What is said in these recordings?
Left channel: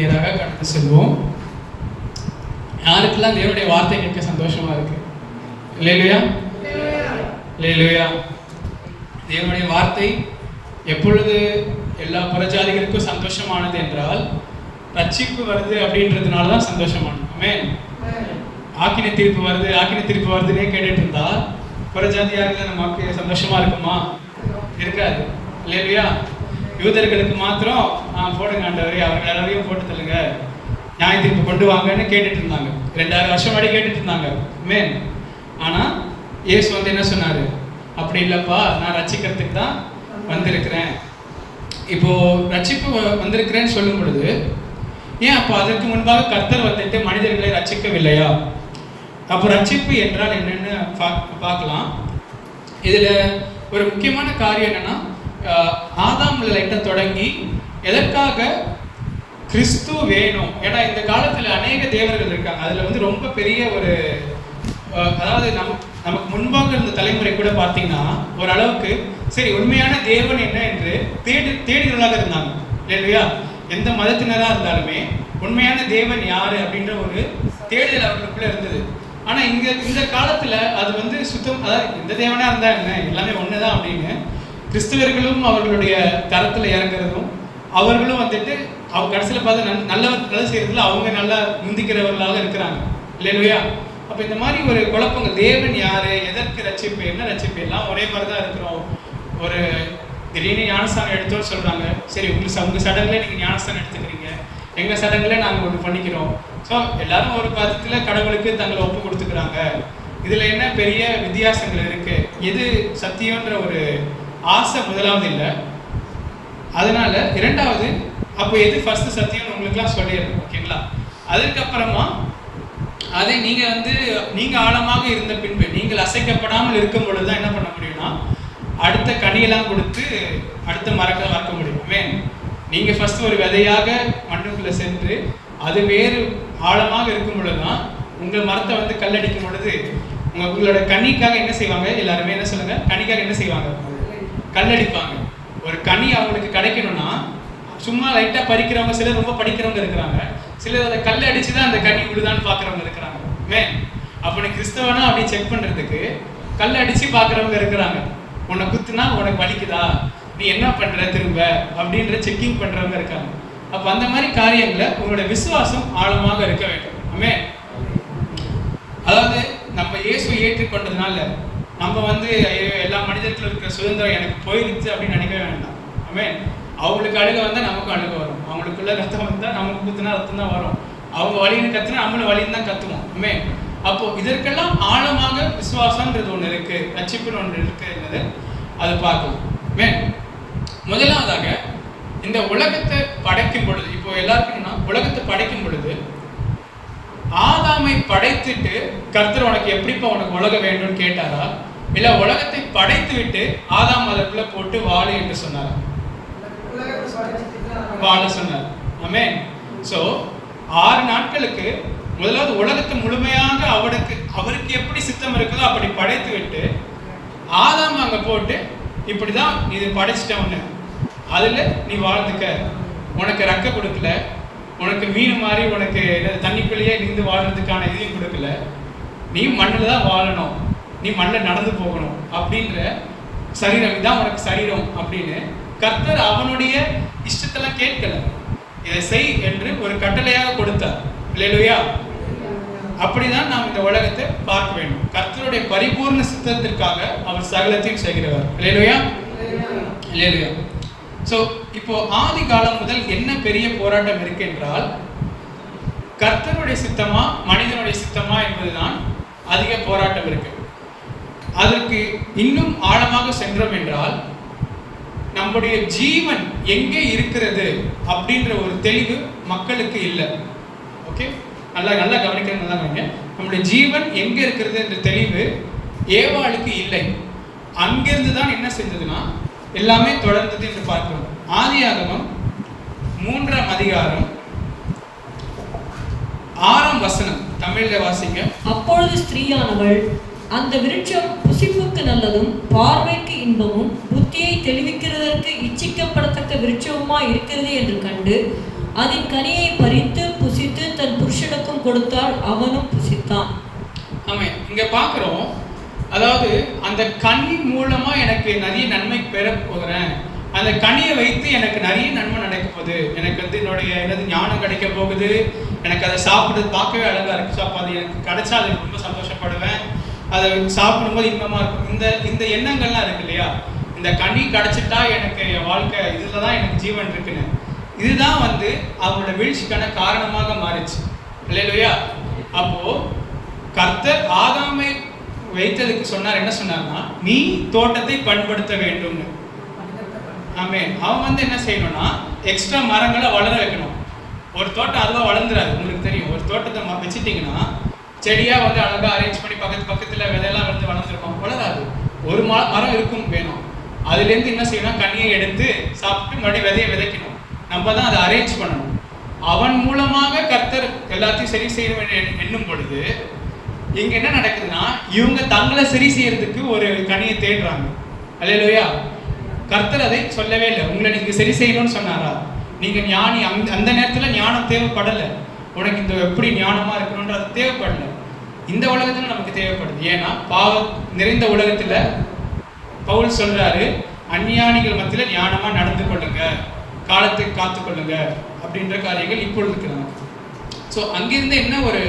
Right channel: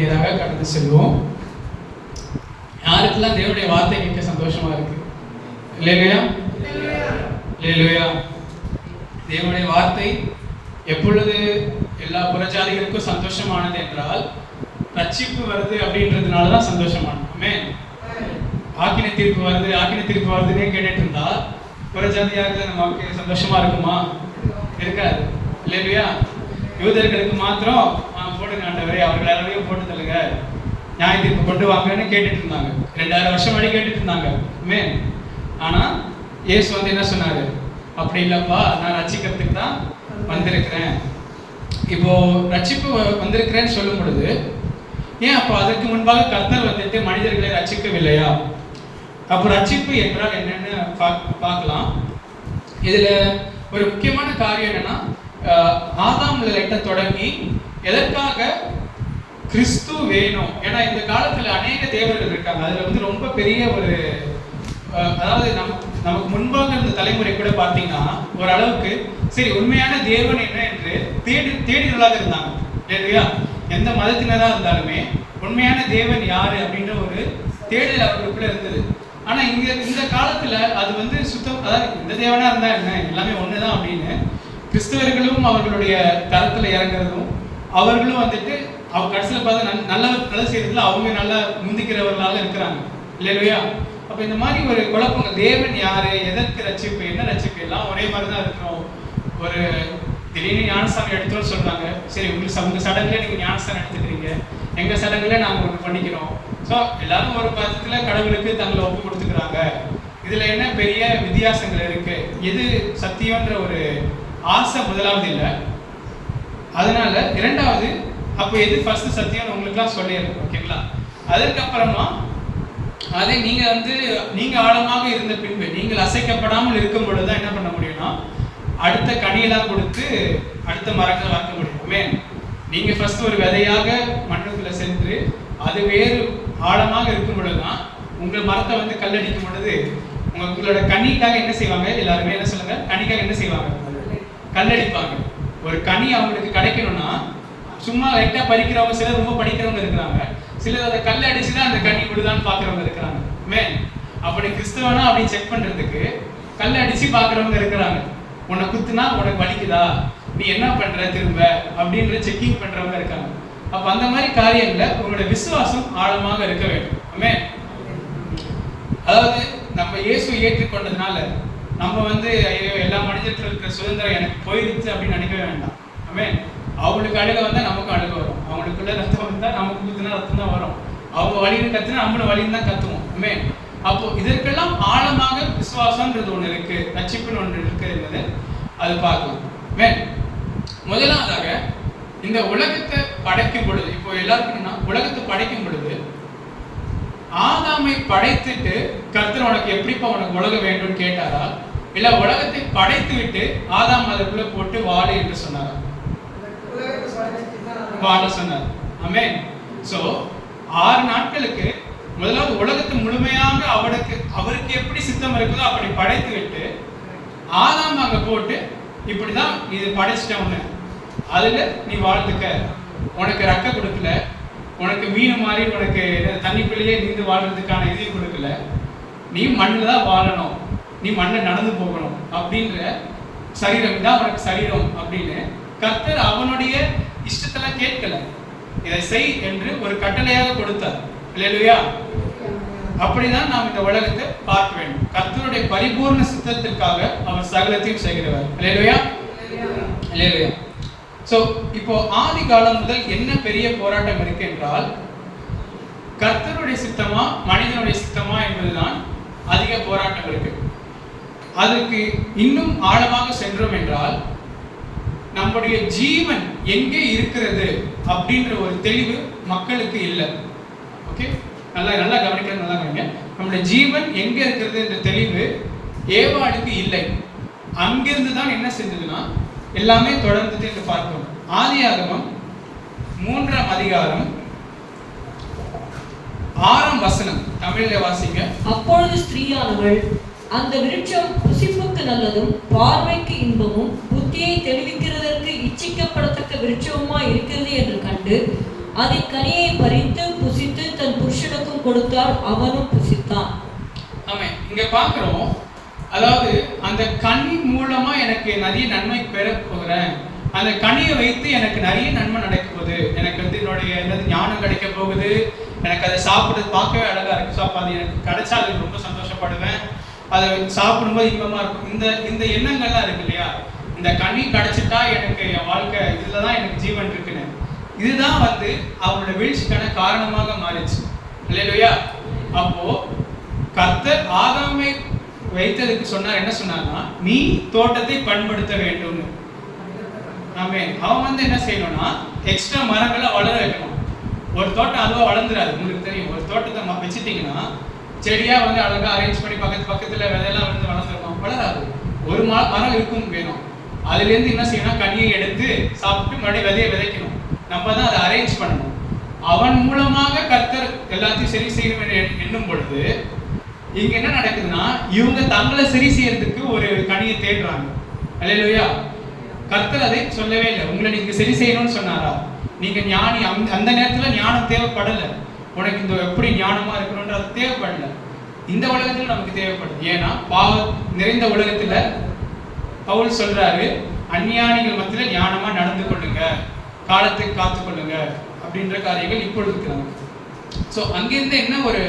நேராக கடந்து செல்வோம். யாருக்கெல்லாம் தேவனுடைய வார்த்தை கேட்க சந்தோஷமா இருக்கு? அல்லேலூயா, அல்லேலூயா. தேவனுடைய வார்த்தை எப்பொழுது எல்லா புறஜாதிகளுக்கும் சந்தோஷமானது என்றால், ரட்சிப்பு வருது அப்படின்றதுனால தான் சந்தோஷமானது. ஆமென். ஆக்கினை தீர்ப்பு வருதுன்னே கேட்டுட்டு இருந்தா புறஜாதியாக நமக்கு சந்தோஷமா இருக்குமா? இருக்காது. இல்லையா? யூதர்களுக்கு மாத்திரம் போடுங்க ஆண்டவரே, அவர்கள் எல்லாரையும் போட்டு தள்ளுங்க, நியாய தீர்ப்பு கொண்டு வாங்கன்னு கேட்டுட்டு இருந்தாங்க. 2000 வருஷம் வரை கேட்டுட்டு இருந்தாங்க. மேன். ஆனா இயேசு வந்து என்ன சொன்னாரு? அப்படி இல்லப்பா, நான் ரட்சிக்கிறதுக்கு தான் வந்திருக்கிறேன். இப்போ ரட்சிப்பு வந்திருக்கிறேன்னு சொல்லும் பொழுது ஏன் அப்போ அதற்கு முன்பாக கர்த்தர் வந்துட்டு மனிதர்களை ரட்சிக்கவில்லையா? அப்போ ரட்சிப்பு என்றால் என்னன்னு பார்க்கலாம். இதுல ஒரு முக்கியமான காரியம் என்னன்னா, ஆதாம்ல லைட்டா தொடங்கி எதற்காக கிறிஸ்து வேணும். ஏன்னா இந்த காலத்துல அநேக தேவர்கள் இருக்காங்க. அதுல வந்து ரொம்ப பெரிய ஒரு, அதாவது நமக்கு முன்பாக இருந்த தலைமுறை கூட பார்த்தீங்கன்னா ஓரளவுக்கு சரி உண்மையான தேவன் என்ன என்று தேடினர்களாக இருந்தாங்க. இல்லையா? எந்த மதத்தினராக இருந்தாலுமே உண்மையான தேவன் யாரு அப்படின்ற ஒரு தேடல் அவர்களுக்குள்ள இருந்தது. ஆனா இந்த காலத்துல அது வந்து சுத்தம், அதாவது எந்த தேவனா இருந்தா என்ன, எல்லாமே ஒண்ணுதான் அப்படின்னு கிறிஸ்தவர்களும் அவர்களுடைய தரத்துல இறங்குறதும், அவர்களும் வந்துட்டு அவங்க கடைசியில் பார்த்து நல்ல செய்யறதுல அவங்க நல்லா முந்திக்கிறவர்களாக இருக்கிறாங்க. இல்லையா? அப்ப இந்த மாதிரி ஒரு குழப்பங்கள், தேவன் யாரு, எதற்கு ரட்சிப்பு, என்ன ரட்சிப்பு, எல்லாம் ஒரே மாதிரி தான் இருக்கிறோம். ஒரு திடீர்னு ஞானஸ்தானம் எடுத்தோம்னு சொல்றாங்க. சரி, உங்க சடங்குல நீங்க ஞானஸ்தானம் எடுத்துக்கிறீங்க, எங்க சடங்குல நாங்க ஒன்று பண்ணிக்கிறோம். ஸோ எல்லாரும் ஒரு பதத்துல கடவுளுக்கு தங்களை ஒப்பு கொடுத்துக்கிறாங்க. இதுல என்ன பெரிய வித்தியாசங்கள் இருக்கு? எது சத்தியம்ன்ற ஒரு ஆசை முதலாவது இல்லை. அதனால இரண்டாவது, அப்போ எது ஃபர்ஸ்ட் சத்தியம்னு உங்களுக்குலாம் சொல்லிடுறோம். ஓகேங்களா? அதுக்கப்புறமா அதை நீங்க ஆழமாக இருந்த பின்பு, நீங்கள் அசைக்கப்படாமல் இருக்கும் பொழுதுதான் என்ன பண்ண முடியும்னா அடுத்த கனியெல்லாம் கொடுத்து அடுத்த மரத்தை வளர்க்க முடியும். நீங்க ஃபர்ஸ்ட் ஒரு விதையாக மண்ணுக்குள்ள சென்று அது வேறு ஆழமாக இருக்கும் பொழுதுதான் உங்கள் மரத்தை வந்து கல்லடிக்கும் பொழுது உங்களோட கனிக்காக என்ன செய்வாங்க? எல்லாருமே என்ன சொல்லுங்க? கனிக்காக என்ன செய்வாங்க? கல்லடிப்பாங்க. ஒரு கனி அவங்களுக்கு கிடைக்கணும்னா சும்மா லைட்டா பறிக்கிறவங்க, சிலர் ரொம்ப படிக்கிறவங்க இருக்கிறாங்க, சிலர் அதை கல் அடிச்சுதான் அந்த கனி விடுதான்னு பாக்குறவங்க இருக்கிறாங்க. அப்படி கிறிஸ்தவனா அப்படின்னு செக் பண்றதுக்கு கல் அடிச்சு பாக்குறவங்க இருக்கிறாங்க. உன்னை குத்துனா உனக்கு வலிக்குதா, நீ என்ன பண்ற திரும்ப அப்படின்ற செக்கிங் பண்றவங்க இருக்காங்க. அப்ப அந்த மாதிரி காரியங்கள்ல உங்களோட விசுவாசம் ஆழமாக இருக்க வேண்டும். அதாவது நம்ம இயேசு ஏற்றுக்கொண்டதுனால நம்ம வந்து எல்லா மனிதர்களும் இருக்கிற சுதந்திரம் எனக்கு போயிடுச்சு அப்படின்னு நினைக்கவே வேண்டாம். அவங்களுக்கு அழுக வந்தா நமக்கும் அழுக வரும், அவங்களுக்குள்ள ரத்தம் வந்தா நமக்கு குத்துனா ரத்தம் தான் வரும், அவங்க வலின்னு கத்துனா நம்மளும் வலின்னு தான் கத்துவோம். அப்போ இதற்கெல்லாம் ஆழமாக விசுவாசம்ன்றது ஒண்ணு இருக்கு, ரட்சிப்புன்னு ஒன்று இருக்கு என்பது அது பார்க்கலாம். முதலாவதாக இந்த உலகத்தை படைக்கும் பொழுது, இப்போ எல்லாருக்கும் உலகத்தை படைக்கும் பொழுது ஆதாமை படைத்துட்டு கர்த்தர் உனக்கு எப்படிப்பா உனக்கு உலகம் வேண்டும்னு கேட்டாரா, இல்ல உலகத்தை படைத்து விட்டு ஆதாம் அதற்குள்ள போட்டு வாழு என்று சொன்னாரா? வாழ சொன்னார். சோ 6 நாட்களுக்கு முதலாவது உலகத்தை முழுமையாக அவருக்கு எப்படி சித்தம் இருக்குதோ அப்படி படைத்து விட்டு ஆதாம் அங்க போட்டு இப்படிதான் இது படைச்சிட்டவனு, அதுல நீ வாழ்ந்துக்க, உனக்கு ரெக்க கொடுக்கல, உனக்கு மீன் மாதிரி உனக்கு தண்ணிக்குள்ளேயே நீந்து வாழ்றதுக்கான இதையும் கொடுக்கல, நீ மண்ணில் தான் வாழணும், நீ மண்ணில் நடந்து போகணும் அப்படின்ற சரீரம் இதான் உனக்கு சரீரம் அப்படின்னு கர்த்தர் அவனுடைய இஷ்டத்தெல்லாம் கேட்கல, இதை செய் என்று ஒரு கட்டளையாக கொடுத்தார். இல்லையா? அப்படிதான் நாம் இந்த உலகத்தை பார்க்க வேண்டும். கர்த்தருடைய பரிபூர்ண சித்தத்திற்காக அவர் சகலத்தையும் செய்கிறவர். இல்லையா? இல்லையா? சோ இப்போ ஆதி காலம் முதல் என்ன பெரிய போராட்டம் இருக்கு என்றால், கர்த்தருடைய சித்தமா மனிதனுடைய சித்தமா என்பதுதான் அதிக போராட்டம் இருக்கு. அதுக்கு இன்னும் ஆழமாக சென்றோம் என்றால், நம்முடைய ஜீவன் எங்கே இருக்கிறது அப்படின்ற ஒரு தெளிவு மக்களுக்கு இல்லை. ஓகே, நல்லா கவனிக்கிறது, நல்லா கவனிங்க. நம்முடைய ஜீவன் எங்க இருக்கிறது என்ற தெளிவு ஏவாளுக்கு இல்லை. அங்கிருந்து தான் என்ன செஞ்சதுன்னா எல்லாமே தொடர்ந்தது என்று பார்க்கிறோம். ஆதியாகமம் 3ஆம் அதிகாரம் 6ஆம் வசனம் தமிழ்ல வாசிங்க. அப்பொழுது ஸ்திரீயானவள் அந்த விருட்சம் புசிப்புக்கு நல்லதும் பார்வைக்கு இன்பமும் புத்தியை தெளிவிக்கிறதற்கு இச்சிக்கப்படத்தக்க விருட்சமுமா இருக்கிறது என்று கண்டு அதன் கனியை பறித்து புசித்து தன் புருஷனுக்கும் கொடுத்தால் அவனும் புசித்தான். ஆமென். இங்க பார்க்கிறோம், அதாவது அந்த கனி மூலமா எனக்கு நிறைய நன்மை பெற போகிறேன், அந்த கனியை வைத்து எனக்கு நிறைய நன்மை நடக்க போகுது, எனக்கு வந்து என்னது ஞானம் கிடைக்க போகுது, எனக்கு அதை சாப்பிடுறது பார்க்கவே அழகா இருக்கு, ஸோ அப்போ அது எனக்கு கிடைச்சா அது ரொம்ப சந்தோஷப்படுவேன், அதை சாப்பிடும்போது இன்பமா இருக்கும். இந்த எண்ணங்கள்லாம் இருக்கு இல்லையா, இந்த கனி கிடைச்சிட்டா எனக்கு என் வாழ்க்கை இதுல தான் எனக்கு ஜீவன் இருக்குன்னு, இதுதான் வந்து அவனோட வீழ்ச்சிக்கான காரணமாக மாறிச்சு. இல்லையா? அப்போ கர்த்தர் ஆதாமை வைத்ததுக்கு சொன்னார், என்ன சொன்னார்னா, நீ தோட்டத்தை பண்படுத்த வேண்டும்னு. ஆமென். அவன் வந்து என்ன செய்யணும்னா, எக்ஸ்ட்ரா மரங்களை வளர வைக்கணும். ஒரு தோட்டம் அதுவா வளர்ந்துராது, உங்களுக்கு தெரியும். ஒரு தோட்டத்தை வச்சுட்டீங்கன்னா செடியா வந்து அழகா அரேஞ்ச் பண்ணி பக்கத்துல விதையெல்லாம் வந்து வளர்ந்துருக்கும், வளராது. ஒரு மரம் இருக்கும் வேணும், அதுலேருந்து என்ன செய்யணும், கனியை எடுத்து சாப்பிட்டு மறுபடியும் விதையை விதைக்கணும். நம்ம தான் அதை அரேஞ்ச் பண்ணணும். அவன் மூலமாக கர்த்தர் எல்லாத்தையும் சரி செய்யணும் எண்ணும் பொழுது இங்க என்ன நடக்குதுன்னா, இவங்க தங்களை சரி செய்யறதுக்கு ஒரு கனியை தேடுறாங்க. அல்லேலூயா. கர்த்தர் அதை சொல்லவே இல்லை. உங்களை நீங்க சரி செய்யணும்னு சொன்னாரா? நீங்க ஞானி, அந்த நேரத்துல ஞானம் தேவைப்படலை. உனக்கு இந்த எப்படி ஞானமா இருக்கணும்ன்ற அது தேவைப்படல. இந்த உலகத்துல நமக்கு தேவைப்படுது. ஏன்னா பாவம் நிறைந்த உலகத்துல பவுல் சொல்றாரு, அஞ்ஞானிகள் மத்தியில ஞானமா நடந்து கொள்ளுங்க, காலத்தை காத்து கொள்ளுங்க அப்படின்ற காரியங்கள் இப்பொழுது இருக்கிறாங்க. ஸோ அங்கிருந்து என்ன ஒரு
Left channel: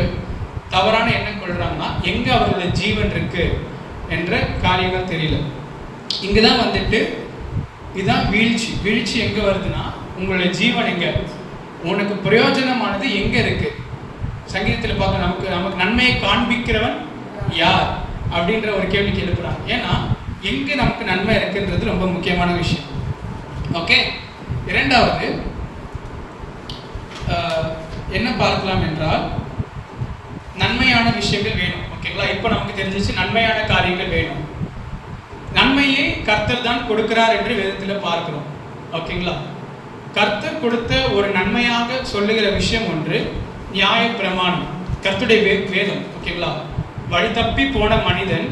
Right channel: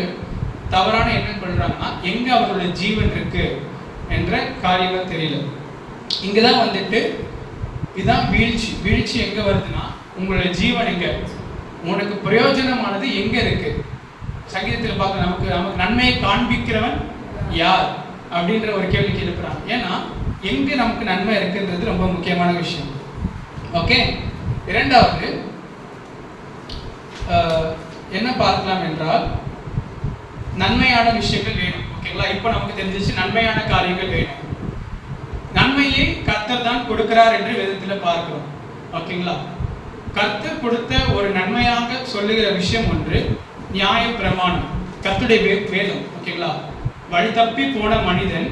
தவறான எண்ணம் கொள்றாங்கன்னா, எங்க அவர்களுடைய ஜீவன் இருக்கு என்ற காரியங்கள் தெரியல. இங்கதான் வந்துட்டு இதுதான் வீழ்ச்சி. வீழ்ச்சி எங்க வருதுன்னா, உங்களுடைய ஜீவன் எங்க, உனக்கு பிரயோஜனமானது எங்க இருக்கு. சங்கீதத்தில் பார்க்க நமக்கு நன்மையை காண்பிக்கிறவன் யார் அப்படின்ற ஒரு கேள்விக்கு எழுப்புறாங்க. ஏன்னா எங்க நமக்கு நன்மை இருக்குன்றது ரொம்ப முக்கியமான விஷயம். ஓகே. இரண்டாவது என்ன பார்க்கலாம் என்றால், நன்மையான விஷயங்கள் வேணும். ஓகேங்களா? இப்போ நமக்கு தெரிஞ்சிச்சு நன்மையான காரியங்கள் வேணும். நன்மையை கர்த்தர் தான் கொடுக்கிறார் என்று வேதத்தில் பார்க்கிறோம். ஓகேங்களா? கர்த்தர் கொடுத்த ஒரு நன்மையாக சொல்லுகிற விஷயம் ஒன்று நியாய பிரமாணம், கர்த்தருடைய வேதம். ஓகேங்களா? வழி தப்பி போன மனிதன்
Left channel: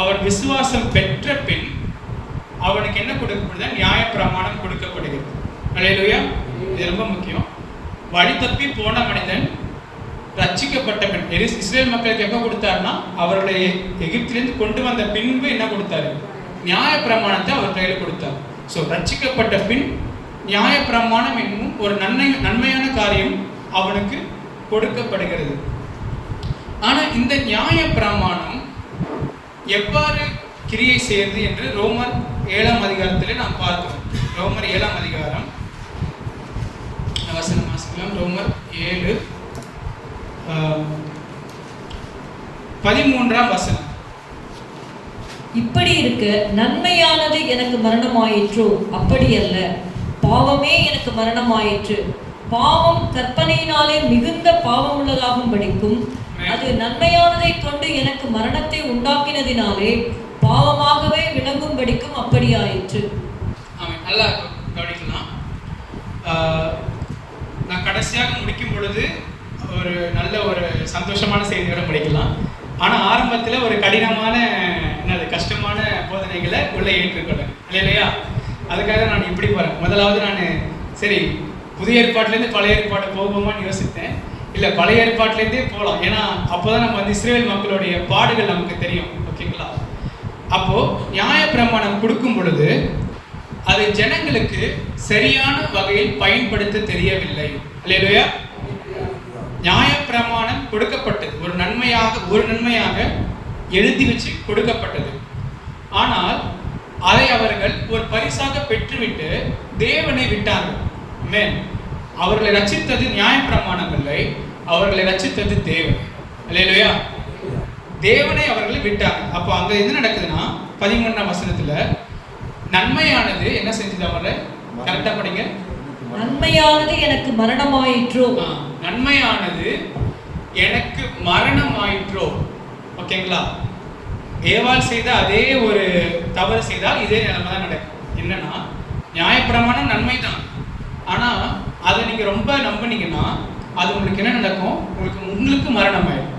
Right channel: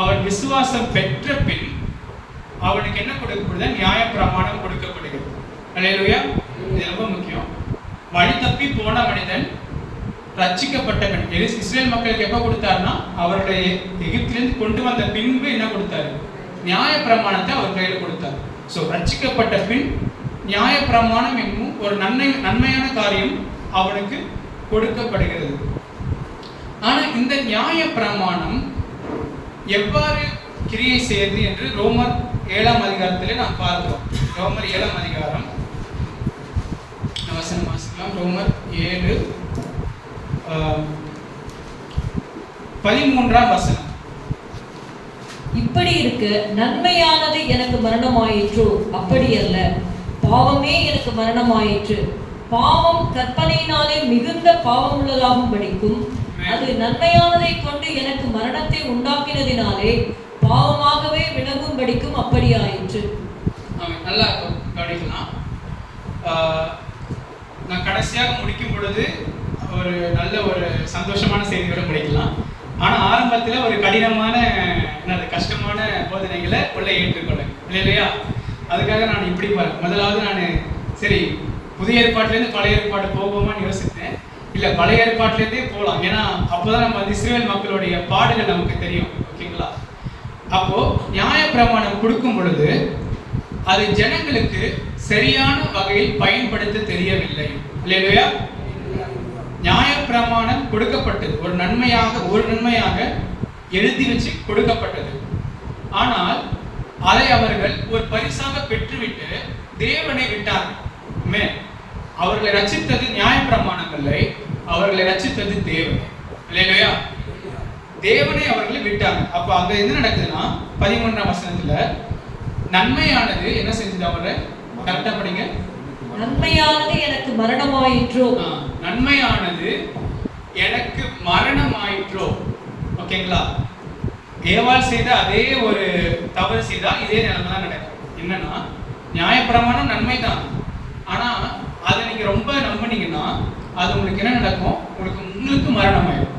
அவன் விசுவாசம் பெற்ற பின் அவனுக்கு என்ன கொடுக்கப்படுது? நியாய பிரமாணம் கொடுக்கப்படுகிறது. அல்லேலூயா. இது ரொம்ப முக்கியம். வழி தப்பி போன மனிதன் ரட்சிக்கப்பட்ட பின், இஸ்ரேல் மக்களுக்கு எப்போ கொடுத்தாருன்னா, அவர்களை எகிப்திலிருந்து கொண்டு வந்த பின்பு என்ன கொடுத்தாரு? நியாய பிரமாணத்தை அவர் கையில் கொடுத்தார். ஸோ ரட்சிக்கப்பட்ட பின் நியாய பிரமாணம் என்னும் ஒரு நன்மையான காரியம் அவனுக்கு கொடுக்கப்படுகிறது. ஆனா இந்த நியாய பிரமாணம் எவ்வாறு கிரியை செய்யுது என்று ரோமர் 7ஆம் அதிகாரத்திலே நாம் பார்க்கிறோம். ரோமர் 7ஆம் அதிகாரம் வசனம் வாசிக்கலாம். ரோமர் 7:13 வசனம். இப்படி இருக்க நன்மையானது எனக்கு மரணமாயிற்றோ? அப்படி அல்ல, பாவமே எனக்கு மரணமாயிற்று. பாவம் கற்பனையினாலே மிகுந்த பாவம் உள்ளதாகும் படிக்கும், அது நன்மையானதை கொண்டு எனக்கு மரணத்தை உண்டாக்கினதினாலே பாவமாகவே விளங்கும் படிக்கும் அப்படி ஆயிற்று. நல்லா கவனிக்கலாம். நான் கடைசியாக முடிக்கும் பொழுது ஒரு நல்ல ஒரு சந்தோஷமான செய்தியோட முடிக்கலாம். ஆனால் ஆரம்பத்தில் ஒரு கடினமான கஷ்டமான போதனைகளை உள்ள ஏற்றுக்கொள்ள இல்லையா? அதுக்காக நான் இப்படி போகிறேன். முதலாவது நான் சரி புதிய ஏற்பாட்டிலேருந்து பழைய ஏற்பாடு போவோமான்னு யோசித்தேன். இல்லை, பழைய ஏற்பாட்டிலேருந்தே போகலாம். ஏன்னா அப்போதான் நம்ம இஸ்ரேல் மக்களுடைய பாடுகள் நமக்கு தெரியும். ஓகேங்களா? அப்போது நியாய பிரமாணம் கொடுக்கும் பொழுது அது ஜனங்களுக்கு சரியான வகையில் பயன்படுத்த தெரியவில்லை. இல்லையா? நியாய பிரமாணம் கொடுக்கப்பட்டது ஒரு நன்மையாக எழுதி வச்சு கொடுக்கப்பட்டது. ஆனால் அதை அவர்கள் ஒரு பரிசாக பெற்றுவிட்டு தேவனை விட்டார்கள். அவர்களை ரட்சித்தது நியாய பிரமாணங்களை, அவர்களை ரட்சித்தது தேவன். இல்லையா? தேவனை அவர்களை விட்டாங்க. அப்போ அங்க என்ன நடக்குதுன்னா 13ஆம் வசனத்துல நன்மையானது என்ன செஞ்சது? அவரை கரெக்டா படிங்க. நன்மையானது எனக்கு மரணமாயிற்றோ? நன்மையானது எனக்கு மரணமாயிற்றோ. ஓகேங்களா? ஏவாள் செய்த அதே ஒரு தவறு செய்தால் இதே நிலைமை தான் கிடையாது. என்னன்னா நியாயப்பிரமாணம் நன்மை தான், ஆனா அதை நீங்க ரொம்ப நம்பினீங்கன்னா அது உங்களுக்கு என்ன நடக்கும்? உங்களுக்கு மரணம் ஆயிடும்.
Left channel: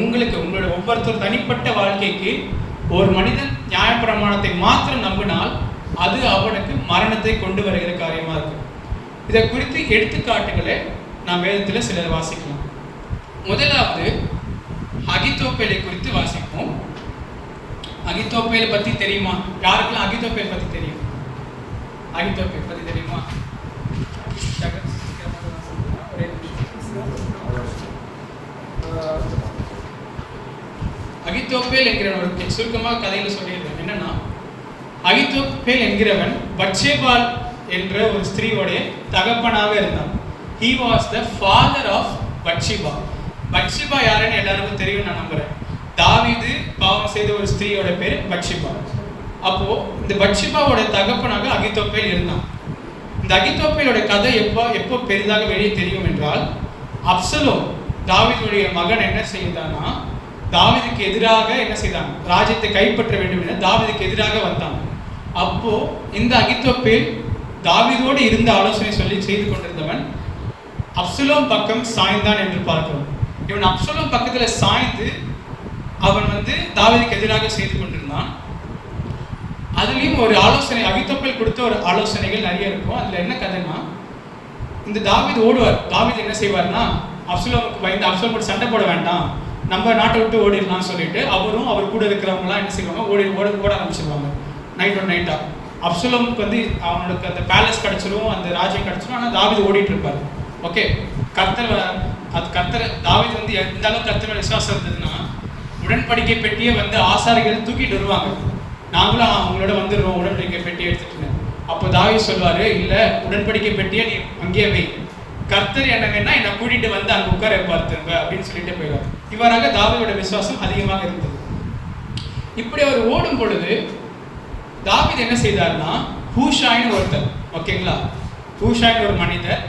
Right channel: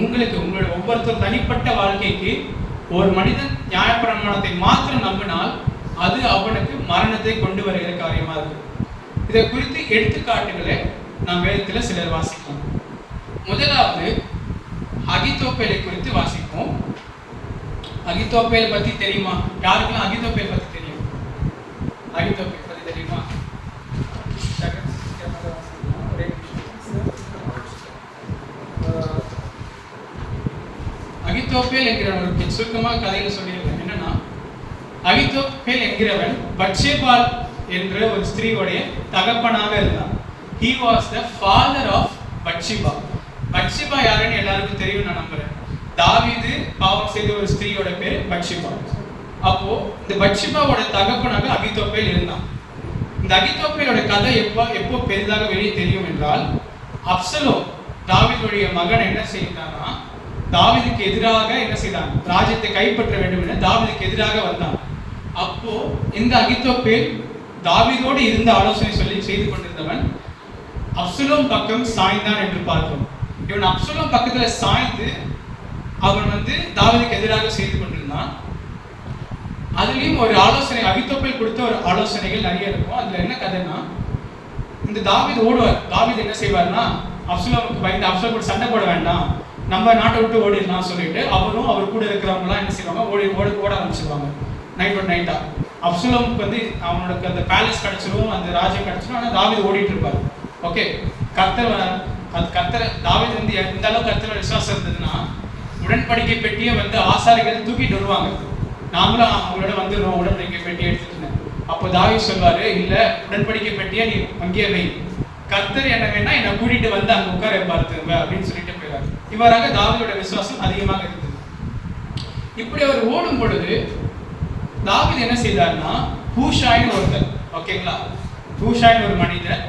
உங்களுக்கு உங்களோட ஒவ்வொருத்தர் தனிப்பட்ட வாழ்க்கைக்கு ஒரு மனிதன் நியாயப்பிரமாணத்தை மாத்திரம் நம்பினால் அது அவனுக்கு மரணத்தை கொண்டு வருகிற காரியமா இருக்கு. இதை குறித்து எடுத்துக்காட்டுகளை நாம் வேதத்தில் சிலர் வாசிக்கலாம். முதலாவது அகித்தோப்பேலை குறித்து வாசிப்போம். அகித்தோப்பேல் பத்தி தெரியுமா? யாருக்கெல்லாம் அகித்தோப்பேல் பத்தி தெரியும்? அகித்தோப்பேல் பத்தி தெரியுமா? அகித்தோப்பேல் என்கிற ஒரு சுருக்கமாக கதையில சொல்லியிருக்கேன். என்னன்னா, அகித்தோப்பேல் என்கிறவன் பத்சேபாள் என்ற ஒரு ஸ்திரீயோடைய தகப்பனாக இருந்தான். He was the father of Bathsheba. Bathsheba யாருன்னு எல்லாருக்கும் தெரியும் நான் நம்புறேன். தாவீது பாவம் செய்த ஒரு ஸ்திரீயோட பேர் பத்சேபா. அப்போ இந்த பத்சேபாவோட தகப்பனாக அகித்தோப்பேல் இருந்தான். இந்த அகித்தோப்பேலோட கதை எப்போ பெரிதாக வெளியே தெரியும் என்றால், அப்சலோம் தாவீதுடைய மகன் என்ன செய்தானா, தாவீதுக்கு எதிராக என்ன செய்தான், ராஜ்யத்தை கைப்பற்ற வேண்டும் என தாவீதுக்கு எதிராக வந்தான். அப்போ இந்த அகித்தோப்பேல் தாவீதோடு இருந்த ஆலோசனை சொல்லி செய்து கொண்டிருந்தவன் அப்சலோம் பக்கம் சாய்ந்தான் என்று பார்க்கிறோம். இவன் அப்சலோம் பக்கத்துல சாய்ந்து அவன் தாவீதுக்கு எதிராக செய்து கொண்டிருந்தான். அதுலயும் ஒரு ஆலோசனை, அகித்தோப்பேல் கொடுத்த ஒரு ஆலோசனைகள் நிறைய இருக்கும். அதுல என்ன கதைன்னா, இந்த தாவீது ஓடுவார். தாவீது என்ன செய்வார்னா, அப்சலோமுக்கு பயந்து அப்சலோம் சண்டை போட வேண்டாம், நம்ம நாட்டை விட்டு ஓடிடலாம் சொல்லிட்டு அவரும் அவர் கூட இருக்கிறவங்களாம் என்ன செய்வாங்க, ஓட ஆரம்பிச்சிருவாங்க நைட்டா. அப்சலோமுக்கு அவனுக்கு அந்த பேலஸ் கிடைச்சிரும், அந்த ராஜ்யம் கிடைச்சிரும். ஆனால் தாவீது ஓடிட்டு இருப்பார். ஓகே, கர்த்தர் தாவீது எந்த அளவுக்கு கர்த்தரோட விசுவாசம் இருந்ததுன்னா, உடன்படிக்கை பெட்டியை ஆசாரிகள் தூக்கிட்டு வருவாங்க. நாங்களும் அவங்களோட வந்துடுவோம் உடன்படிக்கை பெட்டியை எடுத்துட்டு. அப்போ தாவீது சொல்வாரு, இல்ல உடன்படிக்கை பெட்டியை நீ அங்கேயே வை, கர்த்தர் என்ன வேணா என்னை கூட்டிட்டு அங்க உட்கார வைப்பார் திரும்ப அப்படின்னு சொல்லிட்டு போயிடுவார். இவராக தாவீதோட விசுவாசம் அதிகமாக இருந்தது. இப்படி அவர் ஓடும் பொழுது தாவீது என்ன செய்தார்னா, ஹூஷாய்னு ஒருத்தர், ஓகேங்களா, ஹூஷாய்னு ஒரு மனிதர்,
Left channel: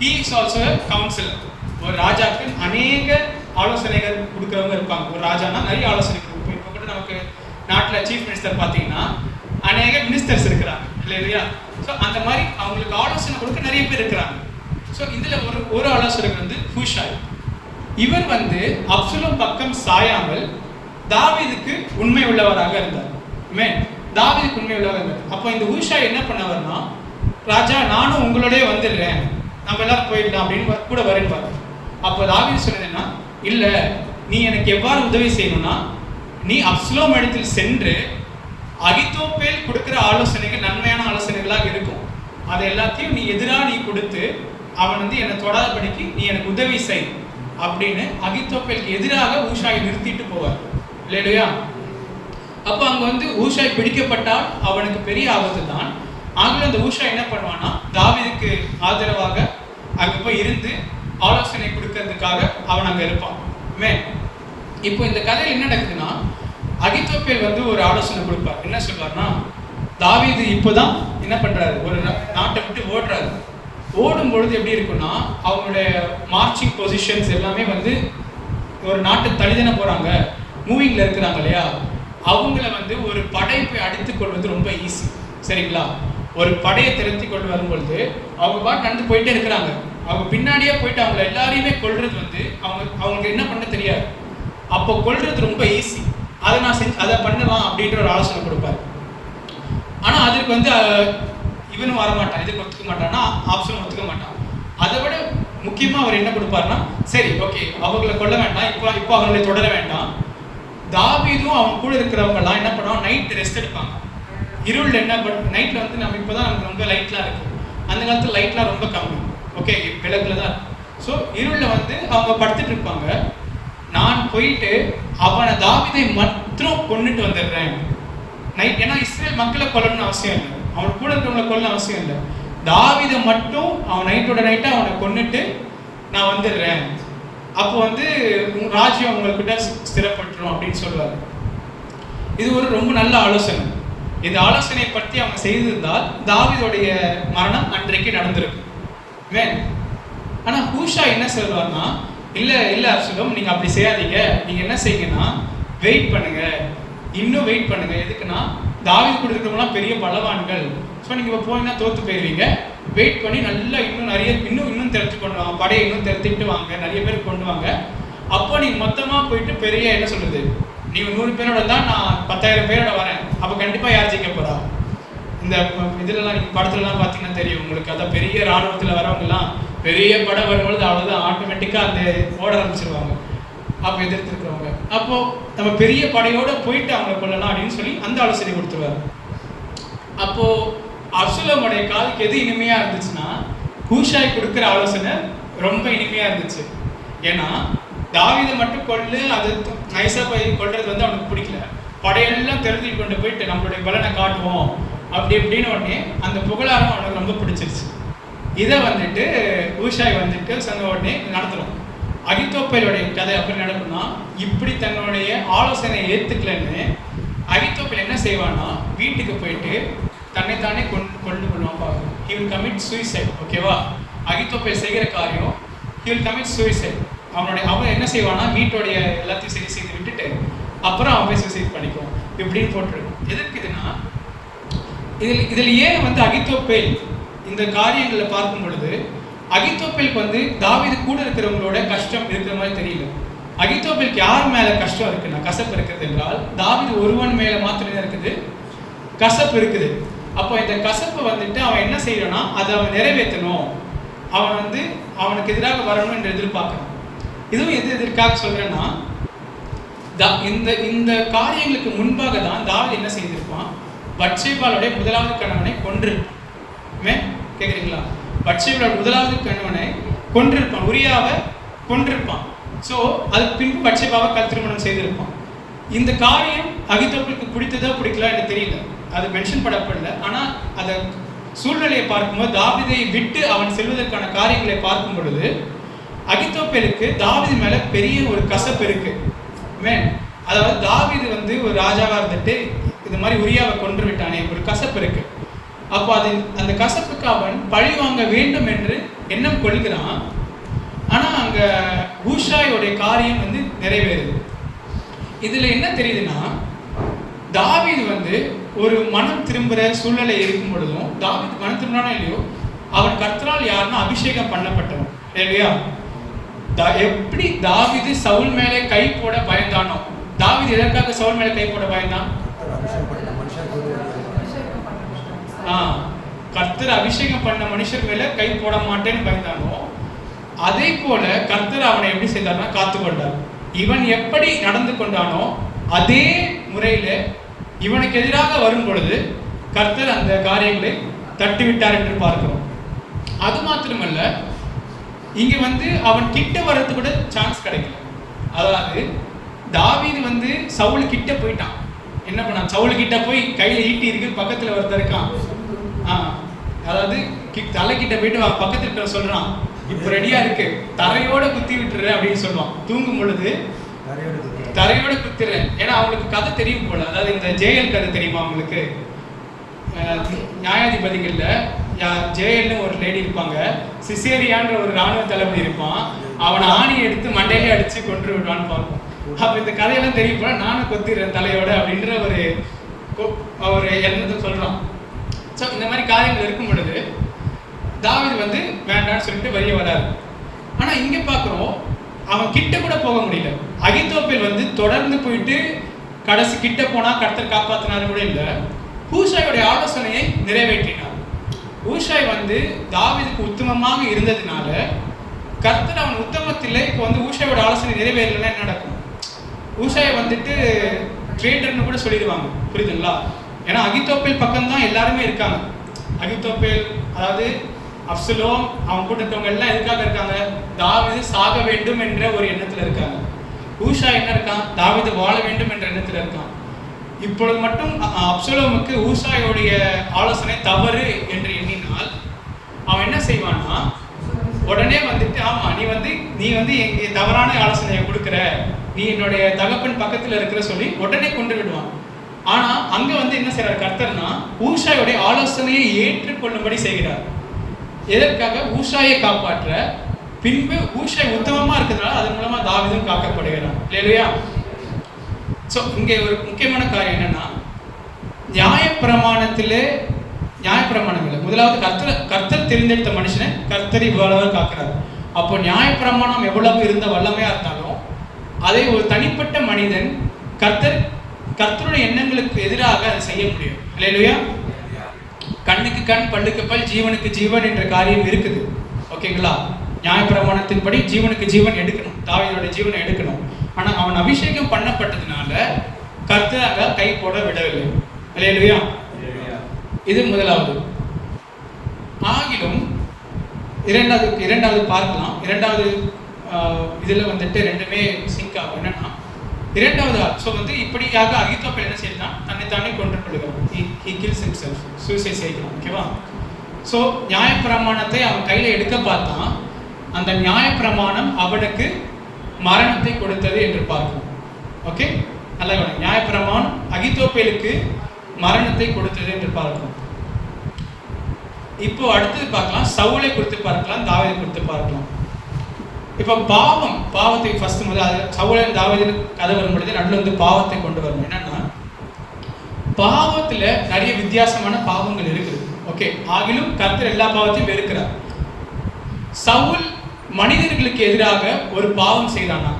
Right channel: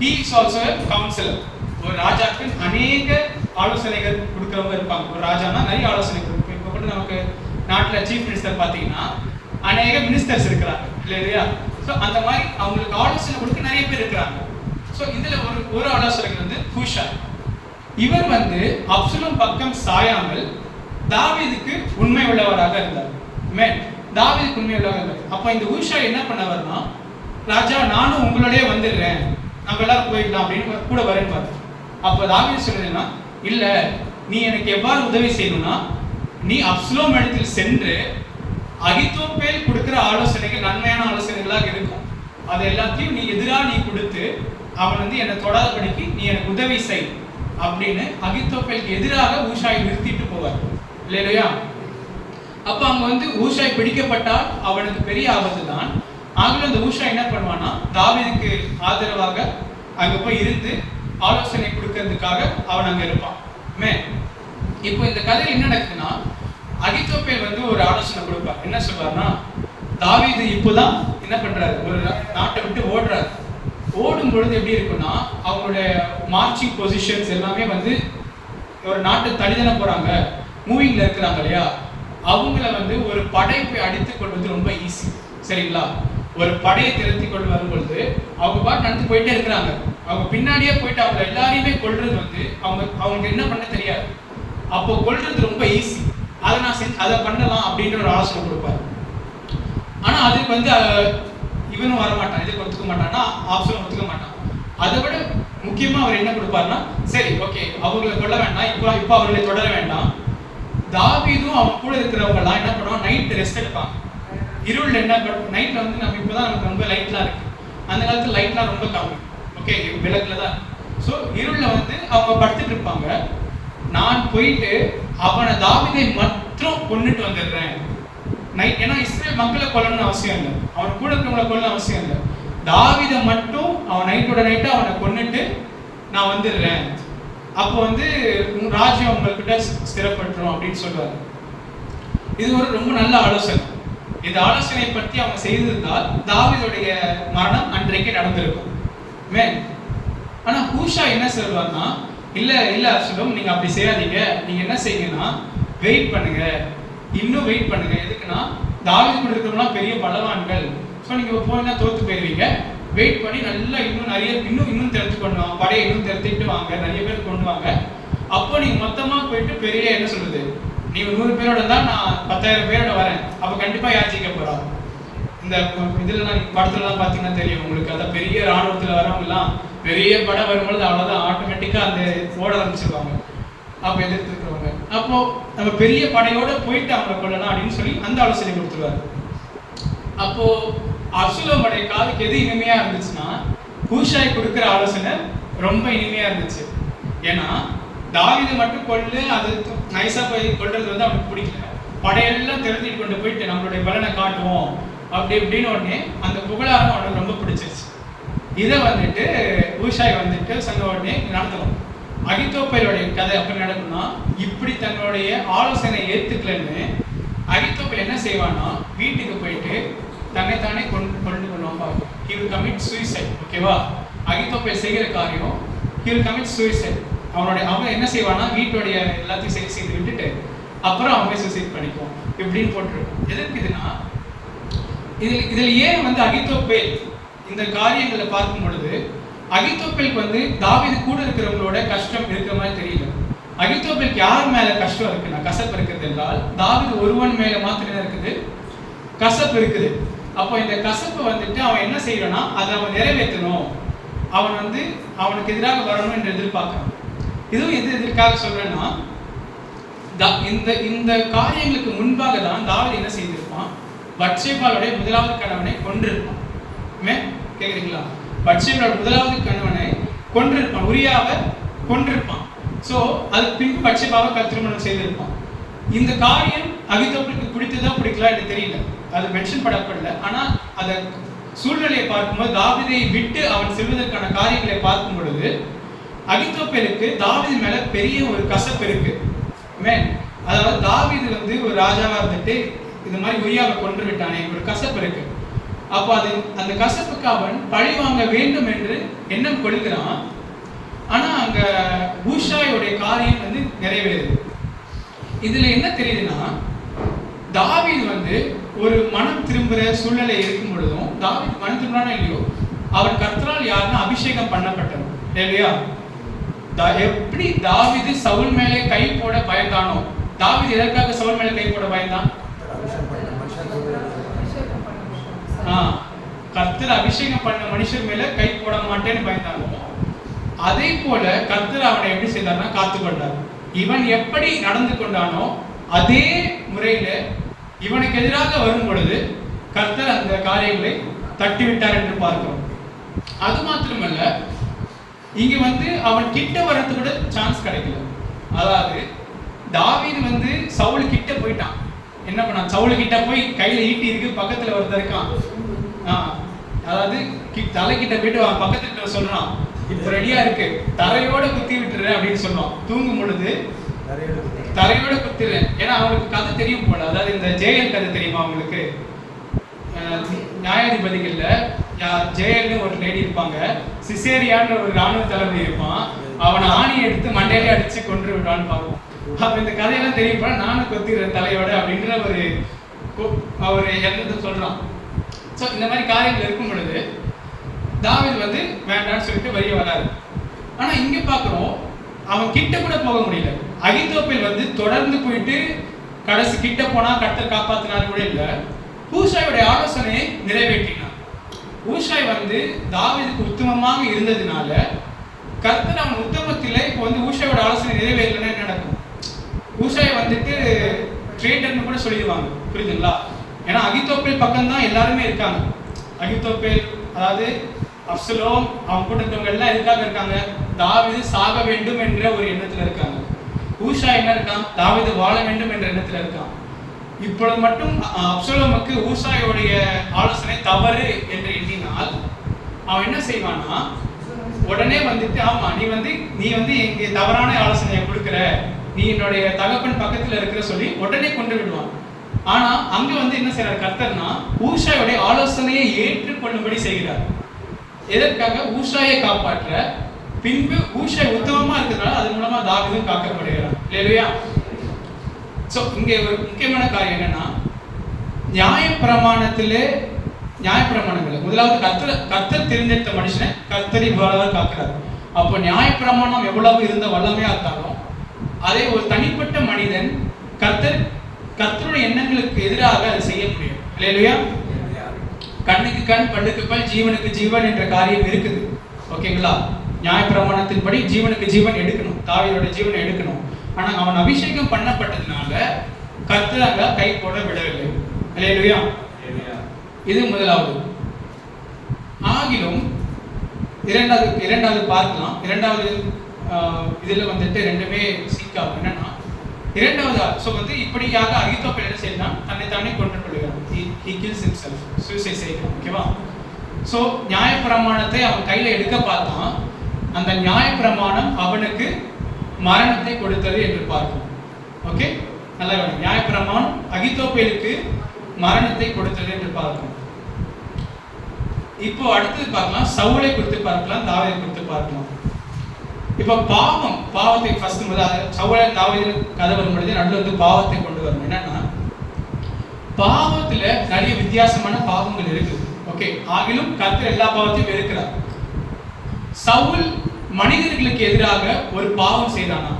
he is also a counselor. ஒரு ராஜாக்கு அநேக ஆலோசனைகள் கொடுக்கிறவங்க இருப்பாங்க. ஒரு ராஜானா நிறைய ஆலோசனை கொடுக்கும். இப்போ கூட நமக்கு நாட்டில் சீஃப் மினிஸ்டர் பார்த்தீங்கன்னா அநேக மினிஸ்டர்ஸ் இருக்கிறாங்க இல்லையா? ஸோ அந்த மாதிரி அவங்களுக்கு ஆலோசனை கொடுக்க நிறைய பேர் இருக்கிறாங்க. ஸோ இதில் ஒரு ஆலோசகர் ஹூஷாய். இவர் அப்சலோம் பக்கம் சாயாமல் தாவீதுக்கு உண்மை உள்ளவராக இருந்தார். தாவீதுக்கு உண்மை உள்ளவராக இருந்தார். அப்போ இந்த ஹூஷாய் என்ன பண்ணவர்னா, ராஜா நானும் உங்களோடய வந்துடுறேன், நம்ம எல்லாரும் போயிடலாம் அப்படின்னு கூட வரேன்னு பார்த்து. அப்போ தாவீது சொன்னதுன்னா, இல்லை நீ எனக்கு எவ்வாறு உதவி செய்யணும்னா, நீ அப்சலோம் இடத்தில் சென்று அகித்தோப்பேல் கொடுக்கிற ஆலோசனைகள் நன்மையான ஆலோசனைகளாக இருக்கும், அதை எல்லாத்தையும் நீ நீ கொடுத்து அவன் என்னை தொடாதபடிக்கு நீ எனக்கு உதவி செய் அப்படின்னு அகித்தோப்பேலுக்கு எதிராக ஊஷாயை நிறுத்திட்டு போவார் இல்லையா? அப்போ அங்க ஊஷாய் பிடிக்கப்பட்டால் அவனுக்கு பெரிய ஆபத்து தான். ஆகவே அந்த ஊஷாய் என்ன பண்ணுவான்னா, தாவீதுக்கு ஆதரவாக அங்க போய் இருந்து ஆலோசனை கொடுக்கறதுக்காக அவன் அங்க இருப்பான். இப்போ இந்த கதையில் என்ன நடக்குதுன்னா, அகித்தோப்பேல் ஒரு ஆலோசனை கொடுப்பார். என்ன சொல்வார்னா, தாவீது இப்போதான் என்ன பண்றாரு, ஒரு நாட்டை விட்டு ஓடுறாரு. ஓடும் பொழுது எப்படி இருக்குன்னா, அவங்களுடைய மார்ச்சிங் பொசிஷன்ஸ் எல்லாமே ஒரு நாட்டை தள்ளிதானே போறாங்க, மூவிங்ல இருக்கிறாங்க இல்லையா? அவங்கள ஒரு படை போய் அடித்துக் கொள்வது ரொம்ப ஈஸி, சரிங்களா? ஒரு படையை திரட்டி கொண்டு வரும்பொழுது அவங்க பாட்டு நடந்து போயிட்டே இருக்கிறாங்க. அவங்க பின்னாடியே போயிட்டு அவங்க எல்லாரையுமே கொள்றது அவங்க என்ன பண்ண தெரியாது. அப்போ கொள்றது ரொம்ப ஈஸி, அதை பண்ணலாம் அப்படின்ற ஒரு ஆலோசனை கொடுப்பாரு. ஆனா அதுக்கு இவனும் வரமாட்டான், இதுக்கு ஒத்துக்க மாட்டான்னா ஆப்ஷன் ஒத்துக்க மாட்டான். அதை விட முக்கியமா அவர் என்ன கொடுப்பாருன்னா, சரி ஓகே அவங்களை கொல்ல வேண்டாம், இப்போ அவங்களை தொடர வேண்டாம். தாவீதும் அவங்க கூட இருக்கிறவங்க எல்லாம் என்ன பண்ணுவாங்க, நைட் ரெஸ்ட் எடுப்பாங்க. இருள் என்ன நைட்ல நம்ம இப்போதான் நமக்கு ரொம்ப லைட்லாம் இருக்கு, அந்த காலத்துல லைட்லாம் ரொம்ப கம்மி, ஓகே விளக்குல தான். ஸோ இருள்ல அவங்க படுத்துட்டு இருப்பாங்க. நான் போயிட்டு அவனை தாவீதை மட்டும் கொண்டுட்டு வந்துடுறேன் நைட். ஏன்னா இஸ்ரேல் மக்களை கொல்லணும்னு அவசியம் இல்லை, அவன் கூட இருக்கிறவங்களை கொல்லணும் அவசியம் இல்லை. தாவீதை மட்டும் அவன் நைட்டோட நைட்டா அவனை கொண்டுட்டு நான் வந்துடுறேன். அப்போ ராஜ்யம் உங்கள்கிட்ட ஸ்திரப்பட்டுரும் அப்படின்னு சொல்லுவாரு. இது ஒரு ரொம்ப நல்ல ஆலோசனை. இந்த ஆலோசனையை பற்றி அவங்க செய்திருந்தால் தாவீதுடைய மரணம் அன்றைக்கு நடந்திருக்கும். ஆனா ஹூஷா என்ன சொல்லுவார்னா, இல்ல அப்சலோம் நீங்க அப்படி செய்யாதீங்க, நீங்க என்ன செய்யுங்கன்னா வெயிட் பண்ணுங்க, இன்னும் வெயிட் பண்ணுங்க. எதுக்குன்னா தாவீது கூட இருக்கிறவங்களாம் பெரிய பலவான்கள், ஸோ நீங்க போனா தோத்து போயிருவீங்க. வெயிட் பண்ணி நல்லா இன்னும் திரட்டி கொண்டு வாங்க, படையை இன்னும் திரட்டிட்டு வாங்க, நிறைய பேர் கொண்டு வாங்க. அப்போ நீங்க மொத்தமா போயிட்டு பெரிய என்ன சொல்றது, நீங்க 100 பேரோட தான் நான் 10,000 பேரோட வரேன், அப்ப கண்டிப்பா யார் ஜெயிக்க போறா? இந்த இதுலலாம் படத்துலலாம் பார்த்தீங்கன்னா தெரியும் உங்களுக்கு. அதான் பெரிய ராணுவத்தில் வரவங்கலாம் பெரிய படம் வரும்பொழுது அவ்வளோதான் ஆட்டோமேட்டிக்காக அந்த ஓட ஆரம்பிச்சிருவாங்க அப்போ எதிர்த்துருக்கிறவங்க. அப்போ நம்ம பெரிய படையோட போயிட்டு அவங்களை கொள்ளலாம் அப்படின்னு சொல்லி அந்த ஆலோசனை கொடுத்துருவாரு. அப்போ அப்சலோமுடைய காதுக்கு எது இனிமையா இருந்துச்சுன்னா ஹூஷாய் கொடுக்குற ஆலோசனை ரொம்ப இனிமையா இருந்துச்சு. ஏன்னா தாவீதை மட்டும் கொள்ளு, அது நைஸா போய் கொள்றது வந்து அவனுக்கு பிடிக்கல. படையெல்லாம் தெரிஞ்சுட்டு கொண்டு போயிட்டு நம்மளுடைய பலனை காட்டுவோம் அப்படி இப்படின்னு உடனே அந்த புகழாரம் அவனுக்கு ரொம்ப பிடிச்சிருச்சு. இதை வந்துட்டு ஹூஷாய் வந்துட்டு சொன்ன உடனே நடத்தலாம். அகித்தோப்பேலுடைய கதை அப்படி நடக்கும்னா, இப்படி தன்னுடைய ஆலோசனை ஏத்துக்கலன்னு அகித்தோப்பேல் என்ன செய்வான்னா வீட்டுக்கு போயிட்டு தன்னைத்தானே கொண்டு கொள்வான் பார்க்கும். he will commit suicide. ஓகேவா? அகித்தோப்பேல் செய்கிற காரியம் he will commit suicide. அவன் என்ன செய்வானா வீட்டுடைய எல்லாத்தையும் சரி செய்து விட்டுட்டு அப்புறம் அவன் சூசைட் பண்ணிக்குவான் இப்படின்னு போட்டுரு. எதற்கு இதுனா, இதில் ஏன் வந்து அகித்தோப்பேல் இந்த காரியங்களை பார்க்கும் பொழுது அகித்தோப்பேலுக்கு வந்து தாவீது கூட இருக்கிறவங்களோட கஷ்டம் இருக்கிற மாதிரி தெரியல. அகித்தோப்பேலுக்கு யார் மேல கஷ்டம் இருக்குன்னா கசப்பு இருக்குது என்றால் தாவீது ஒருவன் மேல மாத்திரம் இருக்குது கசப்பு இருக்குது. அப்போ இந்த கசப்பை வந்துட்டு அவன் என்ன செய்யறான்னா அதை அவன் நிறைவேற்றணும், அவன் வந்து அவனுக்கு எதிராக வரணும் என்று எதிர்பார்க்கிறான். இதுவும் எதற்காக சொல்றேன்னா, இந்த காரியங்களுக்கு முன்பாக தான் தாவீது என்ன செய்திருப்பான், பத்சேபாளுடைய முதலாவது கணவனை கொன்றிருப்பான். கேக்குறீங்களா? பத்சேபாளுடைய முதலாவது கணவனை கொன்றிருப்பான், உரியாவை கொன்றிருப்பான். ஸோ அதுக்கு பின்பு பத்சேபாவை திருமணம் செய்திருப்பான். இந்த காரியம் அகித்தோப்பேலுக்கு பிடித்ததா பிடிக்கல எனக்கு தெரியல, அது மென்ஷன் பண்ணப்படல. ஆனா அந்த சூழ்நிலையை பார்க்கும்போது தாவீதை விட்டு அவன் செல்வதற்கான காரியங்களை பார்க்கும் பொழுது அகித்தோப்பேலுக்கு தாவீது மேல பெரிய ஒரு கசப்பு இருக்கு. அதாவது தாவீது வந்து ஒரு ராஜாவா இருந்துட்டு இந்த மாதிரி உரியாவை கொன்று விட்டானே, ஒரு கசப்பு இருக்கு. அப்போ அது அந்த கசப்புக்கு அவன் பழி வாங்க வேண்டும் என்று எண்ணம் கொள்கிறான். ஆனா அங்க ஹூஷாயோடைய காரியம் வந்து நிறைவேறுது. இதுல என்ன தெரியுதுன்னா, தாவீது வந்து ஒரு மனம் திரும்புற சூழ்நிலை இருக்கும் பொழுதும் தாவீது மனம் திரும்பினானோ இல்லையோ அவன் கர்த்தரால் யாருன்னா அபிஷேகம் பண்ணப்பட்டவன் இல்லையா? எப்படி தாவீது சவுல் மேலே கை போட பயந்தானோ, தாவீது எதற்காக சவுல் மேலே கை போட பயந்தான்? கர்த்தர் அபிஷேகம் பண்ண மனுஷர் மேல கை போட மாட்டேன்னு பயந்தானோ, அதே போல கர்த்தர் அவனை எப்படி செய்தார்னா காத்து கொண்டார். இவன் எப்படி நடந்து கொண்டானோ அதே முறையில இவனுக்கு எதிராக வரும் பொழுது கர்த்தர் அந்த காரியங்களை தட்டிவிட்டார் என்று பார்க்கிறோம். அது மாத்திரமல்ல, இங்க வந்து அவன் கிட்ட வர்றது கூட சான்ஸ் கிடைக்கல. அதாவது தாவீது வந்து சவுல் கிட்ட போயிட்டான். என்ன பண்ணான்? சவுல் கிட்ட போய் கையில ஈட்டி இருக்கு, பக்கத்துல ஒருத்தர் இருக்கான். அதாவது தலைக்கிட்ட போயிட்டு பக்கத்துல சொல்றான், இப்ப ரெடியா இருக்கு, தரையோட குத்தி விட்டுரு அப்படின்னு சொல்லுவான். தூங்கும் பொழுது தரையோட குத்திரு. ஏன்னா அவனுக்கு கதை தெரியும் போல. அதாவது இந்த ஜெயல் கதை தெரியுமா அவங்களுக்கு? நியாயாதிபதிகள்ல ஜெயல்னு ஒரு லேடி இருப்பாங்க, சிசேரியான்ற ஒரு ராணுவ தளபதி இருப்பான். அவனை ஆணியை எடுத்து மண்டையிலே அடிச்சு கொன்று விடான்னு பார்ப்போம். அப்ப இந்த கதையெல்லாம் தெரியும் போல, நானும் கொத்திடுறேன் தலையோட அப்படின்ற ஒரு எண்ணத்தை சொல்றான். ஸோ இந்த மாதிரி காரியங்கள் இருக்கும் பொழுது தாவீது வந்து வேண்டான்னு சொல்லிட்டு வெளியே வராரு. ஆனா இங்க பாக்குறோம், அவன் கிட்ட கூட போக முடியல. அகித்தோப்பேல் வந்து தொடர்ந்து போயிட்டு கடைசி கிட்ட போனா கர்த்தர் காப்பாத்தினாரு கூட இல்ல, ஹூஷாயோடைய ஆலோசனையை நிறைவேற்றினார். ஹூஷாய் வந்து தாவீதுக்கு உத்தமமாக இருந்ததுனால கர்த்தர் அவன் உத்தமத்திலே இப்போ வந்து ஹூஷாயோட ஆலோசனை நிறைவேறலன்னா என்ன நடக்கும்? ஹூஷாயை வந்துட்டு ட்ரேட்டர்னு கூட சொல்லிடுவாங்க, புரியுதுங்களா? ஏன்னா அகித்தோப்பேல் பக்கம் தான் எல்லாருமே இருக்காங்க. அகித்தோப்பேல் அதாவது அப்சலோம் அவன் கூட இருக்கவங்க எல்லாம் எதுக்காக இருக்காங்க? தாவீது சாக வேண்டும் என்ற ஒரு எண்ணத்துல இருக்காங்க. ஹூஷா என்ன இருக்கான்? தாவீது வாழ வேண்டும் என்ற எண்ணத்துல இருக்கான். இப்பொழுது மட்டும் அப்சலோமுக்கு ஹூஷாயோடைய ஆலோசனை தவறு என்று எண்ணினால் அவன் என்ன செய்வான்னா, உடனே வந்துட்டு ஆமா நீ வந்து எங்க தவறான ஆலோசனையை கொடுக்குற, நீ என்னுடைய தகப்பன் பக்கத்துல இருக்கிற சொல்லி உடனே கொண்டு விடுவான். ஆனா அங்க வந்து என்ன செய்யறாரு கர்த்தர்னா, ஹூஷாயோடைய ஆலோசனையை ஏற்றுக்கொள்ளும்படி செய்கிறார். எதற்காக? ஊஷாயை காப்பாற்ற. பின்பு ஊஷாய் உத்தமமா இருக்கிறதுனால அதன் மூலமா தாவீதும் காக்கப்படுகிறான். இல்லையா? சோ இங்கே ஒரு முக்கியமான காரியம் என்னன்னா, நியாயப்பிரமாணங்கள் முதலாவது கர்த்தர் தெரிந்தெடுத்த மனுஷனை கர்த்தர் இவ்வளவு காக்கிறார். அப்போ நியாயப்பிரமாணம் எவ்வளவு இருந்த வல்லமையா இருந்தாலும் அதை ஒரு தனிப்பட்ட மனிதன் கர்த்தருடைய எண்ணங்களுக்கு எதிராக அதை செய்ய முடியும். இல்லையா? கண்ணுக்கு கண் பல்லுக்கு பல் ஜீவனுக்கு ஜீவன் என்ற காரியம் இருக்குது. ஓகேங்களா? நியாயப்பிரமாணத்தின்படி ஜீவனுக்கு ஜீவன் எடுக்கணும், தாவீதோட ஜீவனை எடுக்கணும். ஆனா அவன் அபிஷேகம் பண்ணப்பட்டதுனால கர்த்தர் கை போட விடவில்லை. அல்லேலூயா. இது முதலாவது. ஆகிலும் இரண்டாவது பார்க்கலாம். இரண்டாவது இதுல வந்துட்டு ரெண்டுமே சிங்க் ஆகும். என்னன்னா இரண்டாவது ஸோ வந்து இப்படியாக அகித்தோப்பேல் என்ன செய்யலாம், தன்னைத்தானே கொன்று கொள்கிறார். he kills himself, suicide செய்கிறான். ஓகேவா? ஸோ நியாயப்பிரமாணத்தை அவன் கையில எடுக்க பார்த்தான். அந்த நியாயப்பிரமாணம் அவனுக்கு மரணத்தை கொடுத்தது என்று பார்க்கும். ஓகே, நல்லா கவனிங்க. நியாயப்பிரமாணம் அகித்தோப்பேலுக்கு மரணத்தை கொடுத்தது என்று பார்க்கும். இப்போ அடுத்தது பார்க்கலாம், சவுலை குறித்து பார்க்கலாம், தாவீதை குறித்து பார்க்கலாம். இப்போ பாவத்தை ஃபர்ஸ்ட் முதல்ல சவுலை தாவீது கதை வரும்பொழுது நடுவில் வந்து பாவத்தை கொண்டு வரணும். என்னன்னா பாவத்துல நிறைய வித்தியாசமான பாவங்கள் இருக்குது. ஓகே, ஆகிலும் கர்த்தர் எல்லா பாவத்தையும் வெறுக்கிறார். சவுல் மனிதர்களுக்கு எதிராக ஒரு பாவம் செய்தானா?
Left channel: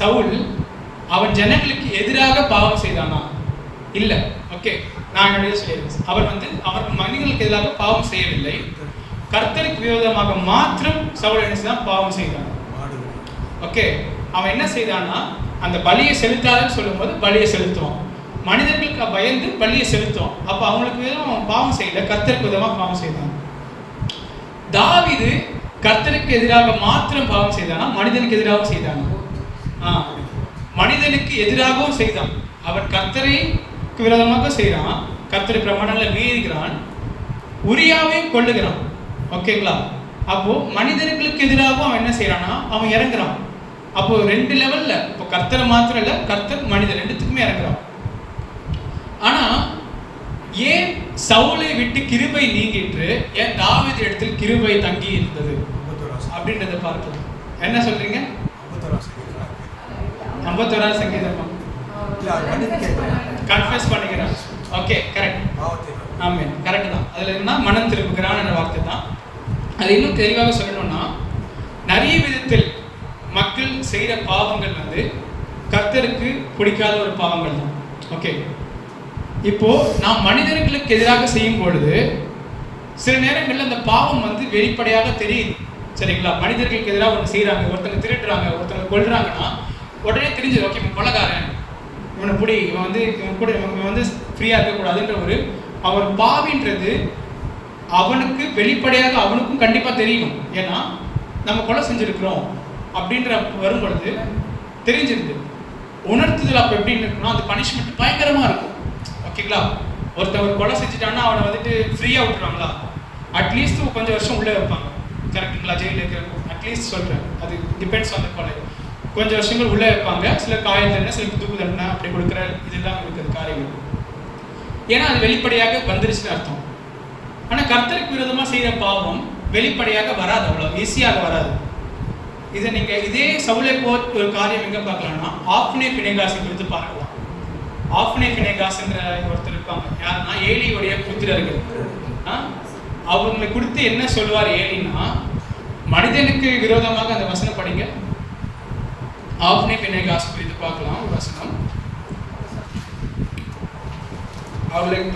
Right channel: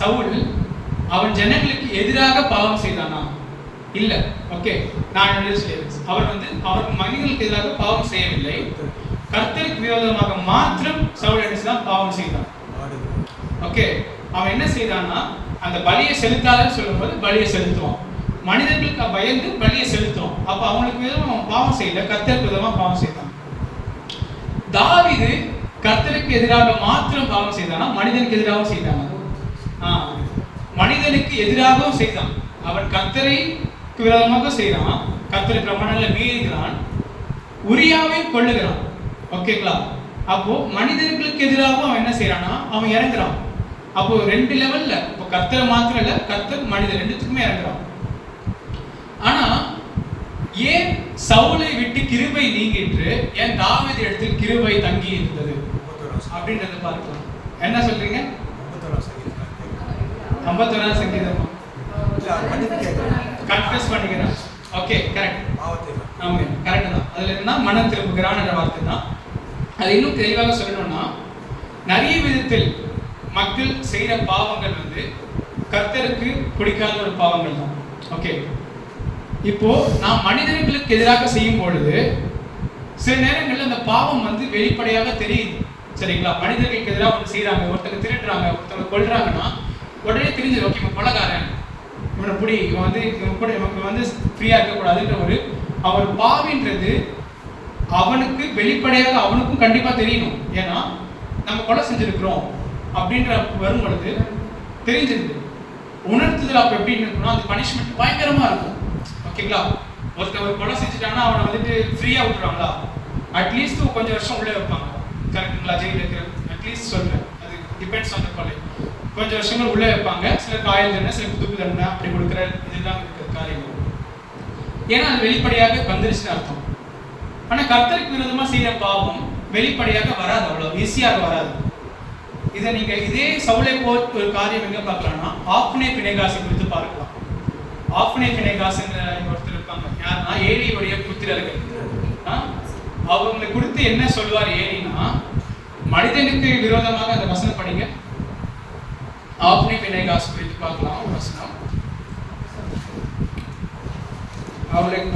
சவுல் அவன் ஜனங்களுக்கு எதிராக பாவம் செய்தானா? இல்ல. ஓகே, நான் அவர் அவருக்கு மனிதர்களுக்கு எதிராக பாவம் செய்யவில்லை. கர்த்தருக்கு விரோதமாக மாத்திரம் சவுல் என்ன செய்தான்? பாவம் செய்தான். ஓகே, அவன் என்ன செய்தான்னா அந்த பலியை செலுத்தாதன்னு சொல்லும்போது பலியை செலுத்துவான், மனிதர்களுக்கு பயந்து பலியை செலுத்துவான். அப்ப அவங்களுக்கு விதமா அவன் பாவம் செய்யல, கர்த்தருக்கு விதமா பாவம் செய்தான். தாவீது கர்த்தருக்கு எதிராக மாத்திரம் பாவம் செய்தானா, மனிதனுக்கு எதிராகவும் செய்தானா? மனிதனுக்கு எதிராகவும் செய்தான். அவன் கர்த்தருக்கு விரோதமாக செய்யறான், கர்த்தரை பிரமாணங்களை மீறுகிறான், உரியாவை கொள்ளுகிறான். ஓகேங்களா? அப்போ மனிதர்களுக்கு எதிராகவும் அவன் என்ன செய்யறானா, அவன் இறங்குறான். அப்போ ரெண்டு லெவல்ல, இப்போ கர்த்தரை மாத்திரம் இல்ல, கர்த்தர் மனிதன் ரெண்டுத்துக்குமே இறங்குறான். ஆனா ஏன் சவுலை விட்டு கிருபை நீங்கிட்டு ஏன் தாவீது இடத்தில் கிருபை தங்கி இருந்தது அப்படின்றத பார்க்கலாம். என்ன சொல்றீங்க? 51 சங்கீதம் கன்ஃபெஸ் பண்ணிக்கிறான். Okay, correct. ஆமென், கரெக்ட் தான். அதுல என்ன மனம் திரும்புகிறான் என்ற வார்த்தை தான். அது இன்னும் தெளிவாக சொல்லணும்னா நிறைய விதத்தில் மக்கள் செய்யற பாவங்கள் வந்து கர்த்தருக்கு பிடிக்காத ஒரு பாவங்கள் தான். ஓகே, இப்போ நாம் மனிதர்களுக்கு எதிராக செய்யும் பொழுது சில நேரங்களில் அந்த பாவம் வந்து வெளிப்படையாக தெரியுது. சரிங்களா? மனிதர்களுக்கு எதிராக ஒன்று செய்யறாங்க, ஒருத்தங்க திருட்டுறாங்க, ஒருத்தங்க கொல்றாங்கன்னா உடனே தெரிஞ்சது. ஓகே, இவன் கொலைகாரன், இவனை பிடி, இவன் வந்து ஃப்ரீயா இருக்கக்கூடாதுன்ற ஒரு அவர் பாவின்றது அவனுக்கு வெளிப்படையாக அவனுக்கும் கண்டிப்பா தெரியணும். ஏன்னா நம்ம கொலை செஞ்சிருக்கிறோம் அப்படின்ற வரும் பொழுது தெரிஞ்சிருது. உணர்த்துதல் அப்ப எப்படி இருக்கணும், அது பனிஷ்மெண்ட் பயங்கரமா இருக்கும். ஓகேங்களா? ஒருத்தவர் கொலை செஞ்சுட்டான்னா அவனை வந்துட்டு ஃப்ரீயா விட்டுருவாங்களா? அட்லீஸ்ட் கொஞ்சம் வருஷம் உள்ளே வைப்பாங்க. கரெக்டுங்களா? ஜெயிலில் இருக்கிற அட்லீஸ்ட் சொல்றேன், அது டிபெண்ட்ஸ் ஆன் த கொலை. கொஞ்சம் வருஷங்கள் உள்ளே வைப்பாங்க, சில காயல் தண்டனை, சில தூக்கு தண்டனை அப்படி கொடுக்குற இதுதான் இருக்கிற காரியங்கள். ஏன்னா அது வெளிப்படையாக வந்துருச்சுன்னு அர்த்தம். ஆனா கர்த்தருக்கு விரோதமா செய்யற பாவம் வெளிப்படையாக வராது, அவ்வளவு ஈஸியாக வராது. இதை நீங்க இதே சவுலை போல் ஒரு காரியம் எங்க பார்க்கலாம்னா ஆப்னே பினேகாஸை குறித்து பார்க்கலாம். ஆப்னே பினேகாஸ் என்ற ஒருத்தர் இருப்பாங்க. யாருன்னா ஏலியுடைய புத்திரர்கள். அவங்களை குறித்து என்ன சொல்லுவார் ஏலினா, மனிதனுக்கு விரோதமாக அந்த வசனம் படிங்க. ஆப்னே பினேகாஸ் குறித்து பார்க்கலாம் ஒரு வசனம்.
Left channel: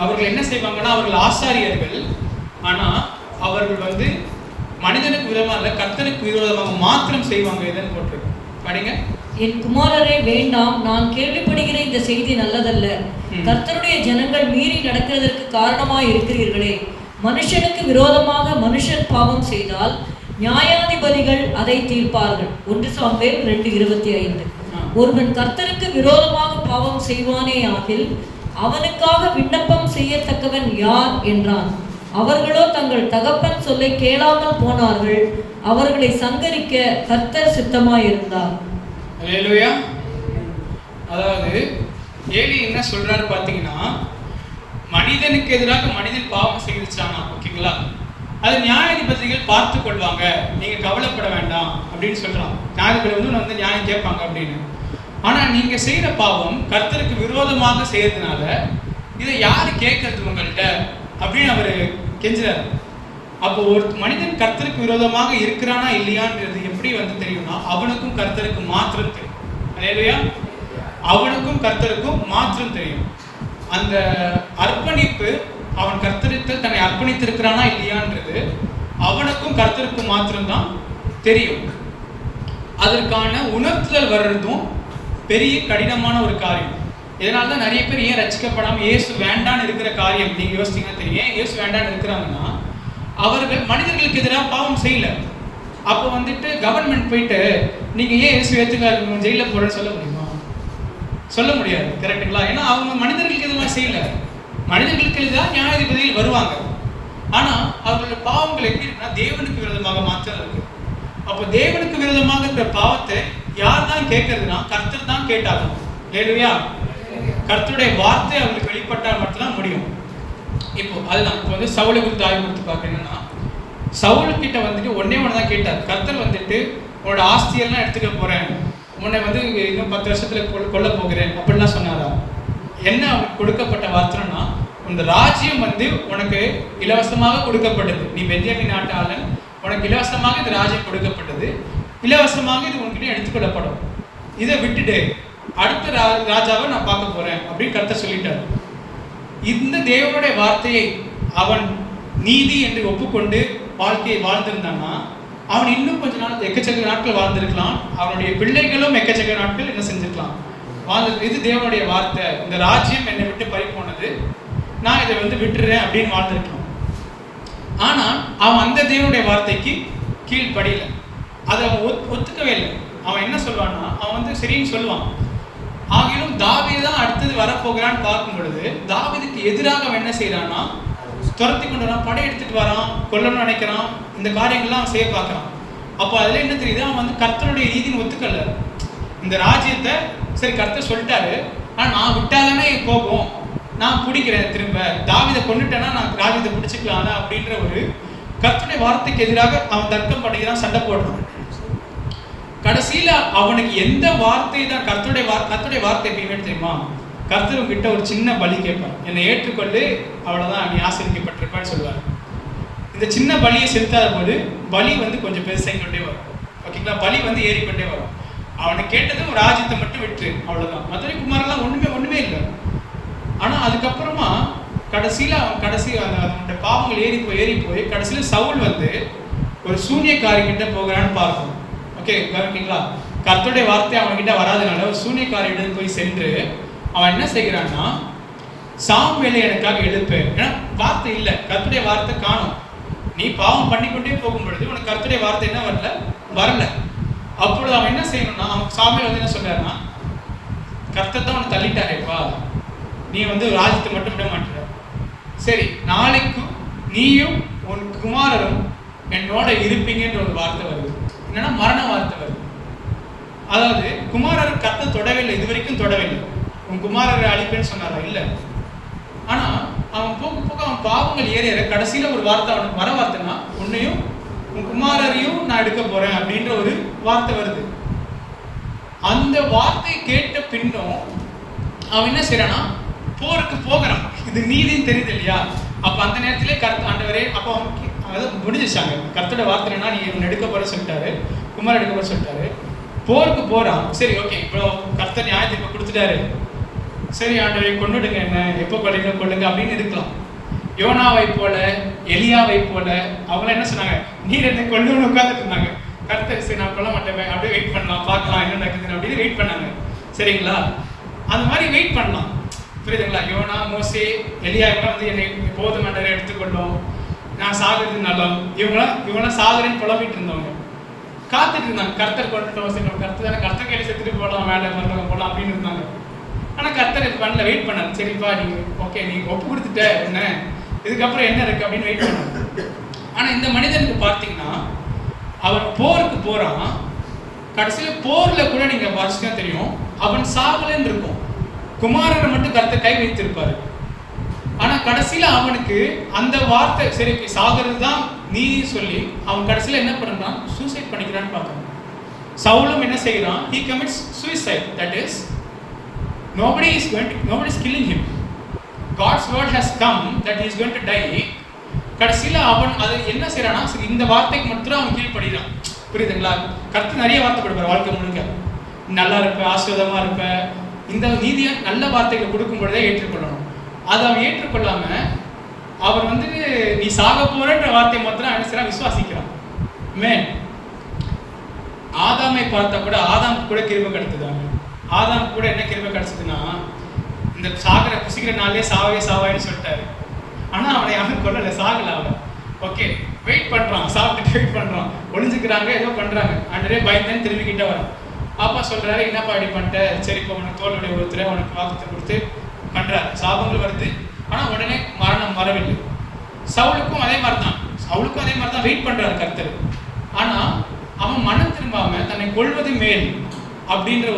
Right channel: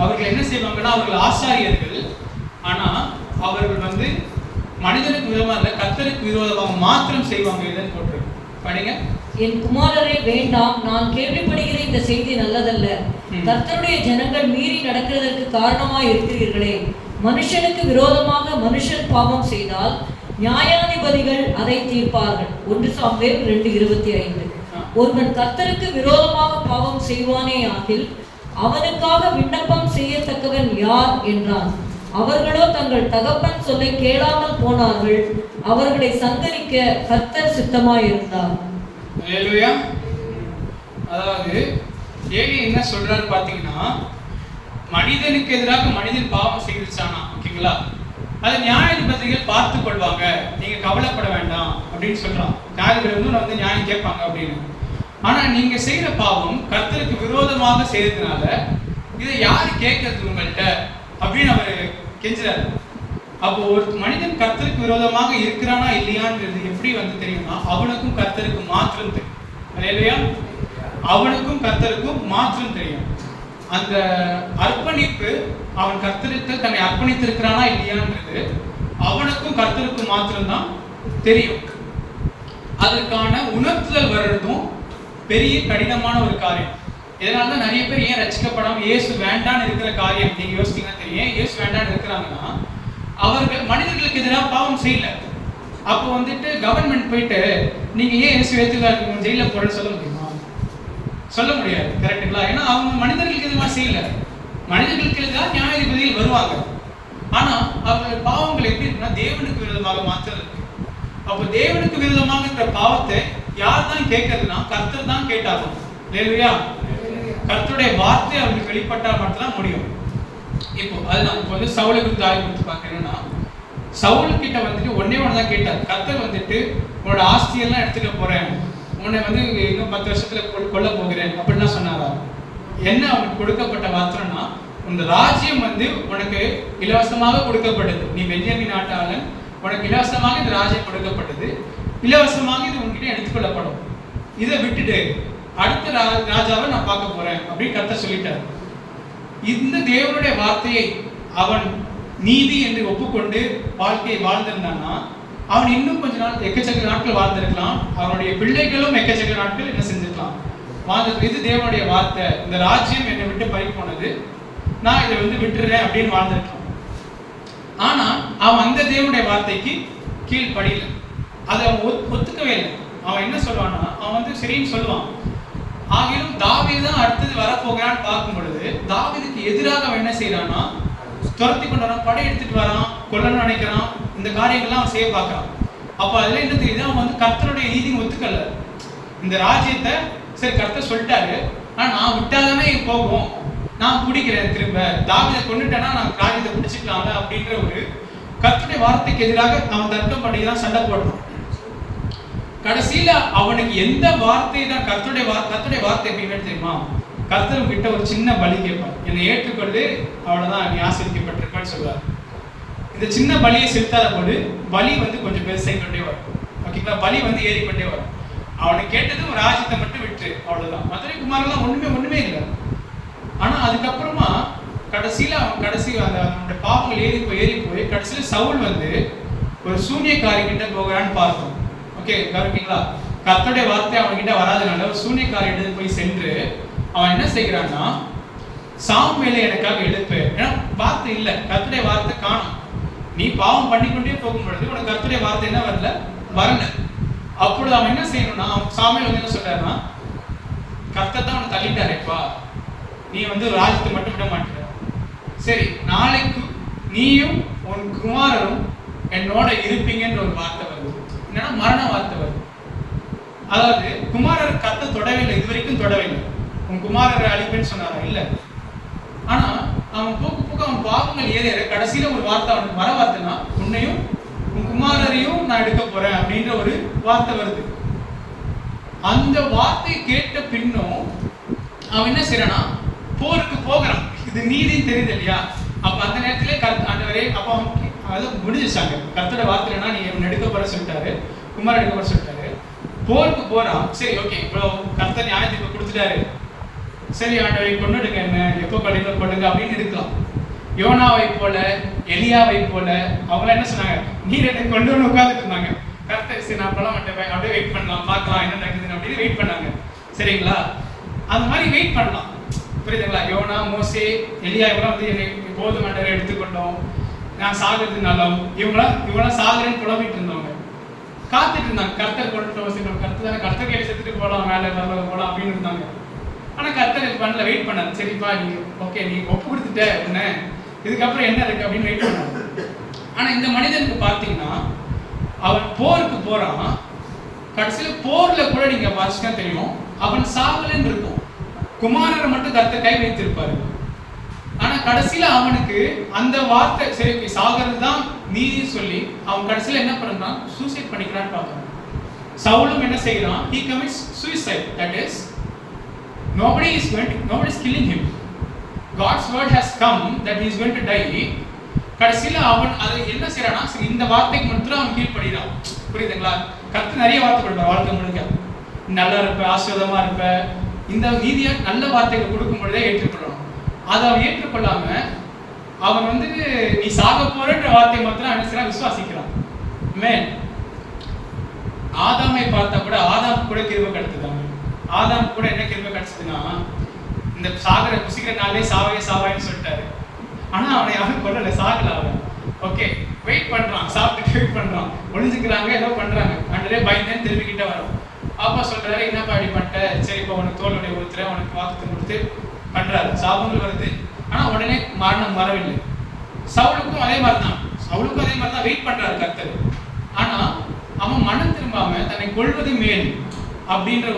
அவர்கள் என்ன செய்வாங்கன்னா அவர்கள் ஆசாரியர்கள், ஆனா அவர்கள் வந்து மனிதனுக்கு விரோதமாக இல்ல, கர்த்தருக்கு விரோதமாக மாத்திரம் செய்வாங்க. எதன் போட்டு படிங்க. என் குமாரரே வேண்டாம், நான் கேள்விப்படுகிற இந்த செய்தி நல்லதல்ல. கர்த்தருடைய ஜனங்கள் மீறி நடக்கிறதற்கு காரணமாய் இருக்கிறீர்களே. மனுஷனுக்கு விரோதமாக மனுஷன் பாவம் செய்தால் நியாயாதிபதிகள் அதை தீர்ப்பார்கள். 1 சாமுவேல் 2:25. ஒருவன் கர்த்தருக்கு விரோதமாக பாவம் செய்வானே ஆகில் அவனுக்காக விண்ணப்பம் செய்யத்தக்கவன் யார் என்றான். அவர்களோ தங்கள் தகப்பன் சொல்லை கேளாமல் போனார்கள். அவர்களை சங்கரிக்க கர்த்தர் சித்தமாயிருந்தார். அல்லேலூயா. அதாவது ஏலி என்ன சொல்றாரு பாத்தீங்கன்னா, மனிதனுக்கு எதிராக மனிதன் பாவம் செய்துச்சானா, ஓகேங்களா, அது நியாயாதிபதிகள் பார்த்து கொள்வாங்க, நீங்க கவலைப்பட வேண்டாம் அப்படின்னு சொல்றான். நியாயாதிபதி வந்து நியாயம் கேட்பாங்க அப்படின்னு. ஆனா நீங்க செய்யற பாவம் கர்த்தருக்கு விரோதமாக செய்யறதுனால இதை யாரு கேட்கறது உங்கள்கிட்ட அப்படின்னு அவரு கெஞ்சுறாரு. அப்போ ஒரு மனிதன் கர்த்தருக்கு விரோதமாக இருக்கிறானா இல்லையான்றது எப்படி வந்து தெரியும்னா அவனுக்கும் கர்த்தருக்கு மாத்திரம் தெரியும். அல்லேலூயா. அவனுக்கும் கர்த்தருக்கும் மாத்திரம் தெரியும். அந்த அர்ப்பணிப்பு அவன் கர்த்தரிடத்தில் தன்னை அர்ப்பணித்திருக்கிறானா இல்லையான்றது அவனுக்கும் கர்த்தருக்கும் மாத்திரம்தான் தெரியும். அதற்கான உணர்த்துதல் வர்றதும் பெரிய கடினமான ஒரு காரியம். இதனால தான் நிறைய பேர் ஏன் ரட்சிக்கப்படாம இயேசு வேண்டான்னு இருக்கிற காரியம் நீங்க யோசிச்சீங்கன்னா தெரியும். இயேசு வேண்டான்னு இருக்கிறாங்கன்னா அவர்கள் மனிதர்களுக்கு எதிராக பாவம் செய்யல. அப்போ வந்துட்டு கவர்மெண்ட் போயிட்டு நீங்க ஏன் இயேசு ஏத்துக்காரு ஜெயில போறேன்னு சொல்ல முடியுமா? சொல்ல முடியாது. கரெக்டுங்களா? ஏன்னா அவங்க மனிதர்களுக்கு எதுவுமா செய்யல. மனிதர்களுக்கு எதிராக நியாயாதிபதியில் வருவாங்க. ஆனா அவர்கள் பாவங்கள் எப்படி இருக்குன்னா தேவனுக்கு விரோதமாக மாற்றம் இருக்கு. அப்போ தேவனுக்கு விரோதமாக இருக்கிற பாவத்தை யார் தான் கேட்கறதுன்னா கர்த்தர் தான் கேட்டாகும். ஹல்லேலூயா. கர்த்தருடைய வார்த்தை அவங்களுக்கு வெளிப்பட்டால் மட்டும்தான் முடியும். இப்போ அதுதான் இப்போ வந்து சவுலுக்கு குறித்து ஆய்வு கொடுத்து பார்க்கறேன்னா சவுல் கிட்ட வந்துட்டு ஒன்னே ஒன்று தான் கேட்டார். கர்த்தர் வந்துட்டு உன்னோட ஆஸ்தியெல்லாம் எடுத்துக்க போறேன், உன்னை வந்து இன்னும் 10 வருஷத்துல கொல்ல போகிறேன் அப்படின்லாம் சொன்னாரா? என்ன அவனுக்கு கொடுக்கப்பட்ட வார்த்தைன்னா இந்த ராஜ்யம் வந்து உனக்கு இலவசமாக கொடுக்கப்பட்டது. நீ பென்யமீன் நாட்டாளன், உனக்கு இலவசமாக இந்த ராஜ்யம் கொடுக்கப்பட்டது, இலவசமாக இது உன்கிட்ட எடுத்துக்கொள்ளப்படும். இதை விட்டுட்டு அடுத்த ராஜாவை நான் பார்க்க போறேன் அப்படின்னு கர்த்தர் சொல்லிட்டார். இந்த தேவனுடைய வார்த்தையை அவன் நீதி என்று ஒப்புக்கொண்டு வாழ்க்கையை வாழ்ந்திருந்தானா அவன் இன்னும் கொஞ்ச நாள் எக்கச்சக்க நாட்கள் வாழ்ந்திருக்கலாம். அவனுடைய பிள்ளைகளும் எக்கச்சக்க நாட்கள் என்ன செஞ்சிருக்கலாம், வாழ்ந்து. இது தேவனுடைய வார்த்தை, இந்த ராஜ்யம் என்னை விட்டு பறி போனது, நான் இதை வந்து விட்டுறேன் அப்படின்னு வாழ்ந்திருக்கலாம். ஆனா அவன் அந்த தேவனுடைய வார்த்தைக்கு கீழ்ப்படியல. அதை அவன் ஒத்துக்கவே இல்லை. அவன் என்ன சொல்வான்னா அவன் வந்து சரின்னு சொல்லுவான். ஆகிலும் தாவீது தான் அடுத்தது வரப்போகிறான்னு பார்க்கும் பொழுது தாவீதுக்கு எதிராக அவன் என்ன செய்யறான்னா துரத்தி கொண்டு வரான், படை எடுத்துட்டு வரான், கொல்லணும்னு நினைக்கிறான், இந்த காரியங்கள்லாம் அவன் செய்ய பார்க்கறான். அப்போ அதுல என்ன தெரியுது, அவன் வந்து கர்த்தருடைய நீதின்னு ஒத்துக்கல. இந்த ராஜ்யத்தை சரி கர்த்தர் சொல்லிட்டாரு, ஆனா நான் விட்டாதானே போகும், நான் பிடிக்கிறேன், திரும்ப தாவீதை கொண்டுட்டேன்னா நான் ராஜ்யத்தை பிடிச்சிக்கலாம்ல அப்படின்ற ஒரு கர்த்தருடைய வார்த்தைக்கு எதிராக அவன் தர்க்கம் பண்ணிக்கிறான், சண்டை போடுறான். கடைசியில அவனுக்கு எந்த வார்த்தை தான் கர்த்தருடைய வார்த்தை எப்படின்னு தெரியுமா? கர்த்தரும் கிட்ட ஒரு சின்ன பலி கேட்பார், என்னை ஏற்றுக்கொண்டு அவ்வளவுதான் நீ ஆசீர்வதிக்கப்பட்டிருப்பான்னு சொல்லுவார். இந்த சின்ன பலியை செலுத்தாத போது பலி வந்து கொஞ்சம் பெருசாகிக்கொண்டே வரும். ஓகேங்களா? பலி வந்து ஏறிக்கொண்டே வரும். அவனை கேட்டதும் ராஜ்யத்தை மட்டும் விட்டு அவ்வளவுதான். மதுரை குமாரெல்லாம் ஒண்ணுமே இல்லை. ஆனா அதுக்கப்புறமா கடைசியில அந்த பாவங்கள் ஏறி போய் கடைசியில சவுல் வந்து ஒரு சூனியக்காரி கிட்ட போகிறான்னு பார்ப்போம். ஓகே, கவனிங்களா? கர்த்தருடைய வார்த்தை அவன்கிட்ட வராதனால ஒரு சூனியக்காரியிடம் போய் சென்று அவன் என்ன செய்கிறான்னா சாமுவேலை எனக்காக எழுப்பு. ஏன்னா வார்த்தை இல்லை, கர்த்தருடைய வார்த்தை காணும். நீ பாவம் பண்ணிக்கொண்டே போகும் பொழுது உனக்கு கர்த்தருடைய வார்த்தை என்ன வரல. அப்பொழுது அவன் என்ன செய்யணும்னா சாமுவேல் வந்து என்ன சொல்றாருன்னா கர்த்தர் தான் உன்னை தள்ளிட்டாரேப்பா, நீ வந்து ராஜ்யத்தை மட்டும் விட மாட்டேற. சரி, நாளைக்கு நீயும் உன் குமாரரும் என்னோட இருப்பீங்கன்ற ஒரு வார்த்தை வருது. என்னன்னா மரண வார்த்தை வருது. அதாவது குமாரர் கர்த்தர் தொடவே இல்லை, இது வரைக்கும் தொடவே இல்லை. உன் குமாரரை அழிப்பேன்னு சொன்னாரா? இல்லை. ஆனா அவன் போக அவன் பாவங்கள் ஏற கடைசியில ஒரு வார்த்தை அவனுக்கு வர வார்த்தைன்னா உன்னையும் உன் குமாரரையும் நான் எடுக்க போறேன் அப்படின்ற ஒரு வார்த்தை வருது. அந்த வார்த்தை கேட்ட பின்னும் அவன் என்ன செய்யறானா போருக்கு போகிறான். இது நீதின்னு தெரியுது இல்லையா? அப்ப அந்த நேரத்திலே ஆண்டவரே அப்ப அதாவது முடிஞ்சிச்சாங்க. கர்த்தரோட வார்த்தைனா நீ இவன் எடுக்க போற சொல்லிட்டாரு, குமார் எடுக்க போற சொல்லிட்டாரு, போருக்கு போறான். சரி, ஓகே, இப்போ கர்த்தர் நியாயத்தை கொடுத்துட்டாரு, சரி ஆண்டவரை கொண்டுடுங்க, என்ன எப்போ கொள்ளுங்க அப்படின்னு இருக்கலாம். யோனாவை போல எலியாவை போல அவங்களாம் என்ன சொன்னாங்க, நீர் என்னை கொள்ளுன்னு உட்கார்ந்துட்டு இருந்தாங்க. கர்த்தர் சரி நான் கொல்ல மாட்டேன், அப்படியே வெயிட் பண்ணலாம், பார்க்கலாம் என்ன நடக்குதுன்னு அப்படின்னு வெயிட் பண்ணாங்க. சரிங்களா? அந்த மாதிரி வெயிட் பண்ணலாம். புரியுதுங்களா? யோனா, மோசே, எலியா இவங்களாம் வந்து என்னை போதும் ஆண்டவரை எடுத்துக்கொண்டோம், நான் சாகுறது நல்லோம், இவங்களாம் சாகுறேன்னு புலம்பிட்டு இருந்தவங்க காத்துட்டு இருந்தாங்க. கர்த்தர் கொண்டுட்டோம், கர்த்தர் கையில செத்துட்டு போகலாம், மேலே போகலாம் அப்படின்னு இருந்தாங்க. ஆனா கர்த்தர் பண்ணல, வெயிட் பண்ணாரு. சரிப்பா நீ ஓகே, நீ ஒப்பு கொடுத்துட்ட, என்ன இதுக்கப்புறம் என்ன இருக்கு அப்படின்னு வெயிட் பண்ணாரு. ஆனா இந்த மனிதனுக்கு பார்த்தீங்கன்னா அவன் போருக்கு போறான். கடைசியில போர்ல கூட நீங்க வாசிச்சா தெரியும் அவன் சாகலன்னு இருக்கும். குமாரரை மட்டும் கர்த்தர் கை வைத்திருப்பாரு. ஆனா கடைசியில அவனுக்கு அந்த வார்த்தை சரி சாகிறது தான் நீதி சொல்லி அவன் கடைசியில என்ன பண்றான், சூசைட் பண்ணிக்கிறான்னு பார்க்கணும். சவுலும் என்ன செய்யறான், he commits suicide. That is, nobody is killing him. God's word has come that he is going to die. கடைசியில அவன் அதை என்ன செய்யறானா, இந்த வார்த்தைக்கு மட்டும் அவன் கீழ்ப்படுகிறான். புரியுதுங்களா? கர்த்தர் நிறைய வார்த்தை கொடுப்பார் வாழ்க்கை முழுக்க. நல்லா இருப்ப, ஆசீர்வாதமா இருப்ப, இந்த நீதியா நல்ல வார்த்தைகளை கொடுக்கும் பொழுதே ஏற்றுக்கொள்ளணும். அதை அவன் ஏற்றுக்கொள்ளாம அவன் வந்து நீ சாக போறன்ற வார்த்தையை மாத்திரம் அனுசரா விசுவாசிக்கிறான். மேன் ஆதாமை பார்த்தா கூட ஆதாம் கூட கிருபை கிடைச்சதாங்க. ஆதாம் கூட என்ன கிருபை கிடைச்சதுன்னா, இந்த சாகிற குசிக்கிற நாளே சாவாயின்னு சொல்லிட்டாரு. ஆனா அவனை யாரும் கொள்ளல, சாகல அவன். ஓகே, வெயிட் பண்றான், சாப்பிட்டுட்டு வெயிட் பண்றான், ஒளிஞ்சுக்கிறாங்க, ஏதோ பண்றாங்க. அன்றே பயந்தேன்னு திரும்பிக்கிட்ட வரான். அப்பா சொல்றாரு, என்னப்பா இப்படி பண்ணிட்ட, சரி இப்போ உனக்கு தோல்வடைய ஊத்துறேன், உனக்கு வாக்குத்தை கொடுத்து பண்றாரு. சாபங்கள் வருது, ஆனா உடனே மரணம் வரவில்லை. சவுலுக்கும் அதே மாதிரி தான் வெயிட் பண்றாரு கர்த்தர். ஆனா அவன் மனம் திரும்பாம தன்னை கொள்வது மேல் அப்படின்ற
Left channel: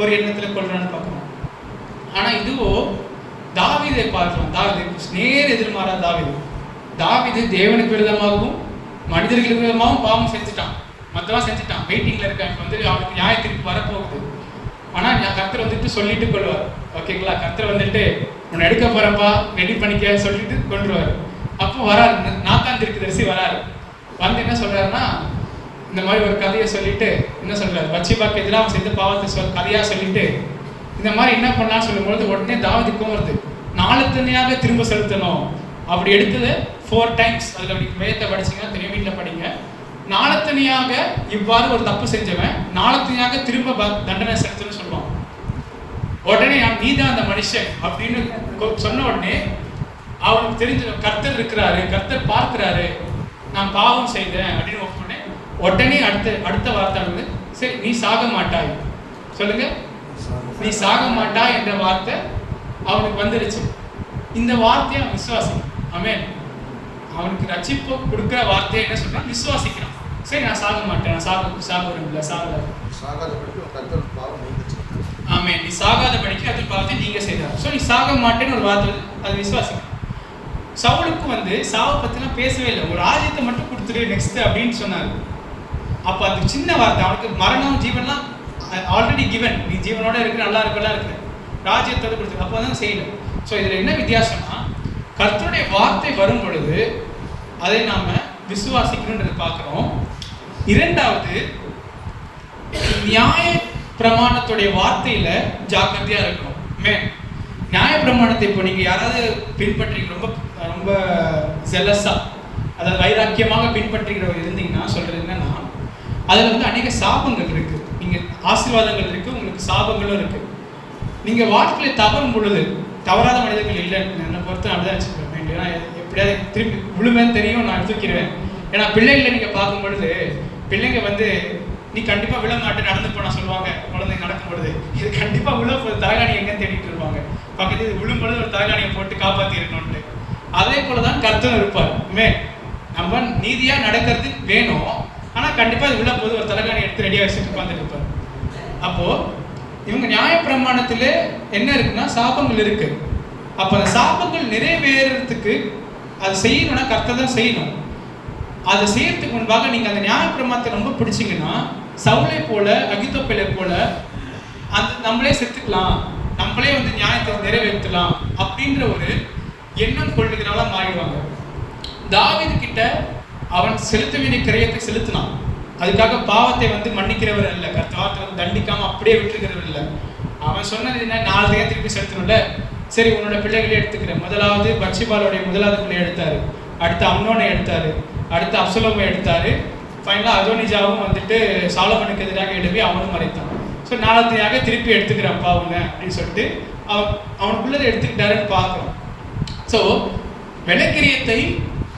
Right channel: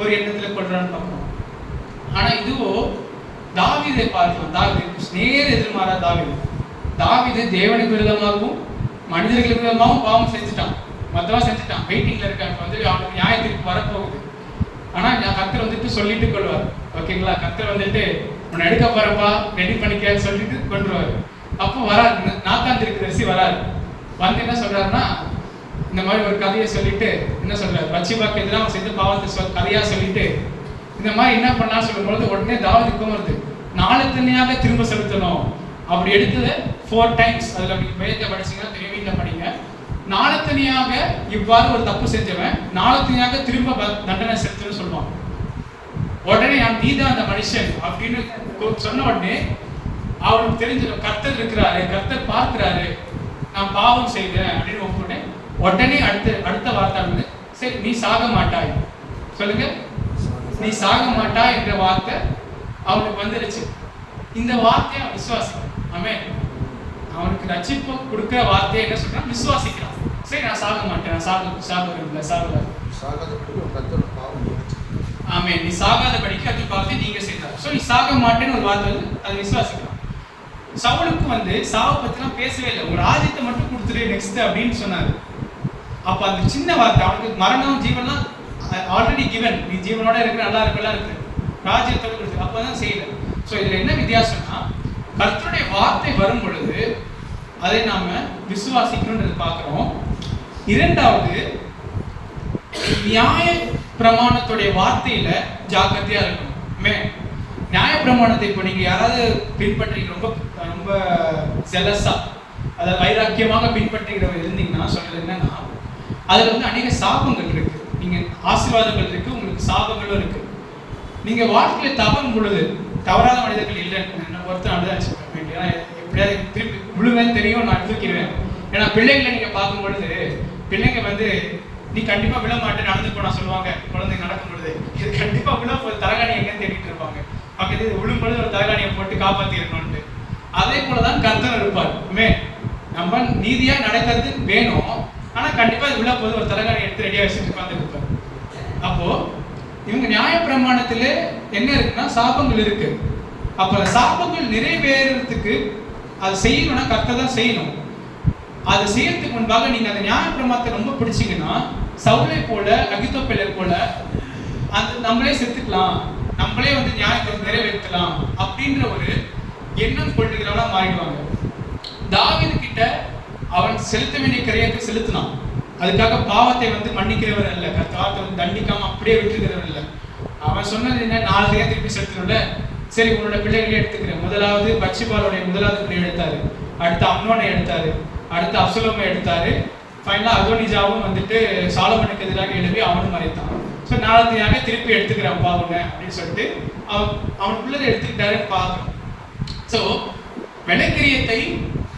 ஒரு எண்ணத்துல கொள்றான்னு பார்க்கணும். ஆனா இதுவோ தாவீதை பார்க்கலாம். தாவீது நேர் எதிர்மாறா. தாவீது தேவனுக்கு விரோதமாகவும் மனிதர்களுக்கு விரோதமாகவும் பாவம் செஞ்சுட்டான், மத்தவா செஞ்சுட்டான், வெயிட்டிங்ல இருக்கான். வந்து அவனுக்கு நியாயத்திற்கு வரப்போகுது. ஆனா கர்த்தர் வந்துட்டு சொல்லிட்டு கொள்வார். ஓகேங்களா, கர்த்தர் வந்துட்டு உன்னை எடுக்க போறப்பா, ரெடி பண்ணிக்க சொல்லிட்டு கொண்டுருவாரு. அப்போ வராரு, நாத்தான் தீர்க்கதரிசி வராரு. வந்து என்ன சொல்றாருன்னா, இந்த மாதிரி ஒரு கதையை சொல்லிட்டு என்ன சொல்றாரு, பத்சேபாக்கு எதிராக அவன் செய்த பாவத்தை கதையா சொல்லிட்டு இந்த மாதிரி என்ன பண்ணா சொல்லும்போது உடனே தாவீதுக்கும் வருது, நாலு தனியாக திரும்ப செலுத்தணும். அப்படி எடுத்தது 4 times. அதுல வேதத்தை படிச்சீங்கன்னா தெரியும், வீட்டில் படிங்க. நாலு தனியாக இவ்வாறு ஒரு தப்பு செஞ்சவன் நாலு தனியாக திரும்ப தண்டனை செலுத்தணும்னு சொல்லுவான். உடனே நீதான் அந்த மனுஷன் அப்படின்னு சொன்ன உடனே அவனுக்கு தெரிஞ்ச கர்த்தர் இருக்கிறாரு, கர்த்தர் பார்க்கிறாரு, நான் பாவம் செய்தேன் அப்படின்னு ஒப்புனேன். உடனே அடுத்த வார்த்தை வந்து, சரி நீ சாக மாட்டாய், சொல்லுங்க, நீ சாக மாட்டாய் என்ற வார்த்தை அவனுக்கு வந்துருச்சு. இந்த வார்த்தையை அவன் விசுவாசிக்கிறான். ஆமென். அவனுக்கு ரட்சிப்பு கொடுக்கிற வார்த்தையை என்ன சொல்றான், விசுவாசிக்கிறான். சரி நான் சாக மாட்டேன், நான் சாக விரும்பல, சாகாதபடிக்கு கர்த்தர் பாவம் நீங்க. ஆமென். நீ சாகாதபடிக்கு அது பாவத்தை நீங்க செய்தார். சோ நீ சாக மாட்டேன்னு ஒரு வார்த்தை வந்து அதை விசுவாசிக்கிறான். சவுலுக்கு வந்து சாவை பத்திலாம் பேசவே இல்லை, ஒரு ராஜ்யத்தை மட்டும் கொடுத்துரு நெக்ஸ்ட் அப்படின்னு சொன்னாரு. அப்ப அந்த சின்ன வார்த்தை, அவனுக்கு மரணம் ஜீவன்லாம் ஆல்ரெடி கிவன், நீ ஜீவனோட இருக்கிற, நல்லா இருக்கலாம் இருக்கு, ராஜ்யத்தோட கொடுத்து அப்பதான் செய்யல. ஸோ இதுல என்ன வித்தியாசம்னா, கர்த்தருடைய வார்த்தை வரும் பொழுது அதை நாம விசுவாசிக்கணும்ன்றது பார்க்கிறோம். இரண்டாவது, நியாய பிரமாணத்துடைய வார்த்தையில ஜாக்கிரதையா இருக்கணும். நியாய பிரமாணத்தை இப்போ நீங்க யாராவது பின்பற்றி ரொம்ப ஜெலஸா, அதாவது வைராக்கியமாக பின்பற்றுகிறவர் இருந்தீங்கன்னா சொல்றது என்னன்னா, அதுல வந்து அநேக சாபங்கள் இருக்கு. நீங்க ஆசீர்வாதங்கள் இருக்கு, உங்களுக்கு சாபங்களும் இருக்கு. நீங்க வாழ்க்கையில தவறும் பொழுது, தவறாத மனிதர்கள் இல்லைன்னு என்னை பொறுத்து அப்படிதான் வச்சுருக்கேன். ஏன்னா எப்படியாவது திருப்பி விழுவேன்னு தெரியும், நான் தூக்கிடுவேன். ஏன்னா பிள்ளைங்களை நீங்க பார்க்கும் பொழுது, பிள்ளைங்க வந்து நீ கண்டிப்பா விழ மாட்டே நடந்து போனா சொல்லுவாங்க. குழந்தைங்க நடக்கும் பொழுது இது கண்டிப்பா விழ தலகாணி எங்கன்னு தேடிட்டு இருப்பாங்க. பக்கத்து இது விழும் பொழுது ஒரு தலகாணியை போட்டு காப்பாத்தி இருக்கணும்ட்டு. அதே போலதான் கர்த்தர் இருப்பார். நம்ம நீதியா நடக்கிறது வேணும், ஆனா கண்டிப்பா இது விழ போது ஒரு தலகாணி எடுத்து ரெடியா வச்சுட்டு உட்கார்ந்து இருப்பார். அப்போ இவங்க நியாய பிரமாணத்துல என்ன இருக்குன்னா, சாபங்கள் இருக்கு. அப்ப சாபங்கள் நிறைவேறதுக்கு அது செய்யணும்னா கர்த்தர் தான் செய்யணும். அதை செய்யறதுக்கு முன்பாக நீங்க அந்த நியாய பிரமாணத்தை ரொம்ப பிடிச்சிங்கன்னா, சவுலை போல அகித்தோப்பேலை போல அந்த நம்மளே செத்துக்கலாம், நம்மளே வந்து நியாயத்தை நிறைவேற்றலாம் அப்படின்ற ஒரு எண்ணம் கொள்ளுகிறவங்களா மாறிடுவாங்க. தாவீது கிட்ட அவன் செலுத்த வேண்டிய கிரயத்தை செலுத்தினான். அதுக்காக பாவத்தை வந்து மன்னிக்கிறவர் இல்லை, கர்த்தர் வந்து தண்டிக்காம அப்படியே விட்டுருக்கிறவர் இல்லை. அவன் சொன்னது என்ன, 4 தேதி திருப்பி செலுத்தணும்ல, சரி உன்னோட பிள்ளைகளே எடுத்துக்கிறேன். முதலாவது பத்சேபாளுடைய முதலாவது பிள்ளை எடுத்தாரு, அடுத்து அம்னோனை எடுத்தாரு, அடுத்து அப்சலோமை எடுத்தாரு, ஃபைனலா அதோனிஜாவும் வந்துட்டு சாலமனுக்கு எதிராக எழுப்பி அவனும் மறைத்தான். ஸோ 4வது திருப்பி எடுத்துக்கிறேன் பாவங்க அப்படின்னு சொல்லிட்டு அவனுக்குள்ளதை எடுத்துக்கிட்டாருன்னு பார்க்கணும். ஸோ விலைக்கிரியத்தை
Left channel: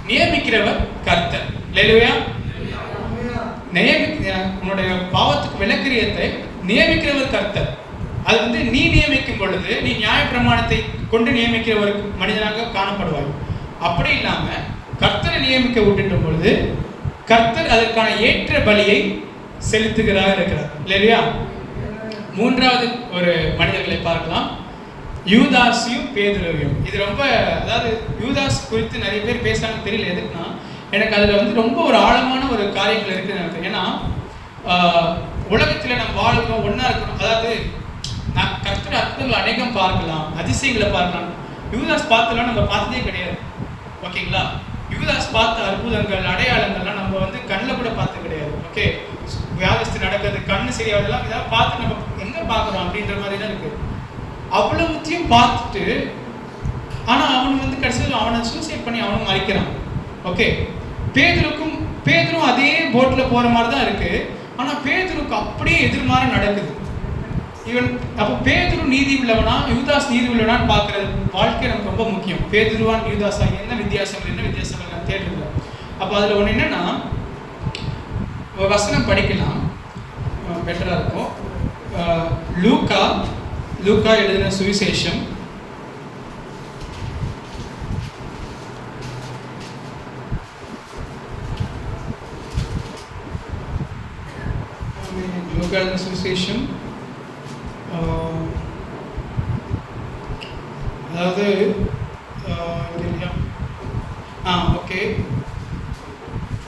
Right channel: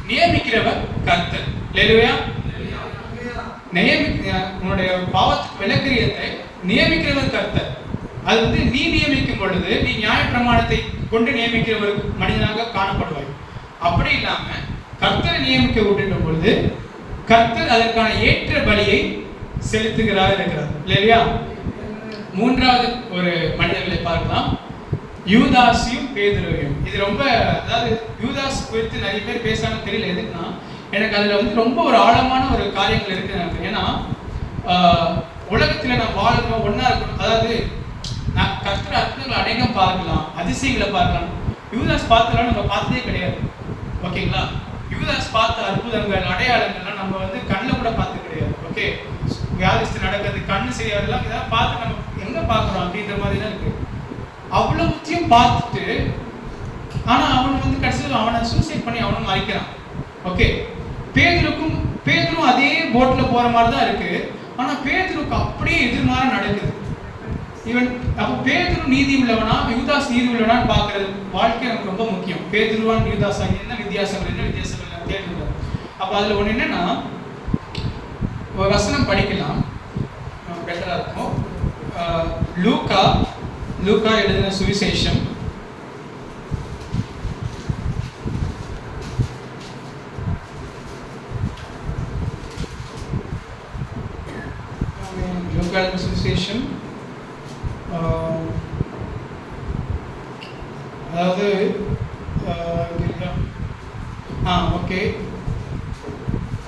நியமிக்கிறவர் கர்த்தர். அல்லேலூயா. உன்னுடைய பாவத்துக்கு விலைக்கிரியத்தை நியமிக்கிறவர் கர்த்தர். அது வந்து நீ நியமிக்கும் பொழுது நீ நியாய பிரமாணத்தை கொண்டு நியமிக்கிற ஒரு மனிதனாக காணப்படுவாய். அப்படி இல்லாம கர்த்தரை நியமிக்க விட்டுட்ட பொழுது கர்த்தர் அதற்கான ஏற்ற பலியை செலுத்துகிறார் இருக்கிறார். இல்லையா? 3வது ஒரு மனிதர்களை பார்க்கலாம், யூதாஸையும் பேதுருவையும். இது ரொம்ப, அதாவது யூதாஸ் குறித்து நிறைய பேர் பேசுறாங்கன்னு தெரியல. எதுக்குன்னா, எனக்கு அதுல வந்து ரொம்ப ஒரு ஆழமான ஒரு காரியங்கள் இருக்கு எனக்கு. ஏன்னா உலகத்துல நம்ம வாழணும், ஒன்னா இருக்கணும். அதாவது கர்த்தர் அற்புதங்கள் அநேகம் பார்க்கலாம், அதிசயங்களை பார்க்கலாம். யூதாஸ் பார்த்தலாம் நம்ம பார்த்ததே கிடையாது. ஓகேங்களா? யூதாஸ் பார்த்த அற்புதங்கள் அடையாளங்கள்லாம் நம்ம வந்து கண்ணில் கூட பார்த்து கிடையாது. ஓகே, வியாதிஸ்து நடக்கிறது, கண்ணு சரியாதெல்லாம் இதெல்லாம் பார்த்து நம்ம எங்க பார்க்குறோம் அப்படின்ற மாதிரி தான் இருக்கு. அவ்வளவுத்தையும் பார்த்துட்டு ஆனா அவன் வந்து கடைசியில் அவனை சூசைட் பண்ணி அவனும் மறிக்கிறான். ஓகே, பேதுரும் அதே போட்ல போற மாதிரி தான் இருக்கு. ஆனா பேதுருக்கு அப்படியே எதிர்மாற நடக்குது. இவன் அப்போ பேதுரு நீதி உள்ளவனா யூதாஸ் நீதி உள்ளவனான்னு பார்க்கறது வாழ்க்கை நமக்கு ரொம்ப முக்கியம். பேதுருவான் யூதாஸா என்ன வித்தியாசங்கள் தேடுறோம். அப்போ அதுல ஒண்ணு என்னன்னா, ஒரு வசனம் படிக்கலாம், பெட்டரா இருக்கும். லூக்கா எழுதின சுவிசேஷம் சுவிசேஷம் அதாவது ஓகே,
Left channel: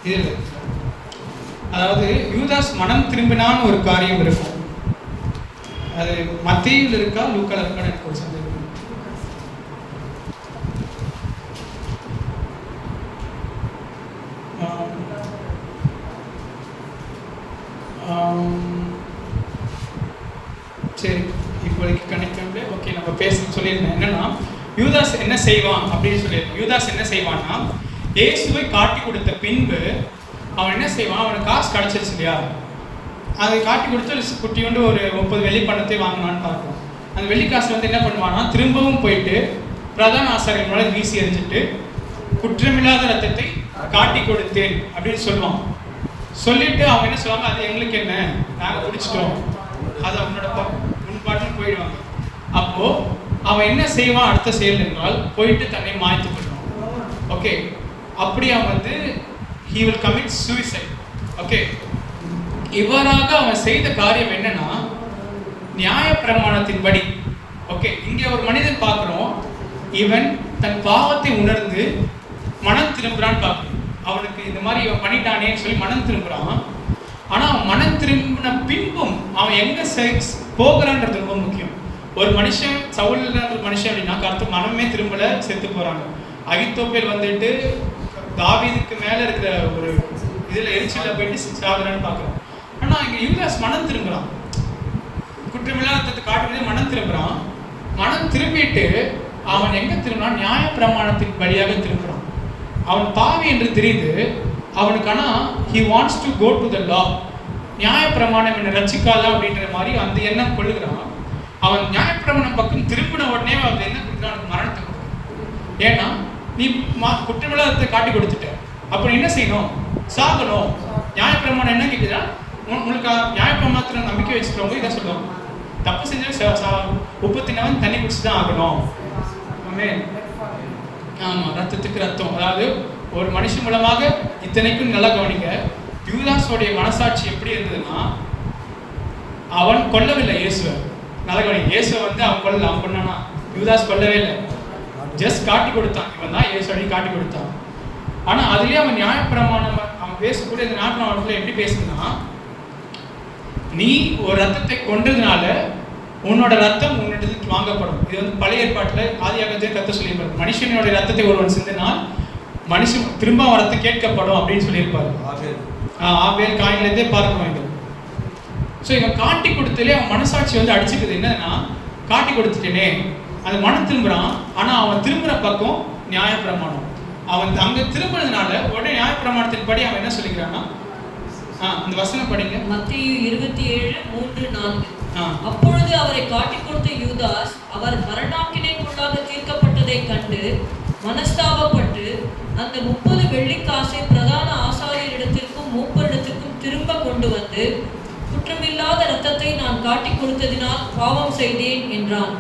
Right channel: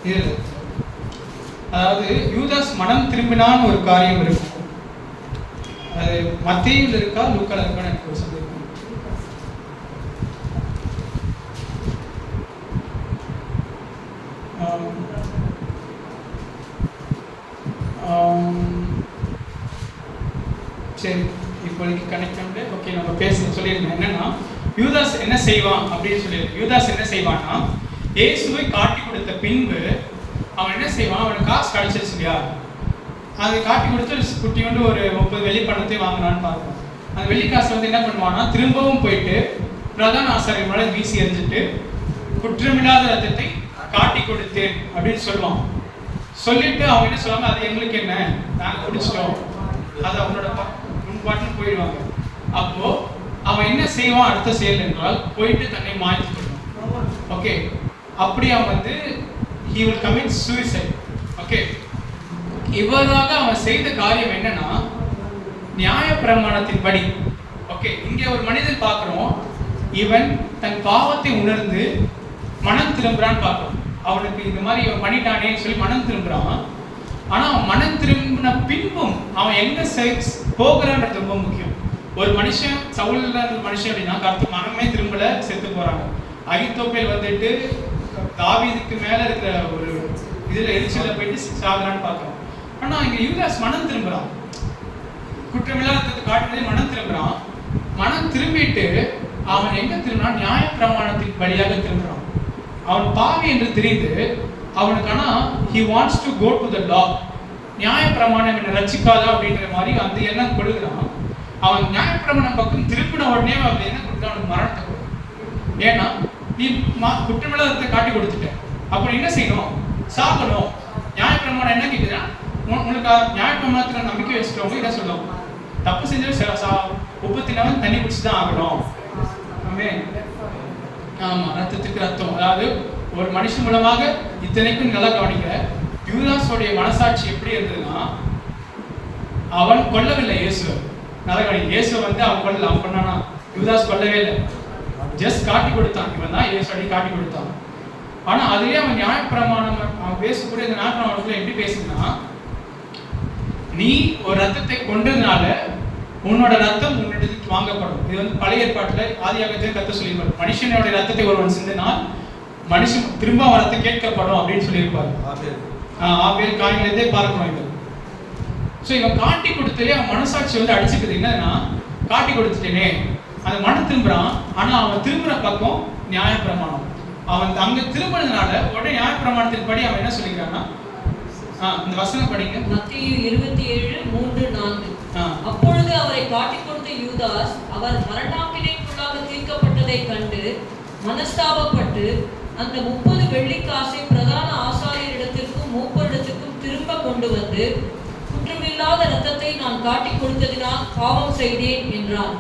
இதில் அதாவது யூதாஸ் மனம் திரும்பினான்னு ஒரு காரியம் இருக்கும். அது மத்தேயுல இருக்கா லூக்கால இருக்கா எனக்கு ஒரு சந்தேகம். சரி, இப்போதைக்கு கனெக்ட் பண்ணி ஓகே நம்ம பேச சொல்லியிருந்தேன். என்னன்னா யூதாஸ் என்ன செய்வான் அப்படின்னு சொல்லியிருந்தேன். யூதாஸ் என்ன செய்வான்னா, இயேசுவை காட்டி கொடுத்த பின்பு அவன் என்ன செய்வான், அவனுக்கு காசு கிடைச்சிருச்சு இல்லையா, அதை காட்டி கொடுத்து குட்டியோண்டு ஒரு 30 வெள்ளி பணத்தை வாங்கினான்னு பார்க்கணும். அந்த வெள்ளி காசு வந்து என்ன பண்ணுவான்னா, திரும்பவும் போயிட்டு பிரதான ஆசாரியர் மேலே வீசி எறிஞ்சிட்டு குற்றமில்லாத ரத்தத்தை காட்டி கொடுத்தேன் அப்படின்னு சொல்லுவான். சொல்லிட்டு அவங்க என்ன சொல்லுவாங்க, அது எங்களுக்கு என்ன, நாங்கள் குடிச்சிட்டோம், அது அவனோட பாட்டுன்னு போயிடுவாங்க. அப்போ அவன் என்ன செய்வான் அடுத்த செயல் என்றால், போயிட்டு தன்னை மாய்த்து கொள்வான். ஓகே, அப்படி அவன் வந்து he will commit suicide. Okay, இவ்வாறாக அவன் செய்த காரியம் என்னன்னா, நியாயப்பிரமாணத்தின்படி. ஓகே, இங்கே ஒரு மனிதன் பார்க்கிறோம், இவன் தன் பாவத்தை உணர்ந்து மனம் திரும்புறான்னு பார்க்கிறோம். அவனுக்கு இந்த மாதிரி இவன் பண்ணிட்டானேன்னு சொல்லி மனம் திரும்புறான். ஆனா அவன் மனம் திரும்பின பின்பும் அவன் எங்க போகிறான்றது ரொம்ப முக்கியம். ஒரு மனுஷன் சவுல் மனுஷன் அப்படின்னா கருத்து மனமே திரும்பல, செத்து போறாங்க. அகித்தோப்பேல் வந்துட்டு தாவீதுக்கு மேல இருக்கிற ஒரு இதுல எரிச்சல போயிட்டு சாகுறான்னு பார்க்கிறோம். ஆனா இங்க யூதாஸ் மனம் திரும்புறான், குற்றமில்லாத காட்டுறதே மனம் திரும்புறான். மனம் திரும்பிட்டு அவன் எங்க திரும்பினான், நியாய பிரமாணத்தின் வழியாக திரும்புறான். அவன் பாவி என்று தெரியுது அவனுக்கு. ஆனா he wants to go to the law. நியாய பிரமாணம் என்ன ரட்சிக்காதா அப்படின்ற மாதிரி அந்த எண்ணம் கொள்ளுகிறான். அவன் நியாய பிரமாணம் பக்கம் திருப்பின உடனே அவன் என்ன கொடுக்குறான், அவனுக்கு மரணத்தை கொடுக்குறான். ஏன்னா நீ குற்றமில்லாதத்தை காட்டி கொடுத்துட்ட, அப்புறம் என்ன செய்யணும், சாகணும். நியாய பிரமாணம் என்ன கேட்குதா, உங்களுக்கு நியாய பிரமாணத்தில் நம்பிக்கை வச்சுக்கிறவங்க இதை சொல்லுவாங்க, தப்பு செஞ்சாலும் உப்பு தின்னவன் தண்ணி குடிச்சு தான் ஆகணும். ஆமா, ரத்தத்துக்கு ரத்தம். அதாவது ஒரு மனுஷன் மூலமாக இத்தனைக்கும் நல்லா கவனிக்க, யூதாஸோடைய மனசாட்சி எப்படி இருந்ததுன்னா, அவன் கொல்லவில்லை இயேசுவை. நல்லா கவனிக்க, இயேசுவை வந்து அவன் கொல்லல, அவன் பண்ணானா, யூதாஸ் கொல்லவே இல்லை, ஜஸ்ட் காட்டி கொடுத்தான். இவன் தான் இயேசு அடி காட்டி கொடுத்தான். ஆனா அதுலயே அவன் நியாயப்பிரமாணம் அவன் பேசக்கூடிய இந்த நியாயப்பிரமாணத்துல எப்படி பேசுனா, நீ ஒரு ரத்தத்தை கொண்டதுனால உன்னோட ரத்தம் உன்னிடத்துக்கு வாங்கப்படும். இது வந்து பழைய ஏற்பாட்டுல ஆதியாகமத்திலே கர்த்தர் சொல்லியிருப்பார், மனுஷனுடைய ரத்தத்தை ஒருவன் சிந்தினால் மனுஷன் திரும்ப ரத்தம் கேட்கப்படும் அப்படின்னு சொல்லியிருப்பார். ஆபேல் காயின்லேருந்தே பார்க்கணும் இது. ஸோ இவன் காட்டி கொடுத்தலே அவன் மனசாட்சி வந்து அடிச்சுக்குது. என்னன்னா, காட்டி கொடுத்துட்டேனே, அந்த மனம் திரும்புறான். ஆனா அவன் திரும்புற பக்கம் நியாயப்பிரமாணம். அவன் அங்க திரும்பினதுனால உடனே நியாயப்பிரமாணத்தின் படி அவன் என்ன சொல்லிக்கிறான்னா, இந்த வசனம் படிங்க, மத்தேயு 27:3-4. அப்பொழுது அவரை காட்டிக் கொடுத்த யூதாஸ் அவர் மரணாக்கினைக்குள்ளாக தீர்க்கப்பட்டதை கண்டு மனஸ்தாபப்பட்டு அந்த 30 வெள்ளிக்காசை பிரதான ஆசாரியரிடத்திற்கும் மூப்பரிடத்திற்கும் திரும்ப கொண்டு வந்து, குற்றமில்லாத இரத்தத்தை நான் காட்டிக் கொடுத்ததினால் பாவம் செய்தேன் என்றான்.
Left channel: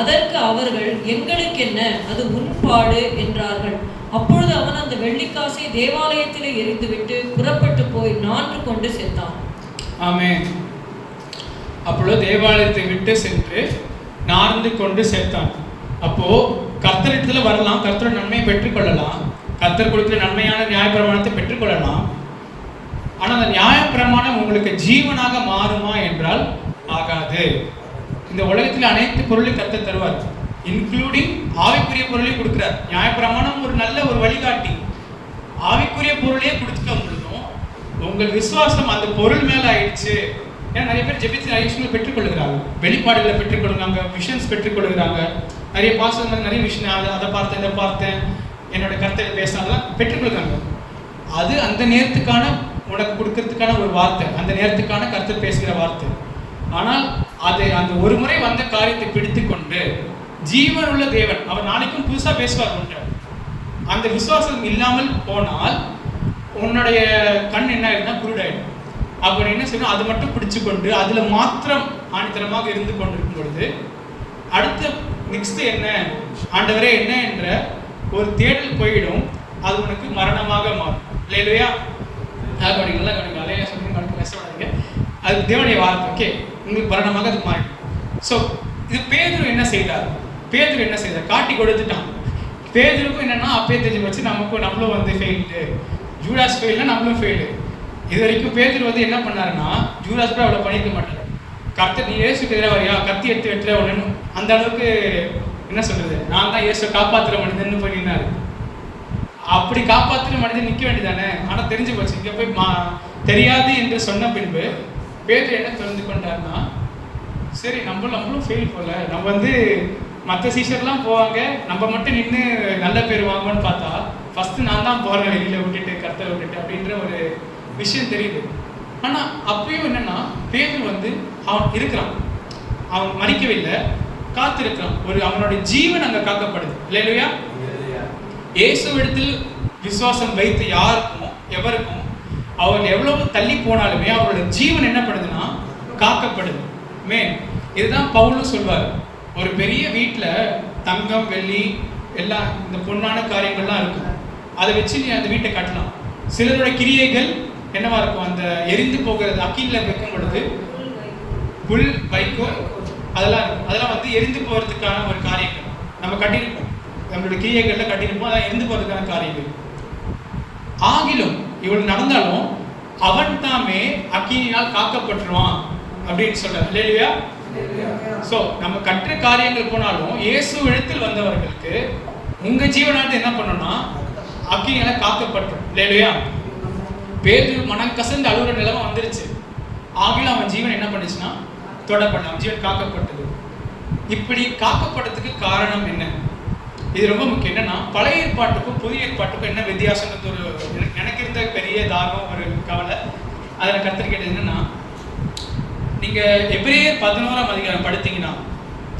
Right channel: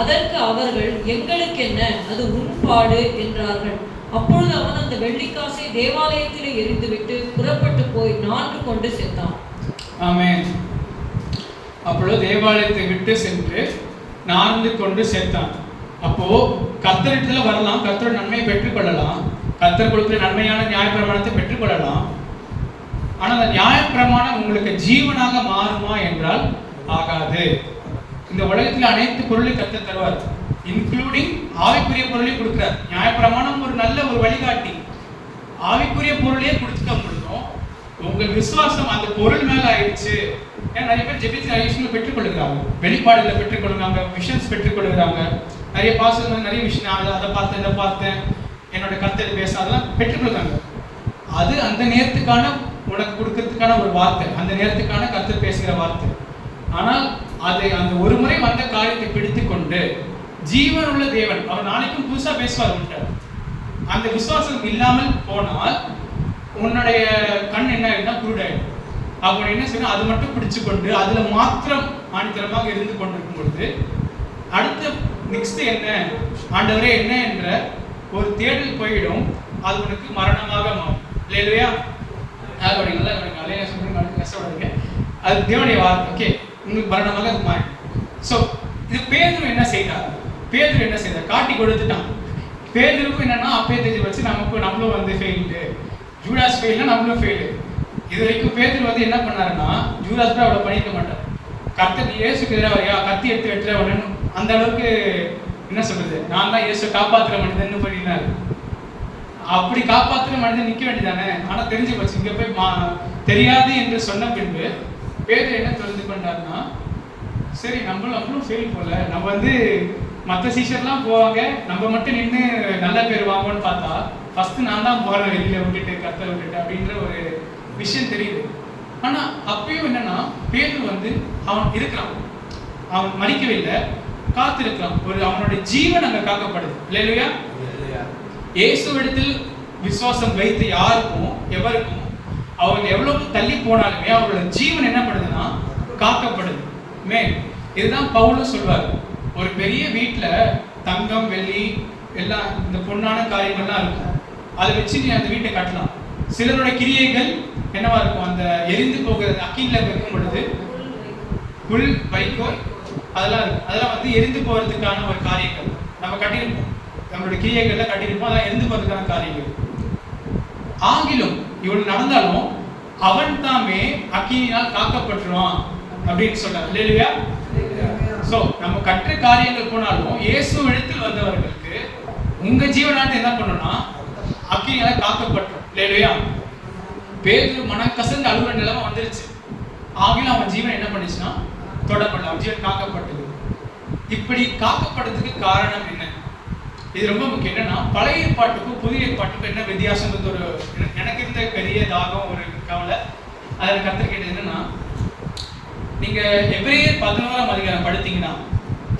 அதற்கு அவர்கள், எங்களுக்கு என்ன, அது உன் பாடு என்றார்கள். அப்பொழுது அவன் அந்த வெள்ளிக்காசை தேவாலயத்திலே எரிந்துவிட்டு புறப்பட்டு போய் 4 கொண்டு செத்தான். ஆமென். அப்பொழுது தேவாலயத்தை விட்டு சென்று 4 கொண்டு சேர்த்தான். அப்போ கர்த்தரிடத்துல வரலாம், கர்த்தரோட நன்மையை பெற்றுக்கொள்ளலாம், கர்த்தர் கொடுக்கிற நன்மையான நியாயப்பிரமாணத்தை பெற்றுக்கொள்ளலாம். ஆனா அந்த நியாயப்பிரமாணம் உங்களுக்கு ஜீவனாக மாறுமா என்றால் ஆகாது. இந்த உலகத்தில் அனைத்து பொருளையும் கர்த்தர் தருவார், இன்க்ளூடிங் ஆவிக்குரிய பொருளையும் கொடுக்கிறார். நியாயப்பிரமாணம் ஒரு நல்ல ஒரு வழிகாட்டி. ஆவிக்குரிய பொருளையே கொடுத்துக்க முடியும். உங்கள் விசுவாசம் அந்த பொருள் மேல ஆயிடுச்சு. ஏன்னா நிறைய பேர் ஜெபித்து விஷயங்களை பெற்றுக்கொள்கிறாங்க, வெளிப்பாடுகளை பெற்றுக்கொள்கிறாங்க, விஷன்ஸ் பெற்றுக்கொள்கிறாங்க, நிறைய பாஸ்டர்ஸ் நிறைய விஷயம் அதை பார்த்தேன் இதை பார்த்தேன் என்னோட கருத்தை பேசினா அதெல்லாம் பெற்றுக்கொள்றாங்க. அது அந்த நேரத்துக்கான உனக்கு கொடுக்கறதுக்கான ஒரு வார்த்தை, அந்த நேரத்துக்கான கருத்து பேசுகிற வார்த்தை. ஆனால் அது அந்த ஒரு முறை வந்த காரியத்தை பிடித்து கொண்டு ஜீவன் உள்ள தேவன் அவர் நாளைக்கும் புதுசா பேசுவார். அந்த விசுவாசம் இல்லாமல் போனால் உன்னுடைய கண் என்ன ஆயிடும்னா குருடாயிடும். அப்போ என்ன செய்யணும், அது மட்டும் பிடிச்சு கொண்டு அதுல மாத்திரம் ஆணித்தரமாக இருந்து கொண்டிருக்கும் பொழுது அடுத்த நெக்ஸ்ட் என்ன ஆண்டவரே என்ன என்ற ஒரு தேடல் போயிடும். அது உனக்கு மரணமாக மாறும். இல்லையா? நல்லா அலையா சொல்றீங்க, கஷ்டப்படாதீங்க. அது தேவனுடைய வார்த்தை. ஓகே, உங்களுக்கு மரணமாக அது மாறிடும். ஸோ இது பேதுரு என்ன செய்தார்? காட்டி கொடுத்துட்டான். பேதுருக்கும் என்னன்னா அப்பே தெரிஞ்சு வச்சு நம்மளும் வந்து ஃபெயில்டு. ஜூடாஸ் ஃபெயில்னா நம்மளும் ஃபெயிலு. இது வரைக்கும் பேதுரு வந்து என்ன பண்ணாருன்னா ஜூடாஸ் கூட அவ்வளோ பண்ணிக்க மாட்டார். நீ இயேசுக்கு எதிராக வரையா, கத்தி எடுத்து வெட்டுற உடனே அந்த அளவுக்கு என்ன சொல்றது, நான் தான் இயேசு காப்பாற்றுற மனிதன் பண்ணினாரு. அப்படி காப்பாற்றுற மனிதன் நிற்க வேண்டியதானே. ஆனால் தெரிஞ்சு போச்சு. இங்கே போய் தெரியாது என்று சொன்ன பின்பு பேதுரு என்ன தெரிந்து கொண்டார்னா, சரி நம்மளும் ஃபெயில் போல, நம்ம வந்து மற்ற சீஷர்லாம் போவாங்க, நம்ம மட்டும் நின்று நல்ல பேர் வாங்கணும்னு பார்த்தா ஃபர்ஸ்ட் நான் தான் போகிறேன் வெளியில் விட்டுட்டு கர்த்தரை விட்டுட்டு அப்படின்ற ஒரு விஷயம் தெரியுது. ஆனால் அப்பயும் என்னன்னா பேதுரு வந்து அவன் இருக்கிறான், அவன் மறிக்கவில்லை, காத்திருக்கிறான். அவனுடைய ஜீவன் அங்கே காக்கப்படுது. இல்லையா? இயேசுவிடத்தில் விசுவாசம் வைத்து யாருக்கும் எவருக்கும் அவன் எவ்வளவு தள்ளி போனாலுமே அவரோட ஜீவன் என்ன பண்ணுதுன்னா காக்கப்படுது. இதுதான் பவுலும் சொல்வார். ஒரு பெரிய வீட்டில் தங்கம் வெள்ளி எல்லாம் இந்த பொன்னான காரியங்கள்லாம் இருக்கும். அதை வச்சு நீ அந்த வீட்டை கட்டலாம். சிலருடைய கிரியைகள் என்னவா இருக்கும், அந்த எரிந்து போகிறது அக்கில வைக்கும் பொழுது புல் வைக்கோ அதெல்லாம் இருக்கும். அதெல்லாம் வந்து எரிந்து போகிறதுக்கான ஒரு காரியங்கள் நம்ம கட்டியிருப்போம். நம்மளுடைய கிரியைகள்ல கட்டியிருப்போம். அதான் எரிந்து போகிறதுக்கான காரியங்கள். ஆகிலும் இவள் நடந்தாலும் அவன் தாமே அக்கினியால் காக்கப்பட்டுருவான் அப்படின்னு சொல்றாரு. இல்லையா? சோ நம்ம கற்ற காரியங்கள் போனாலும் இயேசு இடத்தில் வந்தவர்களுக்கு உங்க ஜீவனானது என்ன பண்ணும்னா அக்கினியால காக்கப்பட்டுரும். இல்லையா? பேதுரு மனம் கசந்து அழுகிற நிலைமை வந்துருச்சு. ஆகிலும் அவன் ஜீவன் என்ன பண்ணுச்சுன்னா தொடப்படல, அவன் ஜீவன் காக்கப்பட்டது. இப்படி காக்கப்படுறதுக்கு காரணம் என்ன? இது ரொம்ப முக்கியம். என்னன்னா பழைய ஏற்பாட்டுக்கும் புதிய ஏற்பாட்டுக்கும் என்ன வித்தியாசம்ன்றது ஒரு எனக்கு இருந்த பெரிய தாகம், ஒரு கவலை. அதில் கத்திரிக்கிறது என்னன்னா, நீங்க எபிரேயர் 11ஆம் அதிகாரம் படித்தீங்கன்னா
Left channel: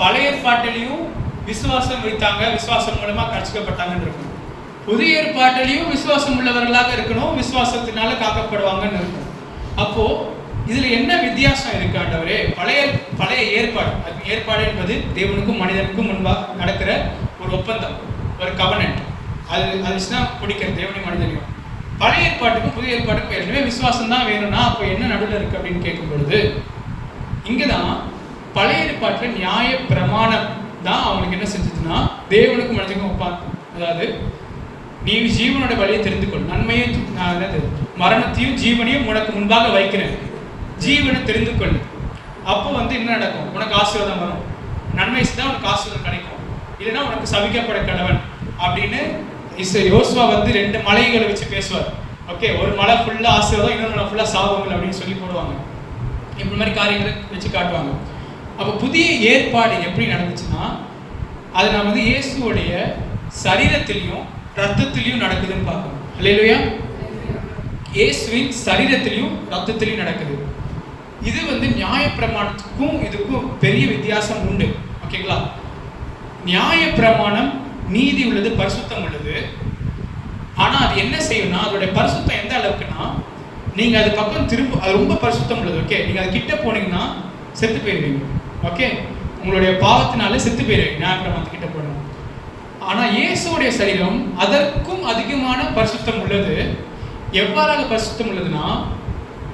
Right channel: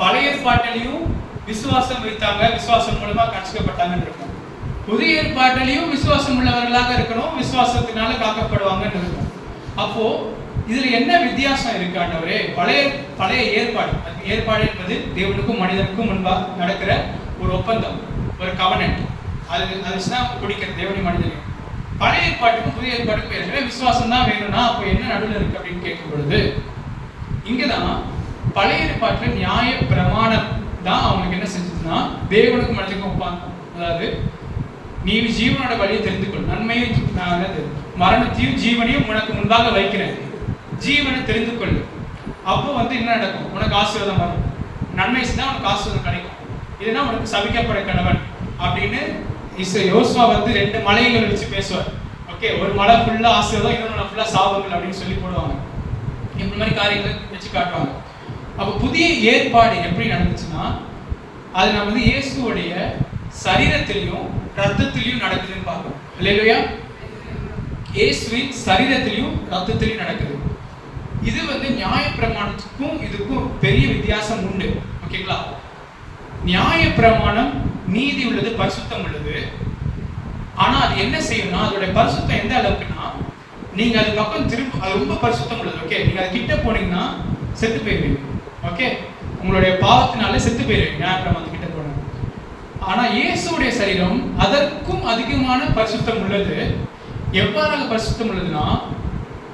பழைய ஏற்பாட்டிலையும் விசுவாசம் வைத்தாங்க, விசுவாசம் மூலமா கற்பிக்கப்பட்டாங்கன்னு இருக்கும். புதிய ஏற்பாட்டிலையும் விசுவாசம் உள்ளவர்களாக இருக்கணும், விசுவாசத்தினால காக்கப்படுவாங்கன்னு இருக்கும். அப்போ இதுல என்ன வித்தியாசம் இருக்கு ஆண்டவரே? பழைய ஏற்பாடு என்பது தேவனுக்கும் மனிதனுக்கும் முன்பாக நடக்கிற ஒரு ஒப்பந்தம், ஒரு கவனன்ட். அது வச்சுதான் பிடிக்கிறது தேவனையும் மனிதனையும். பழைய ஏற்பாட்டுக்கும் புதிய ஏற்பாட்டுக்கும் ஏற்கனவே விசுவாசம் தான் வேணும்னா அப்போ என்ன நடுவில் இருக்கு அப்படின்னு கேட்கும் பொழுது இங்கதான் பழைய ஏற்பாட்டுல நியாய பிரமாணம் தான் அவனுக்கு என்ன செஞ்சதுன்னா தேவனுக்கும் மனிதனுக்கும் ஒப்பாந்து, அதாவது நீ ஜீவனோட வழியை தெரிந்து கொள், நன்மையும் மரணத்தையும் ஜீவனையும் உனக்கு முன்பாக வைக்கிறேன், ஜீவனை தெரிந்து கொள். அப்போ வந்து என்ன நடக்கும், உனக்கு ஆசீர்வாதம் வரும், நன்மை தான் உனக்கு ஆசீர்வாதம் கிடைக்கும், இல்லைன்னா உனக்கு சபிக்கப்பட கணவன் அப்படின்னு யோசுவா வந்து 2 மலைகளை வச்சு பேசுவார். ஓகே, ஒரு மலை ஃபுல்லா ஆசீர்வாதம், இன்னொரு மலை ஃபுல்லா சாபங்கள் அப்படின்னு சொல்லி போடுவாங்க. இந்த மாதிரி காரியங்களை வச்சு காட்டுவாங்க. அப்போ புதிய ஏற்பாடு எப்படி நடந்துச்சுன்னா அது நம்ம வந்து இயேசுவோடைய சரீரத்திலையும் ரத்தத்திலையும் நடக்குதுன்னு பார்க்கணும். இல்லையா? இயேசுவின் சரீரத்திலையும் ரத்தத்திலையும் நடக்குது. இது வந்து நியாய பிரமாணத்துக்கும் இதுக்கும் பெரிய வித்தியாசம் உண்டு. ஓகேங்களா? நியாய பிரமாணம் நீதி உள்ளது, பரிசுத்தம் உள்ளது. ஆனா அது என்ன செய்யும்னா அதோட பரிசுத்தம் எந்த அளவுக்குன்னா நீங்க அது பக்கம் திரும்ப, அது ரொம்ப பரிசுத்தம் உள்ளது. ஓகே, நீங்க அது கிட்ட போனீங்கன்னா செத்து போயிருவீங்க. ஓகே, உங்களுடைய பாவத்தினால செத்து போயிருவீங்க நியாய பிரமாணத்து கிட்ட போனீங்க. ஆனா இயேசுடைய சரீரம் அதற்கும் அதிகமான பரிசுத்தம் உள்ளது. எவ்வாறாக பரிசுத்தம் உள்ளதுன்னா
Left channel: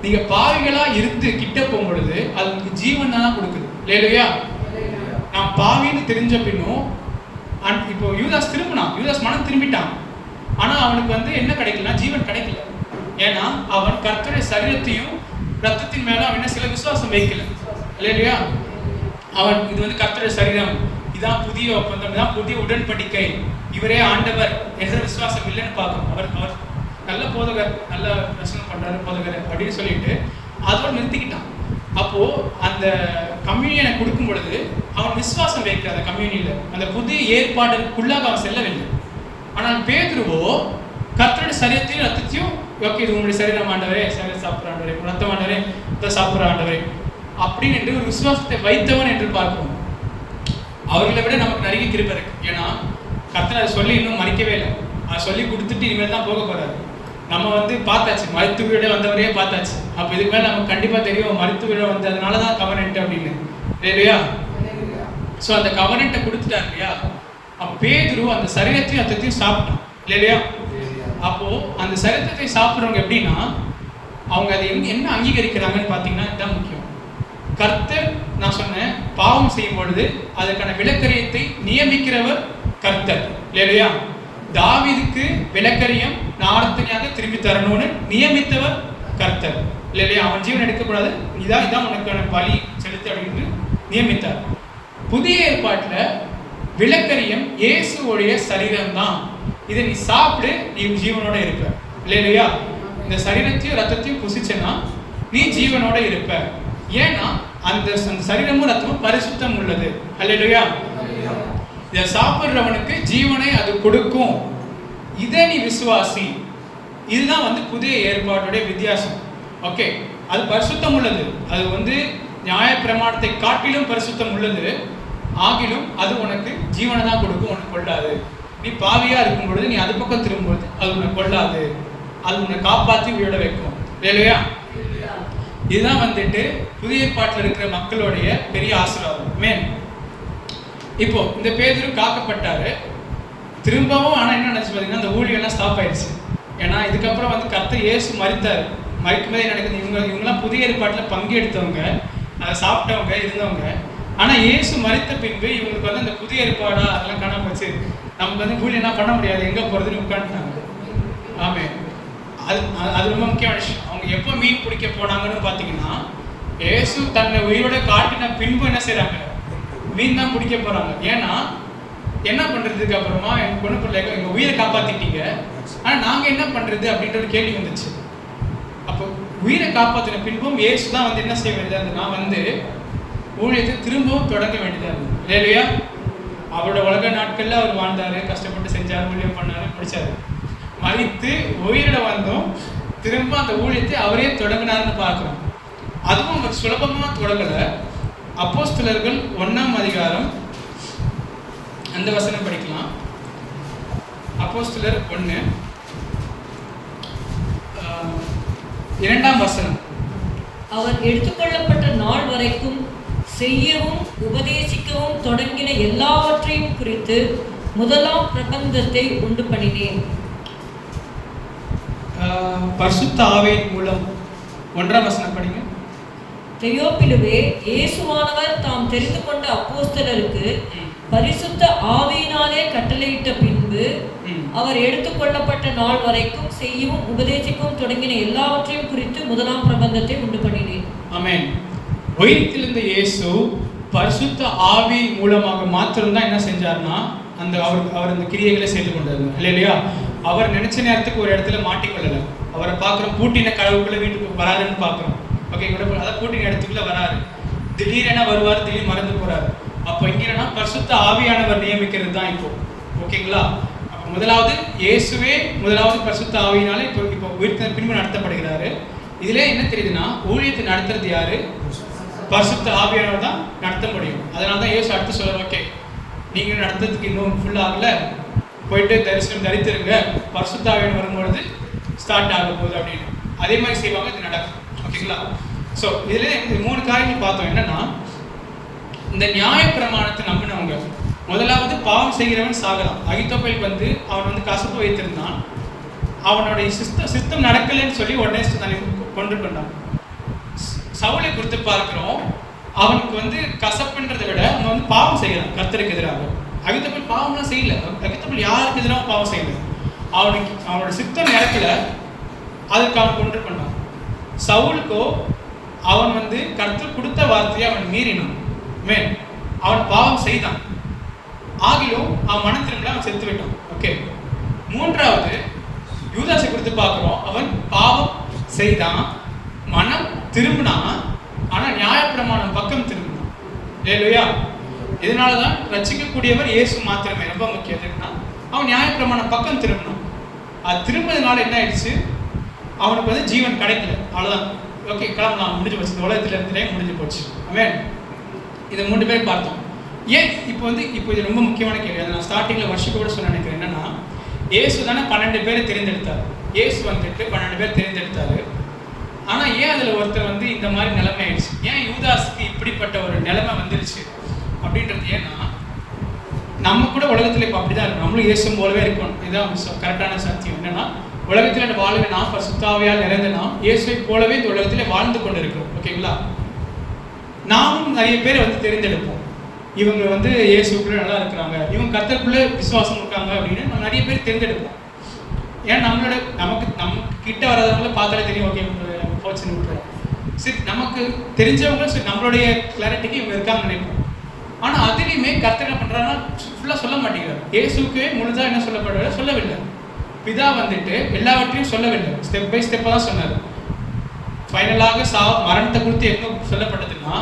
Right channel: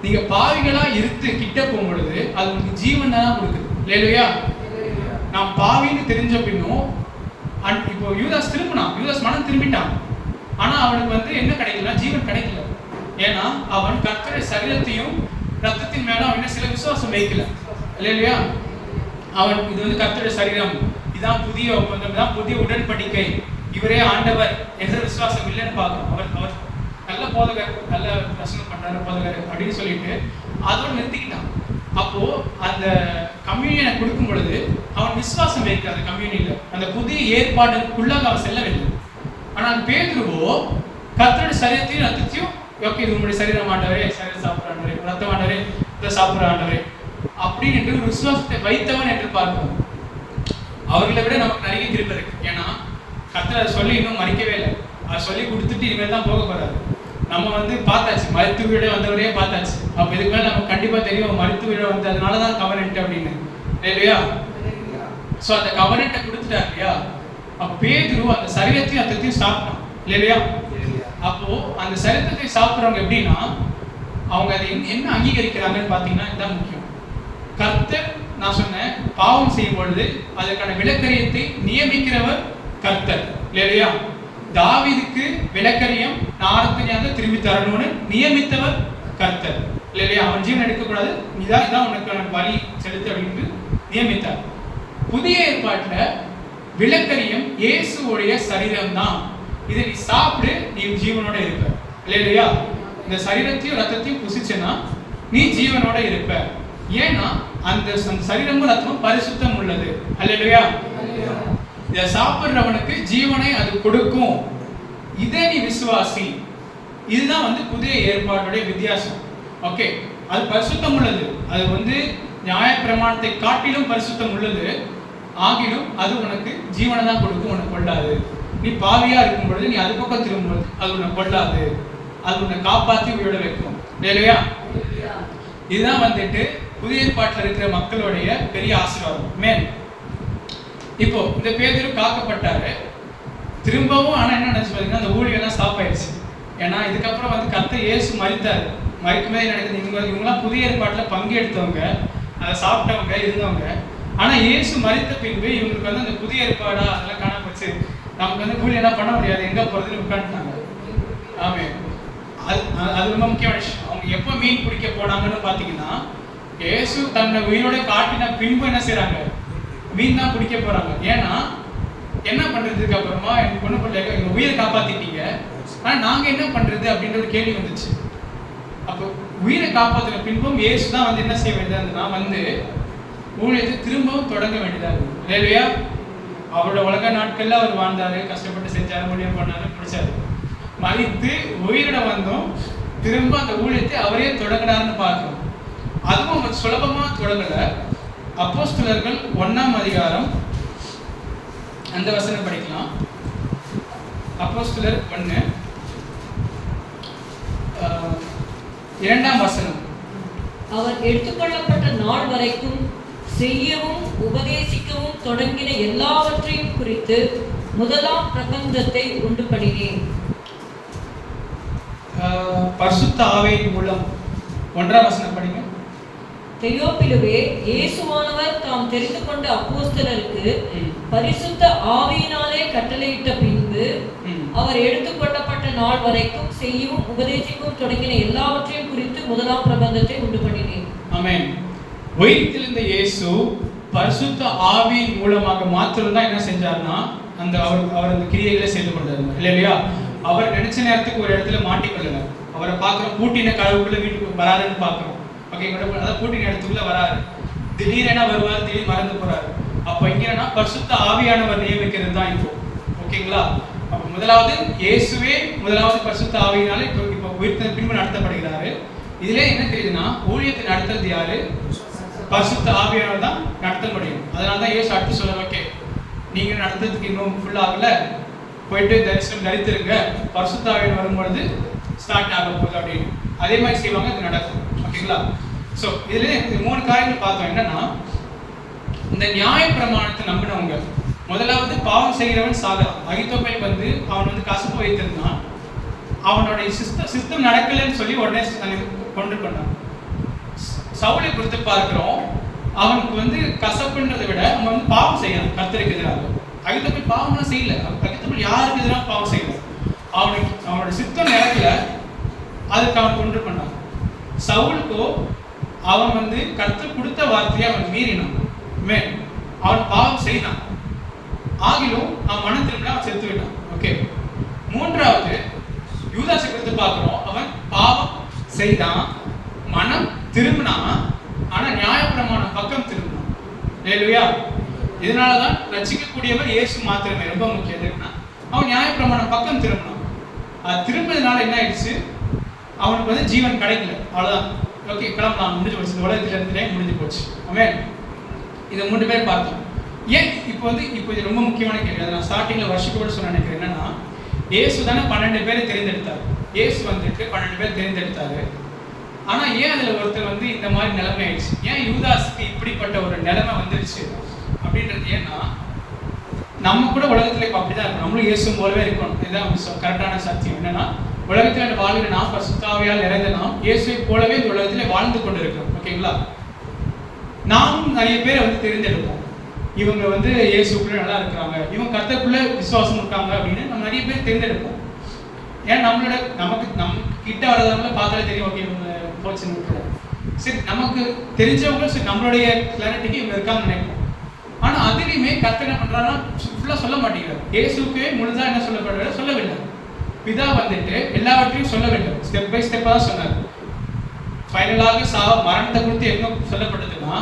நீங்க பாவிகளா இருந்து கிட்ட போகும் பொழுது அது உங்களுக்கு ஜீவன் தான் கொடுக்குது. இல்லையா? நான் பாவின்னு தெரிஞ்ச பின்னும் இப்போ யூதாஸ் திரும்பினான், யூதாஸ் மனம் திரும்பிட்டான். ஆனா அவனுக்கு வந்து என்ன கிடைக்கலன்னா ஜீவன் கிடைக்கல. ஏன்னா அவன் கர்த்தருடைய சரீரத்தையும் ரத்தத்தின் மேல அவன் சில விசுவாசம் வைக்கல. இல்லையா? அவன் இது வந்து கர்த்தருடைய சரீரம், இதான் புதிய ஒப்பந்தம், இதான் புதிய உடன்படிக்கை, இவரே ஆண்டவர் என்ற விசுவாசம் இல்லைன்னு பார்க்கணும். அவர் நல்ல போதகர், நல்ல பிரசங்கம் பண்றாரு போதகர் அப்படின்னு சொல்லிட்டு அதோட நிறுத்திக்கிட்டான். அப்போ அந்த அந்த கம்யூனியனை கொடுக்கும் பொழுது அவன் விசுவாசம் வைக்கிற அந்த கம்யூனியில் அந்த புதிய ஏற்பாடுக்குள்ளாக அவன் செல்லவில்லை. ஆனால் பேதுருவோ கர்த்தருடைய சரீரத்தையும் ரத்தத்தையும், ஓகே இது உங்களுடைய சரீரம் ஆண்டவரே, சரீரம் சாப்பிட்ற ஆண்டவரே, ரத்தம் ஆண்டவரே, ரத்தம் சாப்பிட்ற ஆண்டவரே அப்படின்னு என்று ஒரு விசுவாசத்தை வைத்தவன் என்று பார்க்கிறோம். அவர்களை விட நமக்கு நிறைய கிருபை இருக்கு. ஏன்னா கர்த்தர் அதை சொல்லி இன்னும் மறிக்கவே இல்லை. அதை சொல்லி கொடுத்துட்டு இனிமேல் தான் போக போறாரு. நம்ம பார்த்தாச்சு, மருத்து வீட வந்தவரையே பார்த்தாச்சு. அப்போ இதுக்கு மேலே நமக்கு கண்டிப்பாக தெரியும் மருத்து வீட வந்ததுனால தான் கவர்னன்ட் அப்படின்னு இல்லையா. ஸோ அந்த கவர்னன்ட்டை கொடுத்துட்டாரு இல்லையா. பேதுரு அந்த சரீரத்தையும் ரத்தத்தையும் சாப்பிட்டான் இல்லையா. அப்போ அந்த சரீரத்தை சாப்பிட்றவங்க எப்படின்னா அவங்க அதை என்ன அங்கீகரிக்கிறாங்கன்னு பார்த்தீங்கன்னா இதுதான் முக்கியம். கர்த்தர், நான் சொன்னேன், பாவம் செய்யும் பொழுது அதற்கான விலக்கரியத்தை நியமிக்கிறவர் கர்த்தர் இல்லையா. தாவீதுக்கு விலக்கரியம் நார்த்தனியாக திரும்பி தரணும்னு நியமித்தவர் கர்த்தர் இல்லையா. அவன் ஜீவன் எடுக்கக்கூடாது, இதான் உனக்கான பலி செலுத்து அப்படின்னு நியமித்தார். புதிய ஏற்பாட்டில் விலக்கரியம் இயேசுவோடைய சரீரம் தான். இதை நீ சாப்பிடு, நீ ஜீவனோட இருப்ப இல்லையா. இந்த சரீரத்தையும் ரத்தத்தையும் புசிச்சேன்னா நீ ஜீவனோட இருப்ப. ஏன்னா அந்த சரீரமும் ரத்தமும் பரிசுத்தம் உள்ளது அல்லையா. இதை சாப்பிட்றவனுக்கு ஜீவனை அது கொடுக்கும். இதை நீ விசுவாசி. இதுதான் புதிய ஏற்பாட்டுடைய வித்தியாசம். ஓகே, அது பரிசுத்தம் உள்ளது. அது நியாய பிரமாணத்தை காட்டிலும் பரிசுத்தம் உள்ளது. ஆகிலும் அது உனக்கு ஜீவனை தான் கொடுக்கும், உனக்கு கொள்ளாது. நீ பாவியா இருக்கும் பொழுது நீ அது பக்கம் திரும்பும்போது அது உன்னை கொள்ளாது, அது உன்னை காப்பாற்றி உயிரோட வைக்கும் இல்லையா. இதுதான் புதிய ஏற்பாட்டில் இருக்கிற மக்களுடைய பெரிய ஆசீர்வாதம். மேன் இப்போ இந்த பேதுரு காக்கப்பட்டாரு திரும்பவும். ஆனால் என்ன நினைச்சு பார்த்தீங்கன்னா அந்த ஊழியெல்லாம் ஸ்டாப் ஆயிடுச்சு. ஏன்னா இதுக்கப்புறம் கர்த்தர் இயேசு மரித்தார். மறிக்கும்போது நடக்குது. இவங்கெல்லாம் புதிய ஏற்பாட்டில் பங்கெடுத்தவங்க, அதை சாப்பிட்டவங்க, இருந்தவங்க. ஆனால் இயேசு மரித்த பின்பு இவங்களுக்கு அந்த புதிய ஏற்பாடா அதெல்லாம் காணாம போச்சு. நமக்கு ஊழியெல்லாம் பண்ண முடியாது, எங்கே போகிறதுன்னு உட்காந்துட்டாங்க. ஆமே, அது ரொம்ப முக்கியமான விஷயம். அவங்க எப்போ மீன் பிடிக்க போனாங்கன்னு பார்த்தீங்கன்னா இயேசு தன்னை உயிரோட காட்டின பின்பு என்ன செய்கிறாங்க, மீன் தான் பிடிக்க போகிறாங்க. ஏன்னா என்ன பண்ணுறதுக்கு அப்புறமா எங்கள் பொண்ணு பிள்ளைங்க எங்கள் உயிரை காப்பாற்றிட்டீங்க, ஆனால் நாங்கள் என்ன பண்ணுறது அப்படின்ற ஒரு கேள்வி வந்துச்சு. அப்போ உயிரை காப்பாற்றின பின்பும் இயேசு தான் என்ன செய்ய வேண்டியதாக இருந்ததுன்னா ஊழியத்தை திரும்பவும் தொடங்க வேண்டியதாக இருந்தது இல்லையா. அவரோட உலக நாட்களில் அவர் வாழ்ந்தார், கஷ்டப்பட்டு செஞ்சார், ஊழியம் பண்ணார், முடிச்சார். மறித்து உயிரிட வந்தோம், திரும்ப அந்த ஊழியத்தை அவரே தொடங்கினார்னு பார்க்குறோம். அதுவும் சுலபமாக தொடங்கலை. அப்போஸ்தலர்கள் 1ஆம் அதிகாரம் அந்த வசனம் படிக்கலாம். அப்போஸ்தலர் 1 2ஆம் வசனம். அவர் எடுத்துக்கொள்ளப்பட்ட நாள் வரைக்கும் செய்யவும் உபதேசிக்கவும் தொடங்கின எல்லாவற்றையும் குறித்து முதலாம் பிரபந்தத்தை உண்டு பண்ணினேன். பரிசுத்த ஆவியின் மூலம் 1ஆம் வசனம் படிங்க. தெயோப்பிலுவே, இயேசுவானவர் தாம் தெரிந்து கொண்ட அப்போஸ்தலருக்கு பரிசுத்த ஆவியினாலே கட்டளையிட்ட பின்பு அவர் எடுத்துக்கொள்ளப்பட்ட நாள் வரைக்கும் செய்யவும் உபதேசிக்கவும் தொடங்கின எல்லாவற்றையும் குறித்து முதலாம் பிரபந்தத்தை உண்டு பண்ணினேன். ஆமென். உயிர்த்தெழுந்த இயேசு பரிசுத்த ஆவியின் மூலமாக மாத்திரம்தான் என்ன செஞ்சார்னா அவர் அந்த கிரியைகளை செய்து கொண்டார் இல்லையா. அவர் நினைச்ச நேரத்துக்கு ஒரு இடத்துல மாட்டிக்கொள்ளல. அவரை பார்க்குறோம், பூட்டின கதவுக்குள்ள வீட்டுக்கு வராருன்னு பார்க்குறோம். ஓகே, அதாவது பூட்டின இடத்துக்குள்ள வராரு, திடீரென வருவார், திடீர் மறந்து போறாரு. அப்போ இங்கன்னா பரிசுத்த ஆவியானவர் நியமிக்கிறது தான் இப்போ. ஓகேங்களா. அப்போ முதலாவது இயேசுவே முதலாவது பரிசுத்த ஆவியினால இப்போ உயிர்த்த பின்பு நடத்தப்படுகிறாரு. இதுல என்ன தெரியுதுன்னா ஊழியத்தை நடத்துறது யாரு? பரிசுத்த ஆவியானவர் தான் நடத்த முடியும். அதனால தான் இயேசு அடுத்து சொல்ல, ஓகே நீங்க நடத்துறதுக்கு இன்னும் ஃபுல் ஆகல, போயிட்டு தரிசனம் தரித்திருங்க, பரிசுத்த ஆவியானவர் வரும்பொழுது ஸ்டார்ட் ஆக போகுது அப்படின்னு. அதே மாதிரி செய்வாங்க, இது நடக்கும். ஓகேங்களா. ஸோ இதுல 3 காரியங்கள் பார்த்தோம். என்னன்னா இந்த நியாய பிரமாணத்தை நம்பினவங்க முதலாவது பாவம் செய்கிறவன் சாகலாம். அகித்தோப்பேல் அவன் கசப்பு வைத்திருந்தான். அவனுடைய சிஸ்டம் நடக்கலன்னு சொல்லி உடனே கொண்டு பண்ணான். சவுலை குறித்து பார்க்கிறோம், அவனுக்கு கசப்புன்றதை விட அவன் பாவம் செய்யலாம் கர்த்தருக்கு எதிராக. அகித்தோப்பேல் பாவம்லாம் செய்யல. அகித்தோப்பேல் யாருக்கு எதிராக பாவம் செய்யல. அவனோட சித்தம் நடக்கல, அதுக்கு அவன் கொண்டு பண்ணான். சவுலுக்கோ அவன் கர்த்தர் கொடுத்த வார்த்தையை அவன் மீறினான். அவன் பாவம் செய்தான். ஆகிலும் அவன் மனம் திரும்பல, அவன் செத்து விட்டான். ஓகே. 3வது யூதாசை குறித்து பார்க்கிறோம். அவன் பாவம் செய்தான், மனம் திரும்பினான், ஆனா நியாயப்பிரமாணம் பக்கம் திரும்பணும். ஹல்லேலூயா. இதனாலதான் ரட்சிக்கக்கூடியவர் இயேசு மாத்திரமே. ரொம்ப முக்கியம் எதுக்குன்னா அவன் நியாயப்பிரமாணம் பக்கம் திரும்பணும். அது திரும்பினதுனால என்ன ஆயிடுச்சு, அவனுக்கு வந்து ஜீவன் கிடைக்கல, அவ்வளவுதான். ஓகே, கிளம்பலாம், முடிஞ்சு போச்சு, இந்த உலகத்துல இருந்து முடிஞ்சு போச்சு. ஆமென். இதை 3 பேர் பார்த்தோம். ஏன் இப்போ இது ரொம்ப முக்கியமான கேள்வி. அதை நான் ஸ்டார்டிங்ல வருஷத்துக்கு கூட சொல்ல நினைக்கிறேன். என்னன்னா, இயேசு தானே 12 பேரை தெரிந்தெடுத்தார். இயேசு வந்துட்டு 12 பேர் தெரிந்தெடுத்தாரு. ஆனா ஏன் அதுல ஒருத்தர் வந்து இந்த மாதிரி நிலைமை ஆயிடுச்சு, ஏன் யூதாஸுக்கு இப்படிப்பட்ட ஒரு நிலைமை வந்துருச்சு அப்படின்றது ஏன்னா, நம்ம கூட உலகத்துல இப்போ அப்படிதான் இருக்கும். நம்மளும் இயேசு போலவே இருக்கணும். இதுதான் கரெக்டான சத்தியம். என்னன்னா, உலகத்துல வாழ்கிற நாம் பரிசுத்தாவியால் நிறைந்த நாம் இயேசுவை போலவே இந்த உலகத்திலே வாழ்ந்து கொண்டு இருக்கிறோம். ஓகேங்களா? நாமும் நிறைய பேரை வந்து தெரிந்தெடுப்போம். இவங்க வந்து இயேசுக்குள்ள நல்லா இருக்கிறாங்க, இவங்க கர்த்தருக்குள்ள விசுவாசம் இருக்காங்க அப்படின்னு நம்ம நிறைய பேர் தேர்ந்தெடுப்போம். ஏன்னா நமக்கு கிட்ட வராதவங்கள பார்த்தாலே தெரியும், ஓகே இவங்க போச்சுன்னு விட்டுறோம். சரி, நமக்கு தெரிஞ்சவங்க சரி நம்மளுடைய கிளாரிட்டிக்கு இவங்க இருக்காங்கன்னு நினைப்போம். ஆனா அதுலேயுமே கர்த்தர் என்ன பண்றாங்கன்னா ஃபுல்லாக சொல்ல மாட்டேங்கிறார். இயேசுக்கு முழுதா என்ன சொல்லப்படுறது சொல்லவில்லை. பிதா வந்துட்டு எல்லாவற்றையும் சொல்லவில்லை, ஸ்டெப் பை ஸ்டெப்பாக தான் சொன்னார். ஃபைனலாக மரணத்தை குறித்து என்ன சொல்லப்பட்டதுன்னா,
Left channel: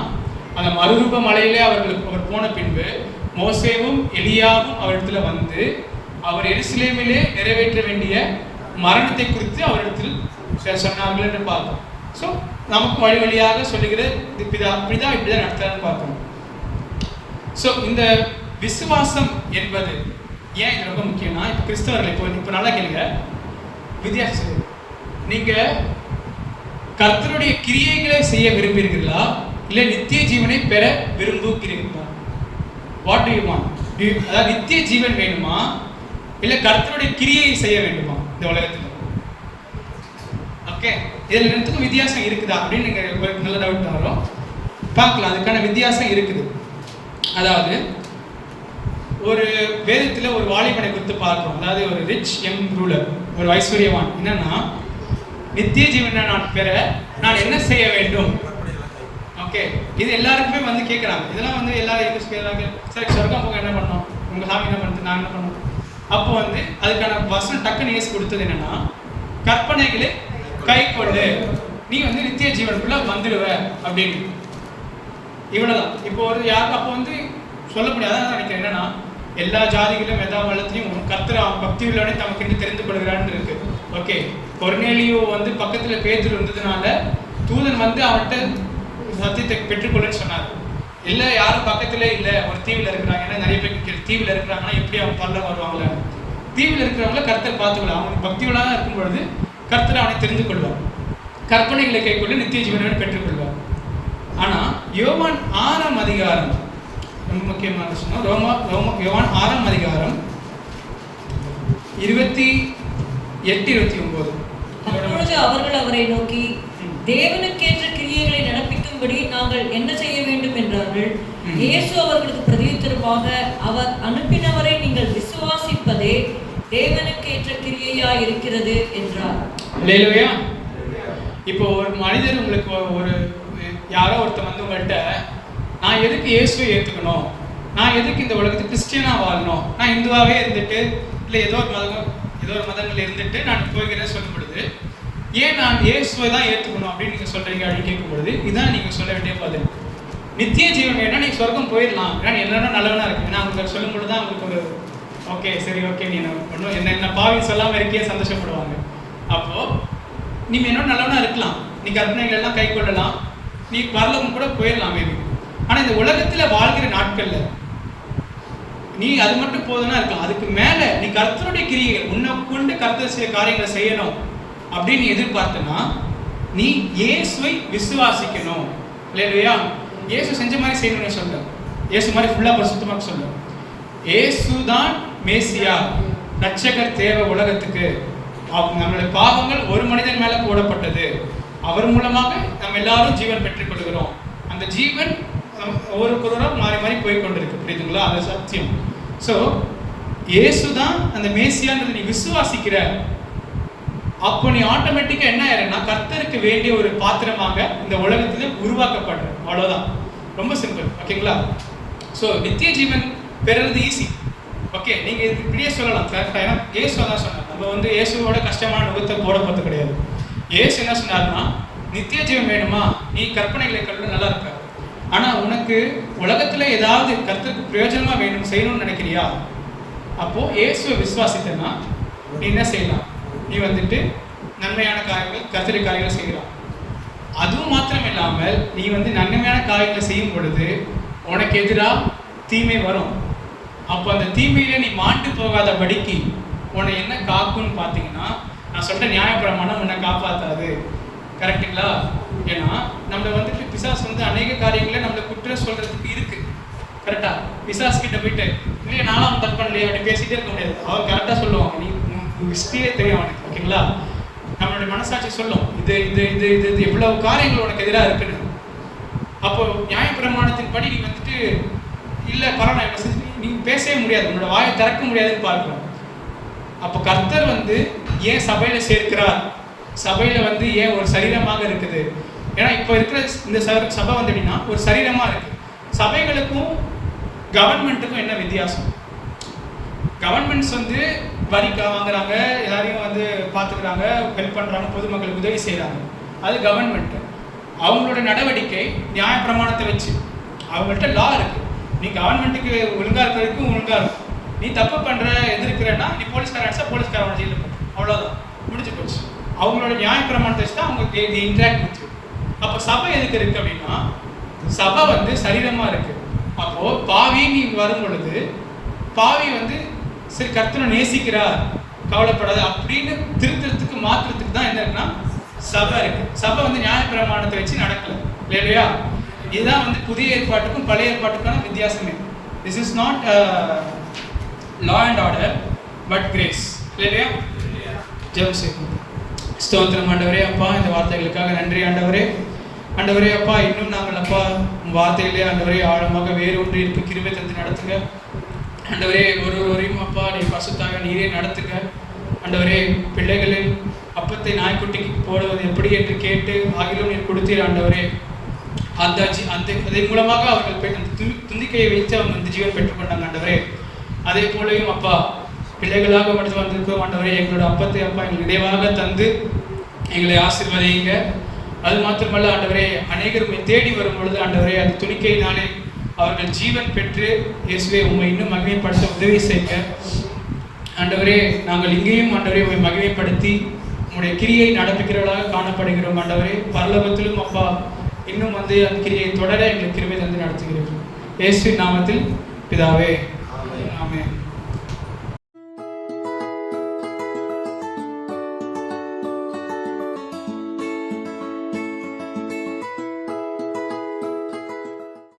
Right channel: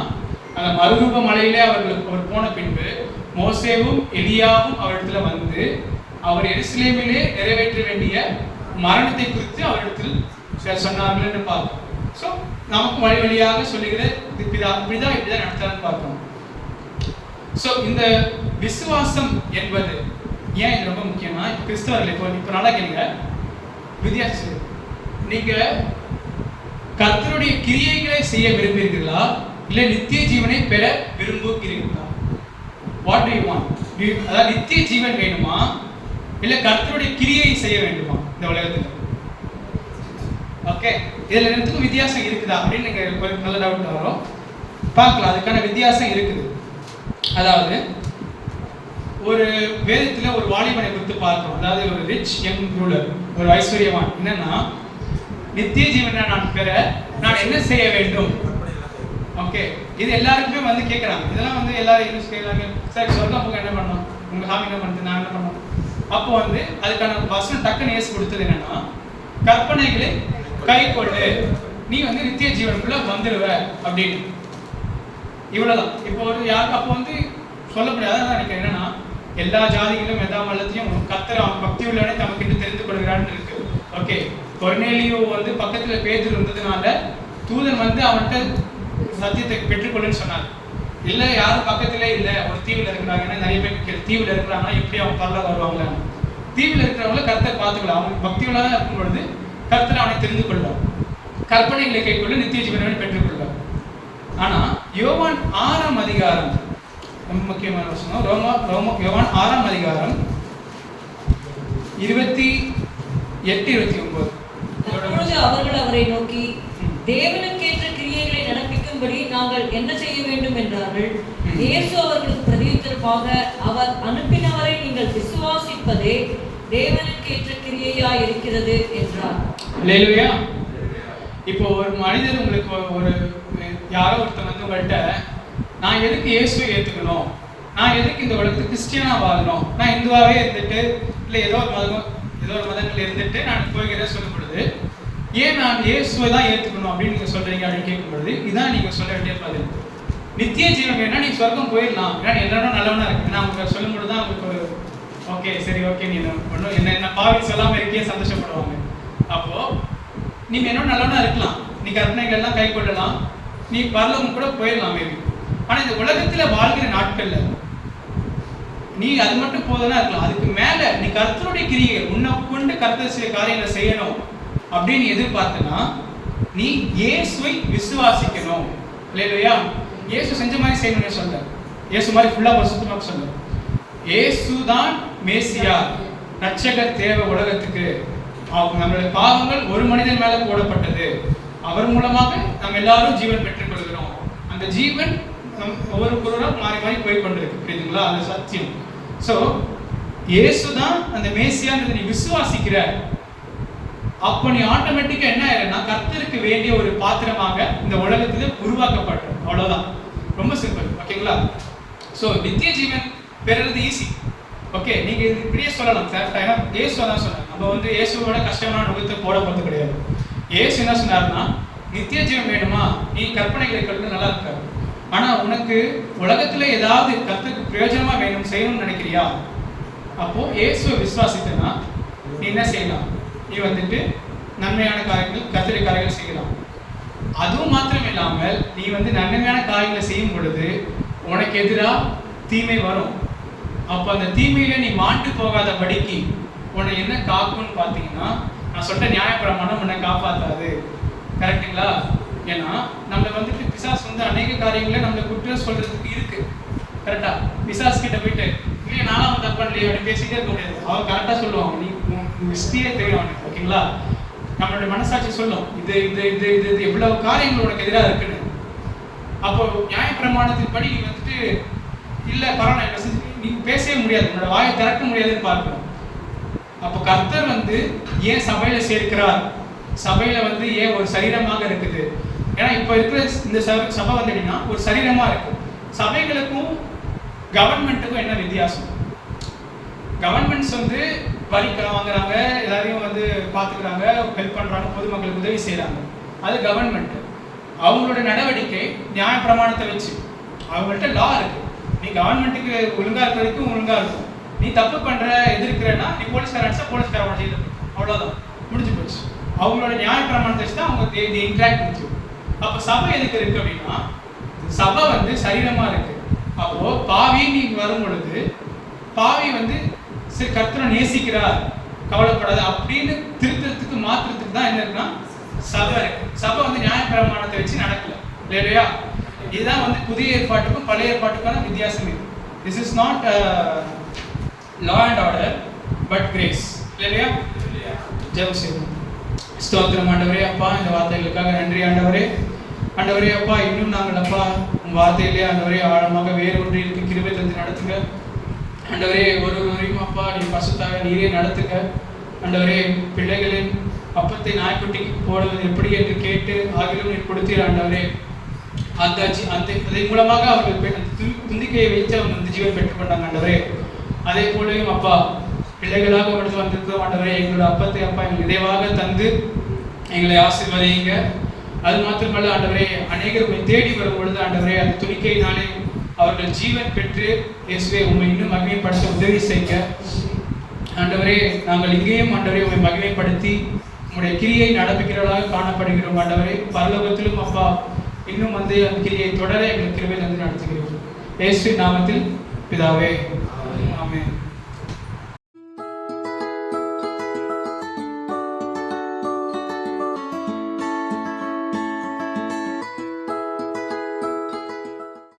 அந்த மறுரூப மலையிலே அவர் போன பின்பு மோசேவும் எலியாவும் அவரிடத்துல வந்து அவர் எருசலேமிலே நிறைவேற்ற வேண்டிய மரணத்தை குறித்து அவரிடத்தில் சொன்னார்கள் என்று பார்க்கணும். ஸோ நமக்கு வழி வழியாக சொல்லுகிற பிதா இப்படிதான் நடத்தாருன்னு பார்க்கணும். ஸோ இந்த விசுவாசம் என்பது ஏன் இது ரொம்ப முக்கியம்னா, இப்போ கிறிஸ்தவர்கள் இப்போ நல்லா கேளுங்க, வித்தியாசம். நீங்க கர்த்தருடைய கிரியைகளை செய்ய விரும்புகிறீர்களா, இல்லை நித்திய ஜீவனை பெற விரும்புகிறீர்களா? What to you want? அதாவது நித்திய ஜீவன் வேணுமா, இல்லை கர்த்தருடைய கிரியை செய்ய வேண்டுமா இந்த உலகத்தில்? ஓகே, இதுல ரெண்டுக்கும் வித்தியாசம் இருக்குதா அப்படின்னு நீங்க நல்ல டவுட் வரும். பார்க்கலாம், அதுக்கான வித்தியாசம் இருக்குது. அதாவது ஒரு வேதத்துல ஒரு வாலிபனை குறித்து பார்க்கிறோம். அதாவது ஒரு ரிச் யங் ரூலர், ஒரு ஐஸ்வர்யவான். என்னன்னா, நித்திய ஜீவனை நான் பெற நான் என்ன செய்ய வேண்டும்? ஓகே, இது எல்லாருக்குமே வந்து கேட்குறாங்க. இதெல்லாம் வந்து எல்லாரும் கேட்குறாங்க, சரி சொர்க்கம் போக என்ன பண்ணோம், உங்க சாமி என்ன பண்ணுது, நான் என்ன பண்ணோம்? அப்போ வந்து அதுக்கான வசனம் டக்குன்னு ஏசு கொடுத்தது என்னன்னா, கற்பனைகளை கை கொள்ளு, நீ வந்து நித்திய ஜீவனுக்குள்ள வந்துடுவ அப்படின்னு. இவ்வளவுதான். இப்போ ஒரு யாருக்கு அப்போ வந்து சொல்ல முடியாது. நினைக்கிறேன் என்னன்னா, எல்லா ஜாதிகளும் எல்லா மதத்திலையும் கர்த்தர் பக்தி உள்ளவனே தமக்கு தெரிந்து கொள்கிறான்னு இருக்கு. ஓகே, கொர்நேலியோ வந்து பக்கத்துல பேதுரு இருந்ததுனால தூதன் வந்து அவன்கிட்ட சத்தியத்தை பெற்றுக்கொள்ளுன்னு சொன்னார். இல்ல யாரும் பக்கத்திலே இல்ல, ஒரு தீவில் இருக்கிறாங்க. ஏன்னா நிறைய பேர் தீவில் இருக்கிறாங்கன்னா எப்படி அவங்க பரலோகம் வருவாங்களா? தீவில் இருக்கிறவங்கள கர்த்தர் பார்த்துக்கலாம். அவங்க பக்தி உள்ளவனா இருக்கும் பொழுது கர்த்தர் அவனை தெரிந்து கொள்வார், கற்பனைகளை கைக்கொள்ள நித்திய ஜீவனை பெற்றுக்கொள்வார். ஆனா யோவான் 6ஆம் அதிகாரம் ரொம்ப முக்கியமான விஷயம். யோவான் 6ஆம் அதிகாரம் 28-29. அவர்கள் அவரை நோக்கி, தேவனுக்கேற்ற கிரியைகளை நடப்பிக்கும்படி நாங்கள் என்ன செய்ய வேண்டும் என்றார்கள். இயேசு அவர்களுக்கு பிரதியுத்தரமாக, அவர் அனுப்பினவரை நீங்கள் விசுவாசிப்பதே தேவனுக்கேற்ற கிரியையாய் இருக்கிறது என்றார். அல்லேலூயா. இப்போ ஒரு மனிதர் உங்களுக்கு ஒரு யாரோ ஒருத்தர் வந்து உங்கள்கிட்ட, நான் எதுக்கு இயேசுவை ஏற்றுக்கணும், நான் எதுக்கு இந்த உலகத்துக்கு கிறிஸ்டியனாக வாழணும், நான் இந்துவாகவே இருந்துட்டு இல்லை ஏதோ ஒரு மதங்கள் இருந்துட்டு நான் போய்கிறேன் சொல்லும் பொழுது, ஏன் நான் இயேசுவை தான் ஏற்றுக்கணும் அப்படின்னு நீங்கள் சொல்கிறீங்க அப்படின்னு கேட்கும் பொழுது, இதுதான் நீங்கள் சொல்ல வேண்டிய பதில். நித்திய ஜீவன் வேணா நீ சொர்க்கம் போயிடலாம், ஏன்னா எல்லாரும் நல்லவனா இருக்கு. நான் உங்களுக்கு சொல்லும் பொழுது தான் உங்களுக்கு ஒரு ஓகே சரி ஓகே நீ ஒன்றும் என்ன பாவி சொல்லாமல் இருக்கே சந்தோஷப்படுவாங்க. அப்போது நீ என்னோட நல்லவனா இருக்கலாம், நீ கற்பனைகள் எல்லாம் கை கொள்ளலாம், நீ பரலோகம் கூட போயிடலாம் மேபி. ஆனா இந்த உலகத்துல வாழ்கிற நாட்கள்ல நீ அது மட்டும் போதுனா இருக்கலாம். அதுக்கு மேல நீ கர்த்தருடைய கிரியைகள் உன்னை கொண்டு கர்த்தர் சில காரியங்களை செய்யணும் அப்படின்னு எதிர்பார்த்தனா, நீ இயேசுவை விசுவாசிக்கணும். இல்லையா? இயேசு செஞ்ச மாதிரி செய்யணும்னு சொல்ல, இயேசு மாதிரி ஃபுல்லா பரிசுத்தமாக சொல்ல. இயேசு தான் மேசியா, ரட்சகர் தேவை உலகத்துக்கு. நம்மளுடைய பாவங்கள் ஒரு மனிதன் மேல போடப்பட்டது, அவர் மூலமாக நம்ம எல்லாரும் ஜீவன் பெற்றுக் கொள்கிறோம். அந்த ஜீவன் ஒவ்வொருவரும் மாறி மாறி போய் கொண்டிருக்கு. புரியுதுங்களா? அந்த சத்தியம். ஸோ இயேசு தான் அந்த மேசியான்னு நீ விசுவாசிக்கிற, அப்போ நீ ஆட்டோமேட்டிக்கா என்ன ஆயிடுனா கர்த்தருக்கு வேண்டிய ஒரு பாத்திரமாக இந்த உலகத்துல உருவாக்கப்படுற. அவ்வளவுதான், ரொம்ப சிம்பிள். ஓகேங்களா? ஸோ நித்திய ஜீவன் பெறுறது ஈஸி. ஓகே, நீங்க இப்படியே சொல்லலாம் கரெக்டா. ஏன்னா இயேசு தான் சொன்னார், நம்ம வந்து இயேசுவோட கஷ்டமான நுகத்தை போட போறது கிடையாது. இயேசு என்ன சொன்னார்னா, நித்திய ஜீவன் வேணுமா, நீ கற்பனைகளை கண்டு நல்லா இருக்க. ஆனா உனக்கு உலகத்துல ஏதாவது கர்த்தருக்கு பிரயோஜனமா வேணும் செய்யணும்னு நினைக்கிறியா, அப்போ இயேசுவை விசுவாசித்தனா நீ என்ன செய்யலாம், நீ வந்துட்டு நன்மையான காரியங்கள் கர்த்தருடைய காரியங்கள் செய்யலாம். அதுவும் மாத்திரம் இல்லாமல் நீ வந்து நன்மையான காரியங்களை செய்யும் பொழுது உனக்கு எதிராக தீமை வரும். அப்போ அந்த தீமையில நீ மாண்டு போகாதபடிக்கு உன்னை என்ன காக்கும்னு பார்த்தீங்கன்னா, நான் சொல்ற நியாயப்பிரமாணம் உன்னை காப்பாற்றாது. கரெக்டுங்களா? ஏன்னா நம்மளை வந்துட்டு பிசாசு வந்து அநேக காரியங்களை நம்மளை குற்றம் சொல்றதுக்கு இருக்கு. கரெக்டா? பிசாசு கிட்ட போயிட்டு இல்லையே நானும் அவன் தப்பு பண்ணலையே அப்படி பேசிட்டே இருக்க முடியாது. அவன் கரெக்டாக சொல்லுவான், நீ ஹிஸ்டரியே தெரியும் அவனுக்கு. ஓகேங்களா? நம்மளுடைய மனசாட்சி சொல்லும் இது இது இது இது இது எவ்வளவு காரியங்கள் உனக்கு எதிராக இருக்குன்னு. அப்போ நியாயப்பிரமாணத்தின்படி நீ வந்துட்டு இல்லை பரவாயில்ல நீ பேசவே முடியாது, உன்னோட வாயை திறக்க முடியாதுன்னு பார்க்கணும். அப்போ கர்த்தர் வந்து ஏன் சபையில சேர்க்கிறார், சபையில வந்து ஏன் ஒரு சரீரமாக இருக்குது. ஏன்னா இப்போ இருக்கிற இந்த சபை வந்து எப்படின்னா ஒரு சரீரமா இருக்கு. சபைகளுக்கும் கவர்மெண்ட்டுக்கும் என்ன வித்தியாசம்? கவர்மெண்ட்ஸ் வந்து வரி வாங்குறாங்க, எல்லாரையும் வந்து பார்த்துக்கிறாங்க, ஹெல்ப் பண்ணுறாங்க, பொதுமக்களுக்கு உதவி செய்கிறாங்க. அது கவர்மெண்ட்டு. அவங்களோட நடவடிக்கை நியாய பிரமாணத்தை வச்சு அவங்கள்ட்ட லா இருக்கு. நீ கவர்மெண்ட்டுக்கு ஒழுங்காக இருக்கிறதுக்கும் ஒழுங்காக இருக்கும். நீ தப்பு பண்ணுற எதிர்க்கிறன்னா நீ போலீஸ்கார அடிச்சா போலீஸ்காரோட ஜெயிலுக்கு போய் அவ்வளோதான், முடிஞ்சு போச்சு. அவங்களோட நியாய பிரமாணத்தை வச்சு தான் அவங்க இன்ட்ராக்ட் வச்சு. அப்போ சபை எதுக்கு இருக்கு அப்படின்னா, சபை வந்து சரீரமாக இருக்கு. அப்போ பாவி நீ வரும் பொழுது பாவி வந்து சரி கர்த்தரை நேசிக்கிறார் கவலைப்படாது அப்படின்னு திருத்தறதுக்கு மாற்றுறதுக்கு தான் என்ன இருக்குன்னா சபை இருக்கு. சபை வந்து நியாயப்பிரமாணத்தை வச்சு நடக்கல இல்லையா? இதுதான் வந்து புதிய ஏற்பாட்டுக்கும் பழைய ஏற்பாட்டுக்கான வித்தியாசமே. This is not law and order but grace இல்லையா? ஜெபம் செய்வோம். ஸ்தோத்திரம் ஆண்டவரே, அப்பா இந்த வார்த்தைகளுக்காக நன்றி ஆண்டவரே. ஆண்டவரே அப்பா, இன்னும் நாங்கள் அப்பா உங்கள் வார்த்தையிலே ஆண்டவரே ஆழமாக வேறு ஒன்று இருக்கு கிருபை தந்து நடத்துங்க ஆண்டவரே. ஒருவரையும் அப்பா நீ பசுத்தாக நீரே நடத்துங்க ஆண்டவரே. பிள்ளைகளின் அப்பத்தை நாய்க்குட்டிக்கு போடுவது எப்படி என்று கேட்டு ஆகிலும் நீர் கொடுத்தீர் ஆண்டவரே. அந்த அதன் மூலமாக அவர்கள் துந்திக்கையை வைத்து அவங்க அந்த ஜீவன் பெற்றுக்கொண்டாங்க ஆண்டவரே. அதே போலையும் அப்பா பிள்ளைகளாக எடுத்து வந்திருக்கிறோம் ஆண்டவரே. எங்களோட அப்பத்தை அப்பா எங்களுக்கு நிறைவாக தந்து எங்களை ஆசீர்வதிங்க. அது மாத்திரமல்ல ஆண்டவரே, அநேகர் உண்மை தேடி வரும் பொழுது ஆண்டவரே அந்த துணிக்கையினாலே அவர்கள் ஜீவன் பெற்று இயேசுவே உண்மை இன்னும் மகிமைப்படுத்த உதவி செய்யுங்க ஆண்டவரே. நாங்கள் இங்கேயும் ஆண்டவரே உண்மை மகிமைப்படுத்தி உங்களுடைய கிரியை நடப்பிக்கிறவர்களாக காணப்படுகிறோம் ஆண்டவரே. பரலோகத்திலும் அப்பா இன்னும் வந்து அந்த கிரியை தொடர எங்களுக்கு கிருபை தந்து நடத்துகிறீர்கள். இயேசுவின் நாமத்தில் பிதாவே.